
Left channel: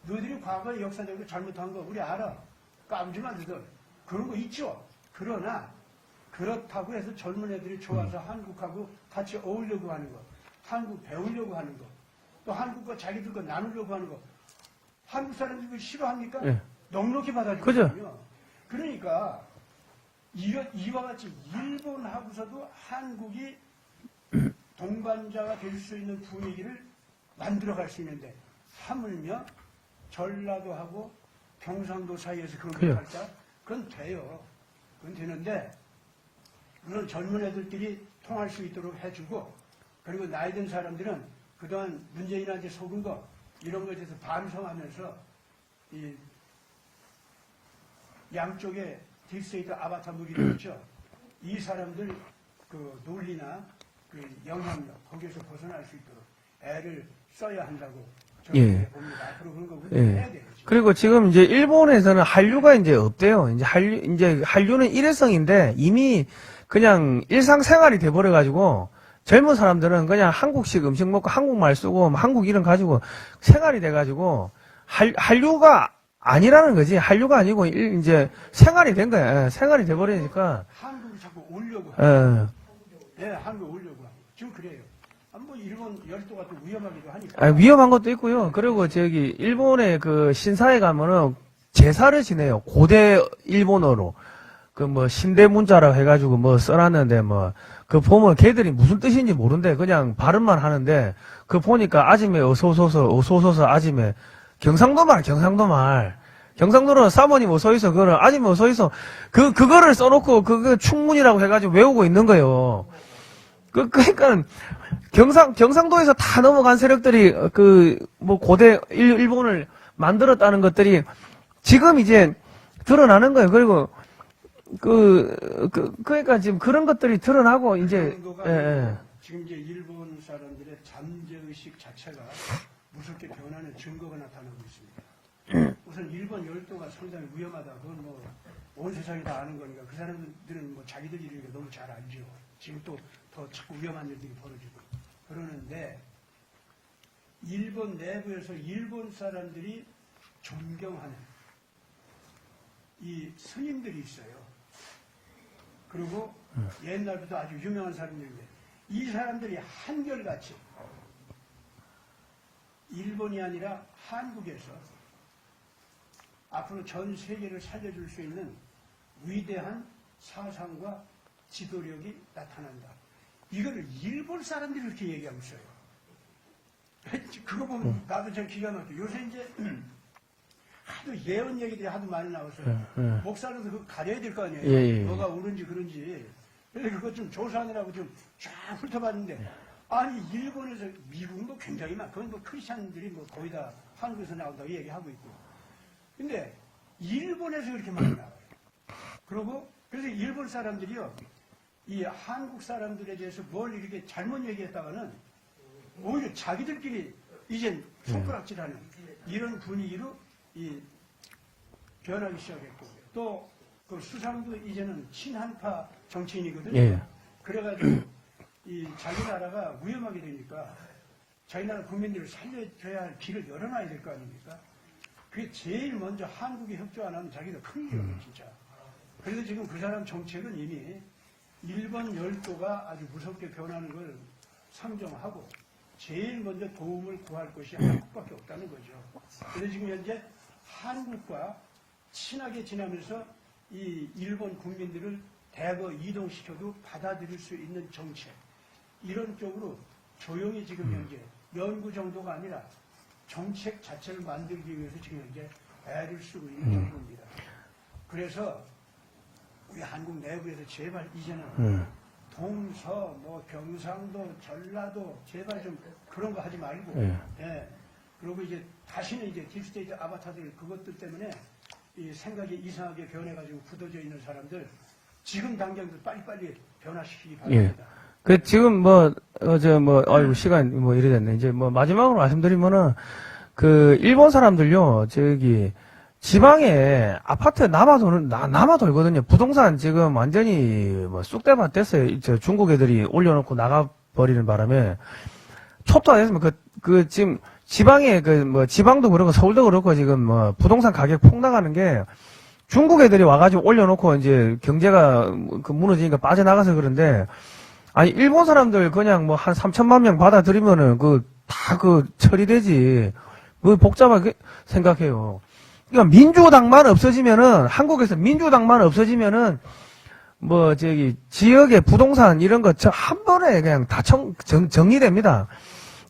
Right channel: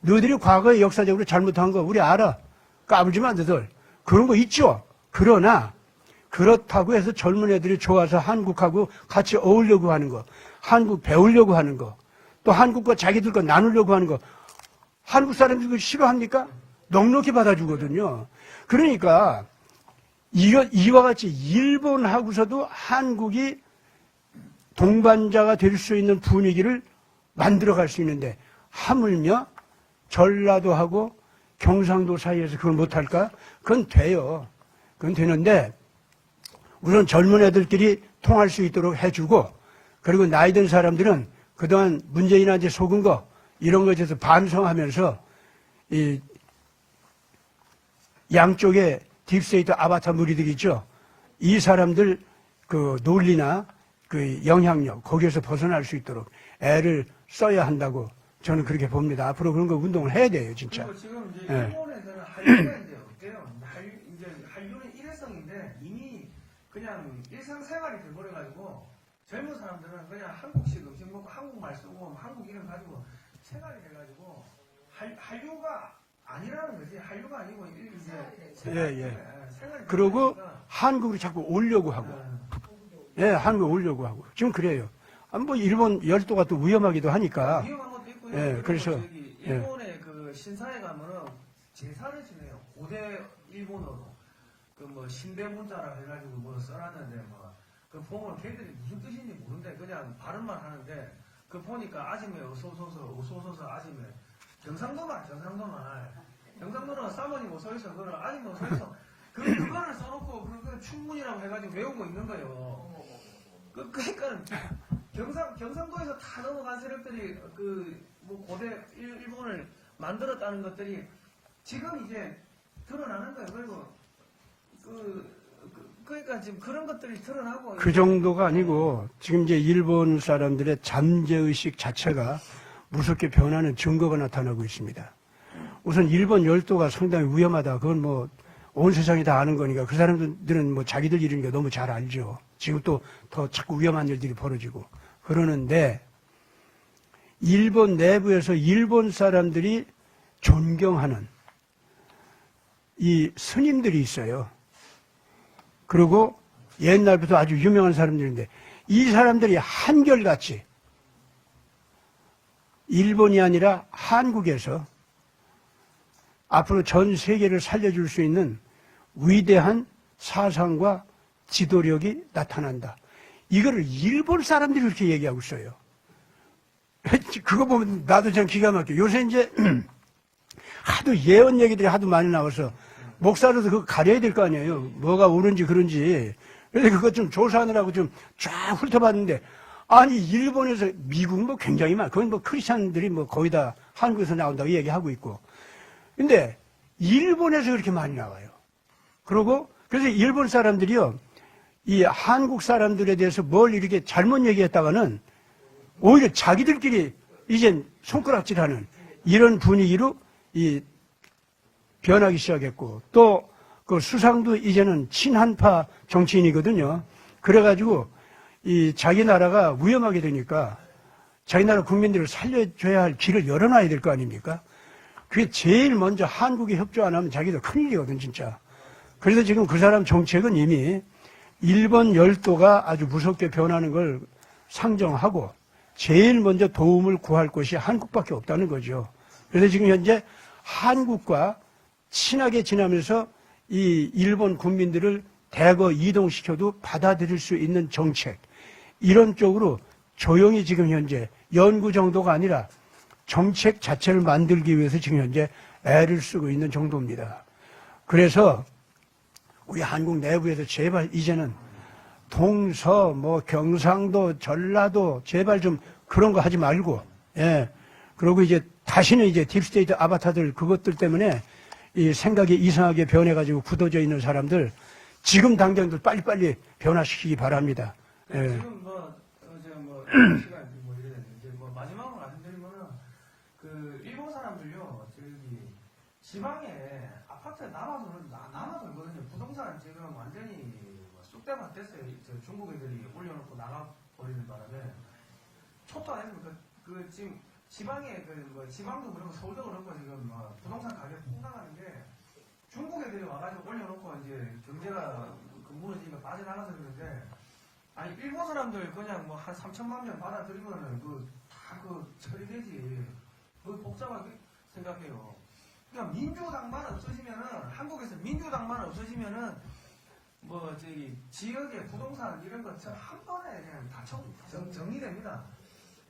너희들이 과거에 역사적으로 잘못한 거 우리 알아. 까불지 마, 너희들. 그런 거 있죠. 그러나 그렇다고 해서 젊은 애들이 좋아서 한국하고 같이 어울려고 하는 거, 한국 배우려고 하는 거, 또 한국과 자기들 거 나누려고 하는 거, 한국 사람들이 그거 싫어합니까? 네. 넉넉히 받아주거든요. 그러니까 이와 같이 일본하고서도 한국이 동반자가 될 수 있는 분위기를 만들어갈 수 있는데 하물며 전라도하고 경상도 사이에서 그걸 못할까? 그건 돼요. 그건 되는데 우선 젊은 애들끼리 통할 수 있도록 해주고 그리고 나이 든 사람들은 그동안 문재인한테 속은 거 이런 것에 대해서 반성하면서 이 양쪽에 딥스테이트 아바타 무리들 있죠. 이 사람들 그 논리나 그 영향력 거기에서 벗어날 수 있도록 애를 써야 한다고 저는 예. 그렇게 봅니다. 앞으로 그런 거 운동을 예. 해야 돼요. 진짜. 그리고 지금 이제 일본에서는 한류가 이제 없대요. 이제 한류는 일회성인데 이미 그냥 일상생활이 돼버려가지고 젊은 사람들은 그냥 한국식 음식 먹고 한국말 쓰고 한국 이름 가지고 생활이 돼가지고 한류가 아니라는 거지. 한류가 아니고 이제 생활이 된 거야. 예, 생활이 그리고 돼버리니까. 한국을 자꾸 오려고 하고. 예. 예, 한국을 오려고 하고. 지금 그래요. 뭐 일본 열도가 또 위험하기도 하니까. 아, 위험한 것도 있고요. 네, 그리고 그래서, 저기 일본의 그 신사에 가면은 제사를 지내요. 고대 일본어로 그 뭐 신대 문자라고 해가지고 뭐 써놨는데 뭐 그 보면 걔들이 무슨 뜻인지 모른대. 그냥 발음만 하는데 그 보니까 아침에 어서 오소서 아침에 경상도 말. 경상도는 사모님 어서있어. 그거를 아침에 어서있어. 그거를 써놓고 그거 충문이라고 해가지고 외우고 있는 거예요. 그러니까 경상도에서 다 넘어간 세력들이 뭐 고대 일본을 만들었다는 것들이 지금 이제 드러나는 거예요. 그리고 그러니까 지금 그런 것들이 드러나고 그 이제 정도가 예. 아니고 지금 이제 일본 사람들의 잠재의식 자체가 무섭게 변하는 증거가 나타나고 있습니다. 우선 일본 열도가 상당히 위험하다. 그건 뭐 온 세상이 다 아는 거니까 그 사람들은 뭐 자기들 일이니까 너무 잘 알죠. 지금 또 더 자꾸 위험한 일들이 벌어지고 그러는데 일본 내부에서 일본 사람들이 존경하는 이 스님들이 있어요. 그리고 옛날부터 아주 유명한 사람들인데 이 사람들이 한결같이 일본이 아니라 한국에서 앞으로 전 세계를 살려줄 수 있는 위대한 사상과 지도력이 나타난다. 이거를 일본 사람들이 그렇게 얘기하고 있어요. 그거 보면 나도 참 기가 막혀. 요새 이제 하도 예언 얘기들이 하도 많이 나와서 목사로도 그거 가려야 될 거 아니에요. 예. 뭐가 옳은지 그런지. 그래서 그거 좀 조사하느라고 좀 쫙 훑어봤는데 아니 일본에서 미국 뭐 굉장히 많아. 그건 뭐 크리스찬들이 뭐 거의 다 한국에서 나온다고 얘기하고 있고. 근데 일본에서 그렇게 많이 나와요. 그리고 그래서 일본 사람들이요. 이 한국 사람들에 대해서 뭘 이렇게 잘못 얘기했다가는 오히려 자기들끼리 이젠 손가락질하는 이런 분위기로 이 변하기 시작했고 또 그 수상도 이제는 친한파 정치인이거든요. 그래가지고 이 자기 나라가 위험하게 되니까 자기 나라 국민들을 살려줘야 할 길을 열어놔야 될 거 아닙니까? 그게 제일 먼저 한국이 협조 안 하면 자기들 큰일이거든 진짜. 그래서 지금 그 사람 정책은 이미 일본 열도가 아주 무섭게 변하는 걸 상정하고 제일 먼저 도움을 구할 곳이 한국밖에 없다는 거죠. 그래서 지금 현재 한국과 친하게 지나면서 이 일본 국민들을 대거 이동시켜도 받아들일 수 있는 정책, 이런 쪽으로 조용히 지금 현재 연구 정도가 아니라 정책 자체를 만들기 위해서 지금 현재 애를 쓰고 있는 정도입니다. 그래서 우리 한국 내부에서 제발 이제는 동서, 뭐 경상도, 전라도 제발 좀 그런 거 하지 말고, 예. 그리고 이제 다시는 이제 딥스테이트 아바타들 그것들 때문에 이 생각이 이상하게 변해가지고 굳어져 있는 사람들 지금 당장도 빨리빨리 변화시키기 바랍니다. 그 예. 지금 아이고, 시간 뭐 이래 됐네. 이제 뭐 마지막으로 말씀드리면은 그 일본 사람들요, 저기 지방에 아파트 남아 돌거든요. 부동산 지금 완전히 뭐 쑥대밭 됐어요. 저 중국 애들이 올려놓고 나가버리는 바람에 촛도 안 했으면 지금 지방에 지방도 그렇고 서울도 그렇고 지금 뭐 부동산 가격 폭 나가는 게 중국 애들이 와가지고 올려놓고 이제 경제가 무너지니까 빠져나가서 그런데, 아니 일본 사람들 그냥 뭐 한 3천만 명 받아들이면은 다 처리되지. 복잡하게 생각해요. 그러니까 민주당만 없어지면은, 한국에서 민주당만 없어지면은 지역의 부동산 이런 거 한 번에 그냥 다 정리됩니다.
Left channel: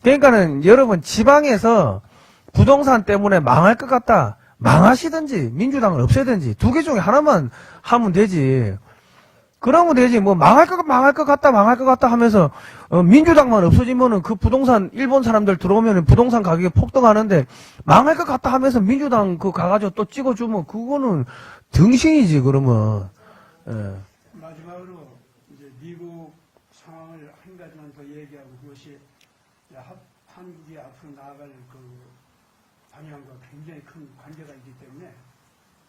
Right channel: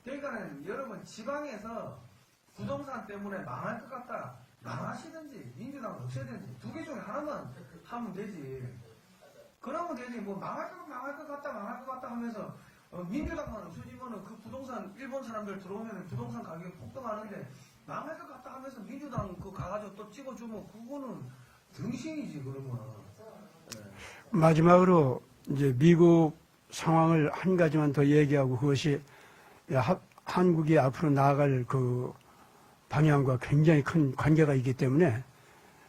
그러니까는 여러분 지방에서 부동산 때문에 망할 것 같다. 망하시든지 민주당을 없애든지 두 개 중에 하나만 하면 되지. 그러면 되지. 뭐 망할 것 같다 하면서 민주당만 없어지면은 그 부동산 일본 사람들 들어오면 부동산 가격이 폭등하는데, 망할 것 같다 하면서 민주당 가가지고 또 찍어주면 그거는 등신이지 그러면. 예. 마지막으로 이제 미국 상황을 한 가지만 더 얘기하고, 그것이 한국이 앞으로 나아갈 그 방향과 굉장히 큰 관계가 있기 때문에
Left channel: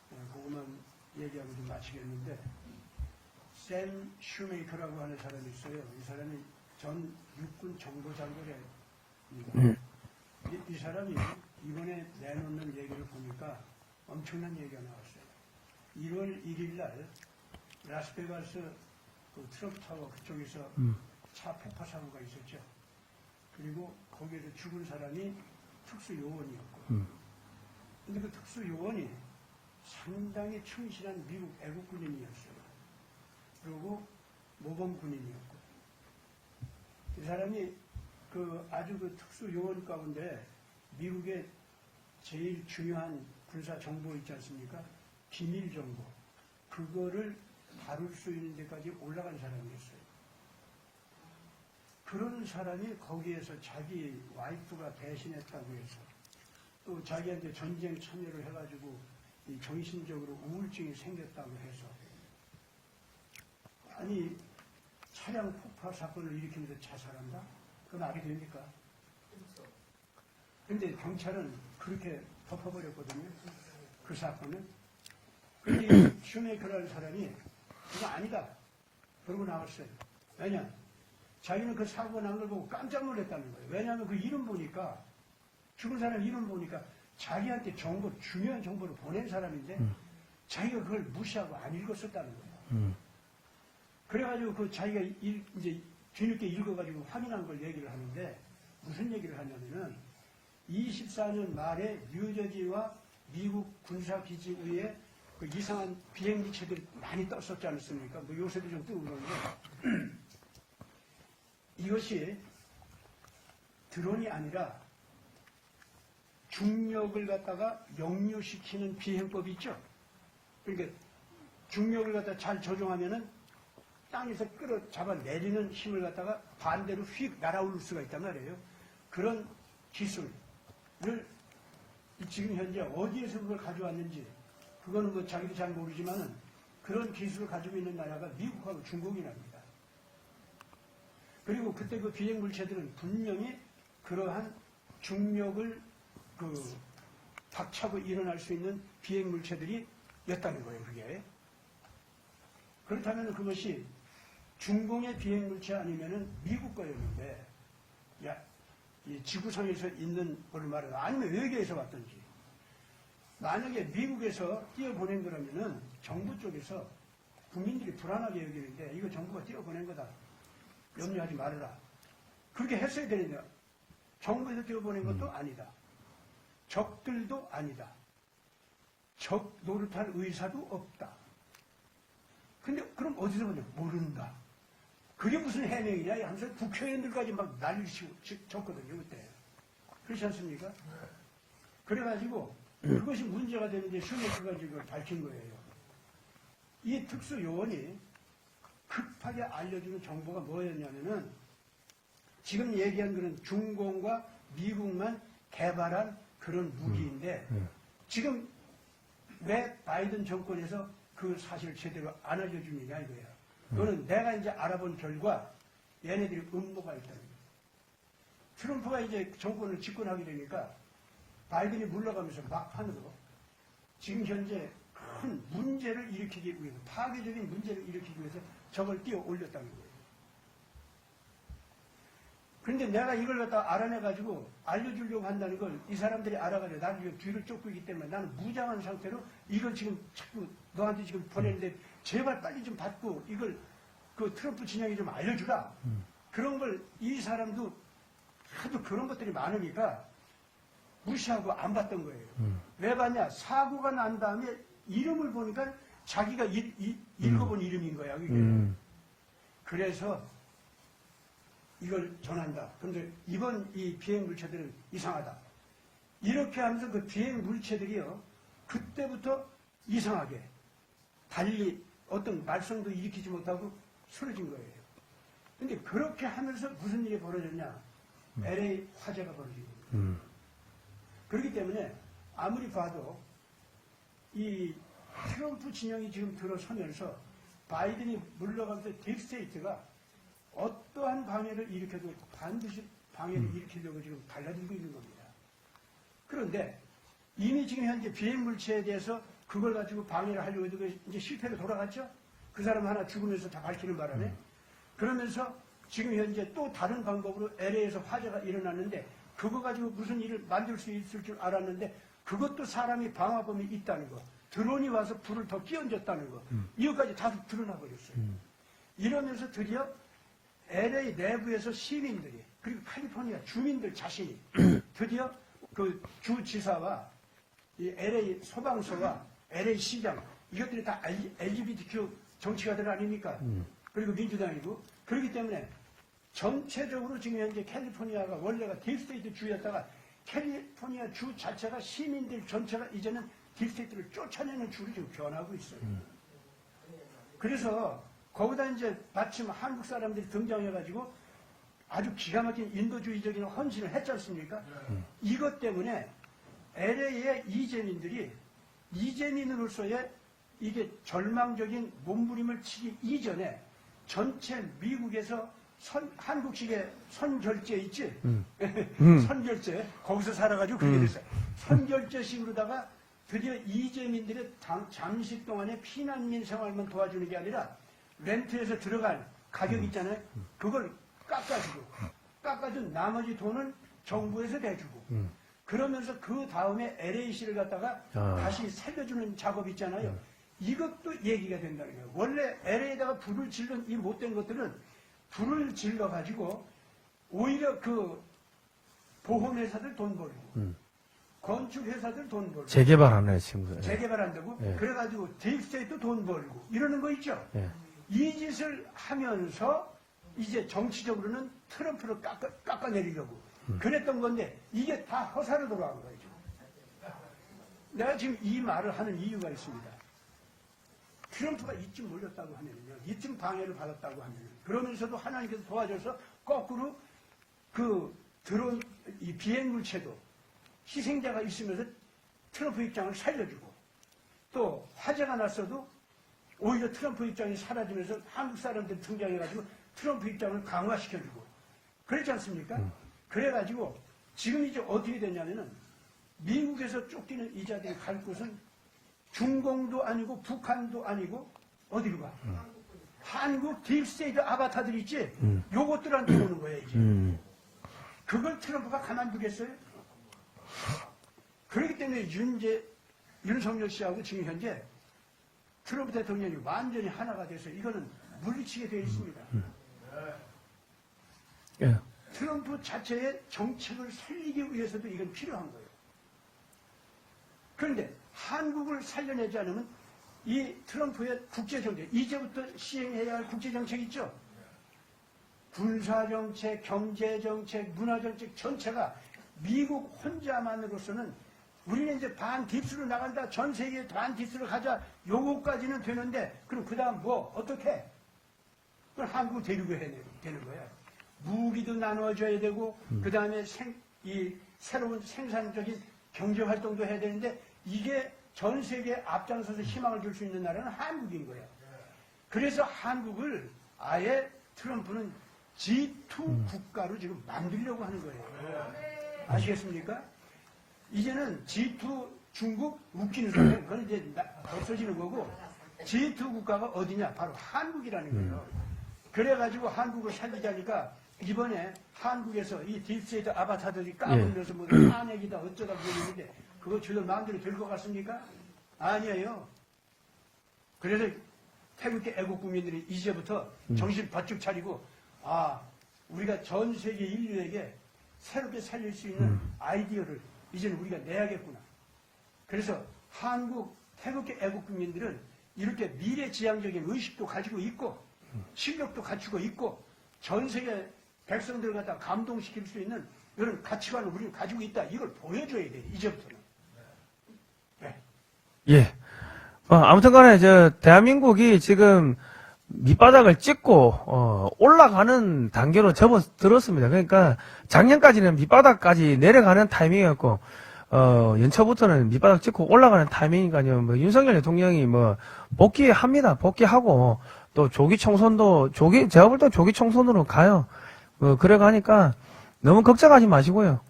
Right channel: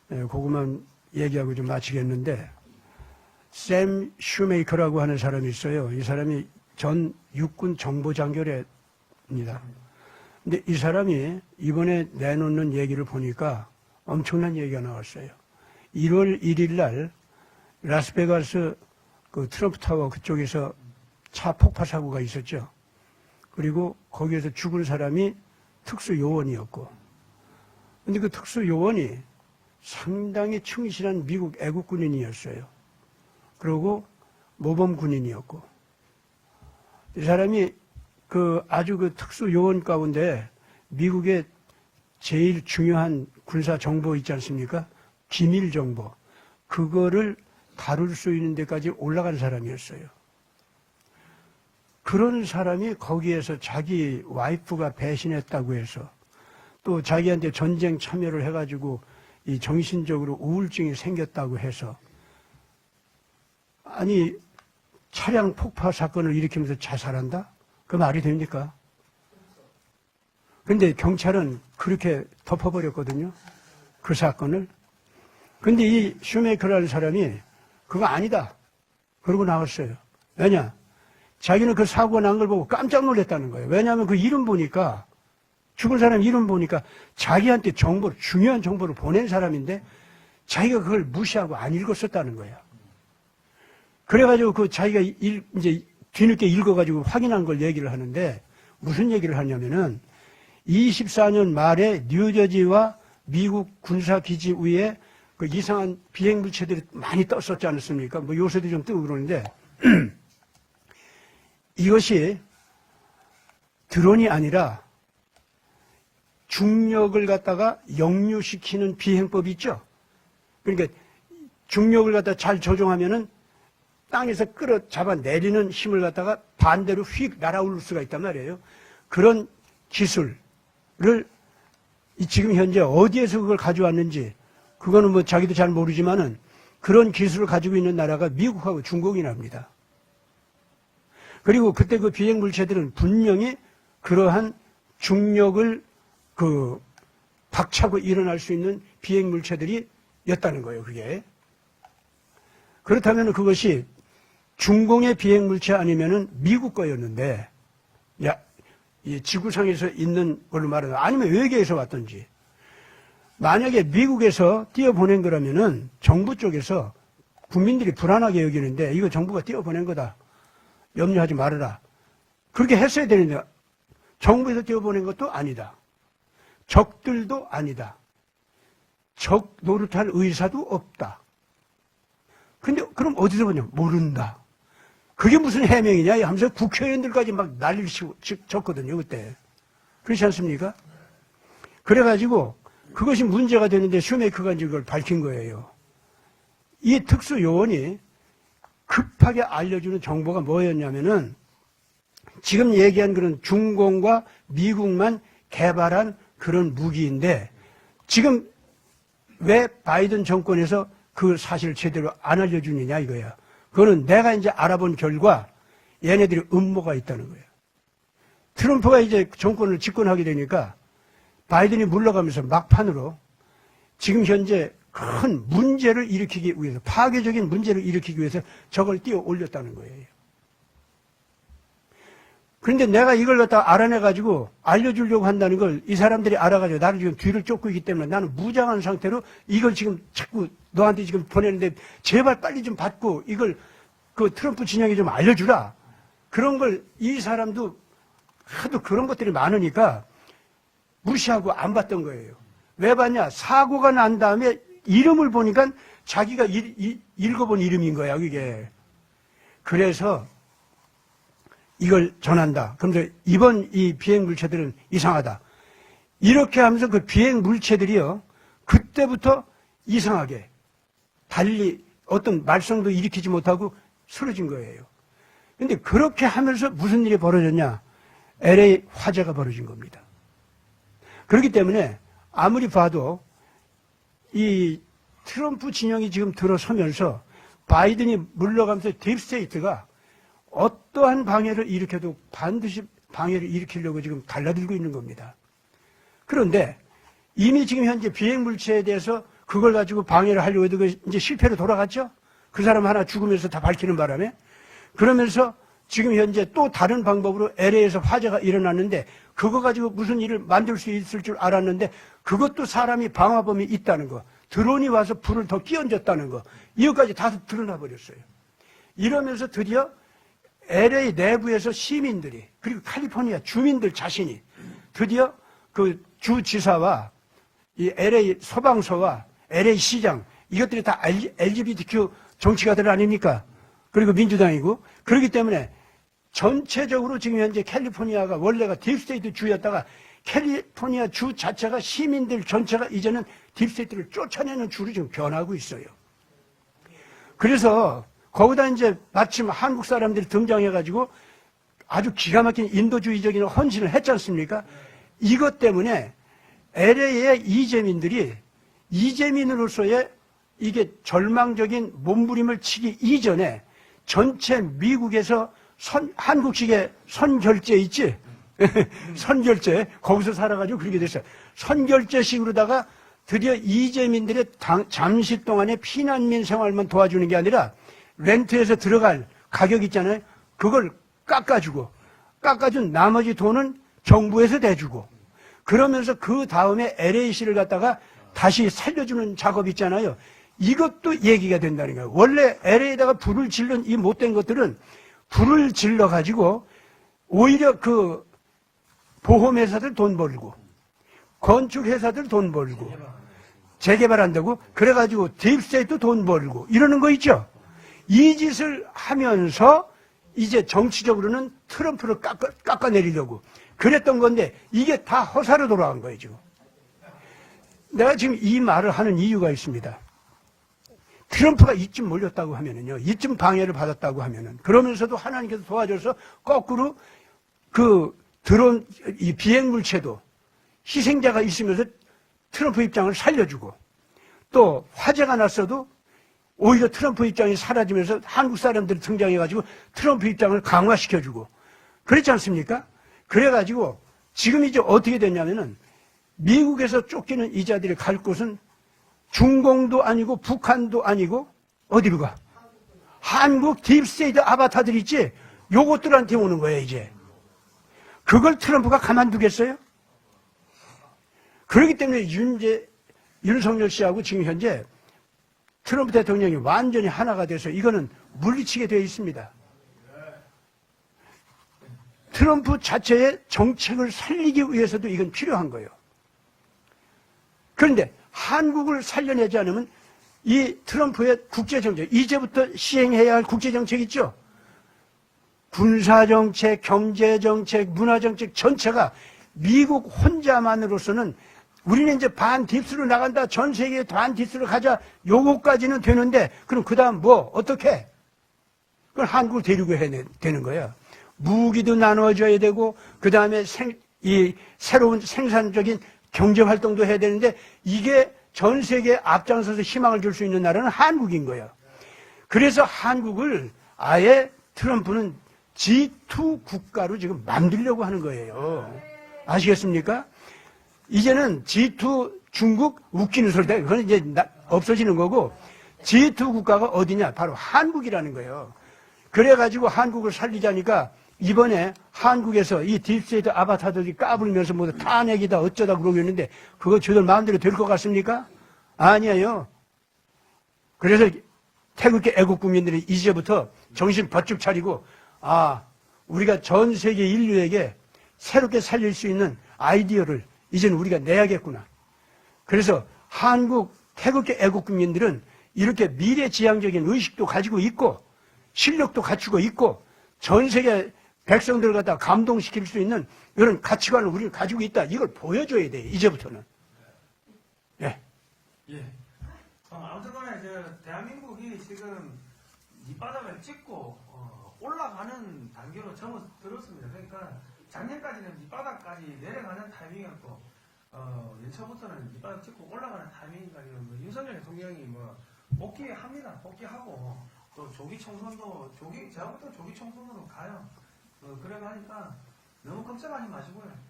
그것만 얘기하고 좀 마치겠는데, 샘 슈메이커라고 하는 사람이 있어요. 이 사람이 전 육군 정보장교래입니다. 근데 이 사람이 이번에 내놓는 얘기를 보니까 엄청난 얘기가 나왔어요. 1월 1일 날 라스베가스 그 트럼프 타워 그쪽에서 차 폭파 사고가 있었죠. 그리고 거기에서 죽은 사람이 특수 요원이었고, 근데 그 특수 요원이 상당히 충실한 미국 애국 군인이었어요. 그리고 모범 군인이었고, 이 사람이 아주 특수 요원 가운데 미국의 제일 중요한 군사 정보 있지 않습니까? 기밀 정보, 그거를 다룰 수 있는 데까지 올라간 사람이었어요. 그런 사람이 거기에서 자기 와이프가 배신했다고 해서, 또 자기한테 전쟁 참여를 해가지고 이 정신적으로 우울증이 생겼다고 해서, 아니 차량 폭파 사건을 일으키면서 자살한다? 그 말이 됩니까? 근데 경찰은 그렇게 덮어버렸거든요, 그 사건을. 근데 이 슈메이커라는 사람이 그거 아니다 그러고 나왔어요. 왜냐? 자기는 그 사고가 난 걸 보고 깜짝 놀랐다는 거예요. 왜냐하면 그 이름 보니까, 죽은 사람 이름 보니까 자기한테 중요한 정보를 보낸 사람인데 자기가 그걸 무시하고 안 읽었었다는 거야. 그래가지고 자기가 이제 뒤늦게 읽어가지고 확인한 걸 얘기를 하는데, 무슨 얘기를 하냐면은 24년 말에 뉴저지와 미국 군사기지 위에 그 이상한 비행물체들이 많이 떴었지 않습니까? 뭐 요새도 좀 뜨고 그러는데, 이것이 드론이 아니라 중력을 갖다가 역류시키는 비행법이 있죠. 그러니까 중력을 갖다 잘 조종하면은 땅에서 끌어잡아 내리는 힘을 갖다가 반대로 휙 날아올 수가 있단 말이에요. 그런 기술을 지금 현재 어디에서 그걸 가져왔는지, 그거는 뭐 자기도 잘 모르지만은 그런 기술을 가지고 있는 나라가 미국하고 중국이랍니다. 그리고 그때 그 비행 물체들은 분명히 그러한 중력을 박차고 일어날 수 있는 비행 물체들이었다는 거예요, 그게. 그렇다면 그것이 중공의 비행 물체 아니면은 미국 거였는데, 이 지구상에서 있는 걸로 말하면, 아니면 외계에서 왔든지, 만약에 미국에서 띄워보낸 거라면은 정부 쪽에서 국민들이 불안하게 여기는데 이거 정부가 띄워보낸 거다. 염려하지 말아라. 그렇게 했어야 되는데 정부에서 띄워보낸 것도 아니다. 적들도 아니다. 적 노릇할 의사도 없다. 근데 그럼 어디서 보냐? 모른다. 그게 무슨 해명이냐 하면서 국회의원들까지 막 난리를 쳤거든요, 그때. 그렇지 않습니까? 그래가지고 그것이 문제가 되는데 슈메이커가 이제 그걸 밝힌 거예요. 이 특수요원이 급하게 알려주는 정보가 뭐였냐면은 지금 얘기한 그런 중공과 미국만 개발한 그런 무기인데 지금 왜 바이든 정권에서 그 사실을 제대로 안 알려주느냐 이거야. 그거는 내가 이제 알아본 결과 얘네들이 음모가 있다는 거예요. 트럼프가 이제 정권을 집권하게 되니까 바이든이 물러가면서 막판으로 지금 현재 큰 문제를 일으키기 위해서 파괴적인 문제를 일으키기 위해서 저걸 띄워 올렸다는 거예요. 그런데 내가 이걸 갖다 알아내가지고 알려주려고 한다는 걸 이 사람들이 알아가지고 나를 지금 뒤를 쫓고 있기 때문에 나는 무장한 상태로 이걸 지금 자꾸 너한테 지금 보내는데 제발 빨리 좀 받고 이걸 그 트럼프 진영에 좀 알려주라. 그런 걸 이 사람도 하도 그런 것들이 많으니까 무시하고 안 봤던 거예요. 왜 봤냐? 사고가 난 다음에 이름을 보니까 자기가 읽어본 이름인 거야, 그게. 그래서 이걸 전한다. 그러면서 이번 이 비행 물체들은 이상하다. 이렇게 하면서 그 비행 물체들이요, 그때부터 이상하게 달리 어떤 말썽도 일으키지 못하고 쓰러진 거예요. 근데 그렇게 하면서 무슨 일이 벌어졌냐? LA 화재가 벌어진 겁니다. 그렇기 때문에 아무리 봐도 이 트럼프 진영이 지금 들어서면서 바이든이 물러가면서 딥스테이트가 어떠한 방해를 일으켜도 반드시 방해를 일으키려고 지금 달라들고 있는 겁니다. 그런데 이미 지금 현재 비행 물체에 대해서 그걸 가지고 방해를 하려고 해도 이제 실패로 돌아갔죠? 그 사람 하나 죽으면서 다 밝히는 바람에. 그러면서 지금 현재 또 다른 방법으로 LA에서 화재가 일어났는데 그거 가지고 무슨 일을 만들 수 있을 줄 알았는데 그것도 사람이 방화범이 있다는 거. 드론이 와서 불을 더 끼얹었다는 거. 이것까지 다 드러나 버렸어요. 이러면서 드디어 LA 내부에서 시민들이 그리고 캘리포니아 주민들 자신이 드디어 그 주지사와 이 LA 소방서와 LA 시장 이것들이 다 LGBTQ 정치가들 아닙니까? 그리고 민주당이고 그렇기 때문에 전체적으로 지금 현재 캘리포니아가 원래가 딥스테이트 주였다가 캘리포니아 주 자체가 시민들 전체가 이제는 딥스테이트를 쫓아내는 주로 지금 변하고 있어요. 그래서 거기다 이제 마침 한국 사람들이 등장해가지고 아주 기가 막힌 인도주의적인 헌신을 했지 않습니까? 이것 때문에 LA의 이재민들이 이재민으로서의 이게 절망적인 몸부림을 치기 이전에 전체 미국에서 한국식의 선결제 있지? 선결제 거기서 살아가지고 그렇게 됐어요. 선결제식으로다가 드디어 이재민들의 잠시 동안의 피난민 생활만 도와주는 게 아니라 렌트에서 들어갈 가격 있잖아요. 그걸 깎아준 나머지 돈은 정부에서 대주고 그러면서 그 다음에 LA시를 갖다가 다시 살려주는 작업 있잖아요. 이것도 얘기가 된다는 거예요. 원래 LA에다가 불을 질른 이 못된 것들은 불을 질러가지고 오히려 그 보험회사들 돈 벌고 건축회사들 돈 벌고 재개발하는 친구들. 재개발한다고? 네. 그래가지고 딥스테이트 돈 벌고 이러는 거 있죠? 네. 이 짓을 하면서 이제 정치적으로는 트럼프를 깎아내리려고 그랬던 건데 이게 다 허사로 돌아간 거예요, 지금. 내가 지금 이 말을 하는 이유가 있습니다. 트럼프가 이쯤 몰렸다고 하면은요, 이쯤 방해를 받았다고 하면은, 그러면서도 하나님께서 도와줘서 거꾸로 그 드론, 이 비행물체도 희생자가 있으면서 트럼프 입장을 살려주고 또 화재가 났어도 오히려 트럼프 입장이 사라지면서 한국 사람들이 등장해가지고 트럼프 입장을 강화시켜주고 그렇지 않습니까? 그래가지고 지금 이제 어떻게 됐냐면은 미국에서 쫓기는 이 자들이 갈 곳은 중공도 아니고 북한도 아니고 어디로 가? 한국 딥스테이트 아바타들 있지? 요것들한테 오는 거예요, 이제. 그걸 트럼프가 가만두겠어요? 그렇기 때문에 윤석열 씨하고 지금 현재 트럼프 대통령이 완전히 하나가 돼서 이거는 물리치게 되어 있습니다. 예. 트럼프 자체의 정책을 살리기 위해서도 이건 필요한 거예요. 그런데 한국을 살려내지 않으면 이 트럼프의 국제정책, 이제부터 시행해야 할 국제정책 있죠? 군사정책, 경제정책, 문화정책 전체가 미국 혼자만으로서는 우리는 이제 반딥스로 나간다, 전 세계에 반딥스로 가자, 요거까지는 되는데, 그럼 그 다음 뭐, 어떻게? 그걸 한국을 데리고 해야 되는 거야. 무기도 나눠줘야 되고, 그 다음에 이 새로운 생산적인 경제활동도 해야 되는데, 이게 전 세계에 앞장서서 희망을 줄 수 있는 나라는 한국인 거야. 그래서 한국을 아예 트럼프는 G2 국가로 지금 만들려고 하는 거예요. 아시겠습니까? 이제는 G2 중국 웃기는 소리다. 그건 이제 없어지는 거고, G2 국가가 어디냐? 바로 한국이라는 거예요. 그래가지고 한국을 살리자니까 이번에 한국에서 이 딥스테이트 아바타들이 까부리면서 뭐 탄핵이다 어쩌다 그러고 있는데 그거 저들 마음대로 될 것 같습니까? 아니에요. 그래서 태극기 애국 국민들이 이제부터 정신 바짝 차리고 아, 우리가 전 세계 인류에게 새롭게 살릴 수 있는 아이디어를 이제는 우리가 내야겠구나. 그래서 한국 태극기 애국 국민들은 이렇게 미래지향적인 의식도 가지고 있고 실력도 갖추고 있고 전 세계 백성들을 갖다 감동시킬 수 있는 이런 가치관을 우리는 가지고 있다. 이걸 보여줘야 돼요. 이제부터는. 네. 예. 아무튼 간에 대한민국이 지금 밑바닥을 찍고 올라가는 단계로 접어들었습니다. 그러니까 작년까지는 밑바닥까지 내려가는 타이밍이었고 연초부터는 밑바닥 찍고 올라가는 타이밍이니까요. 뭐 윤석열 대통령이 뭐 복귀합니다. 복귀하고 또 조기 총선도 제가 볼 때 조기 총선으로 가요. 그래 가니까 너무 걱정하지 마시고요.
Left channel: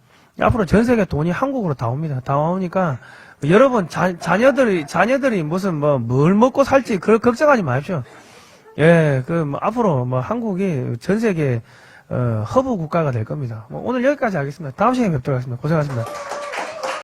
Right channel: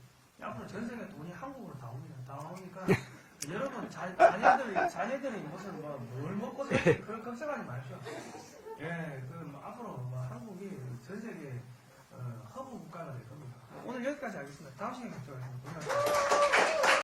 앞으로 전 세계 돈이 한국으로 다 옵니다. 다 오니까 여러분 자녀들이 무슨 뭘 먹고 살지 그걸 걱정하지 마십시오. 예, 앞으로 한국이 전 세계 허브 국가가 될 겁니다. 오늘 여기까지 하겠습니다. 다음 시간에 뵙도록 하겠습니다. 고생하셨습니다.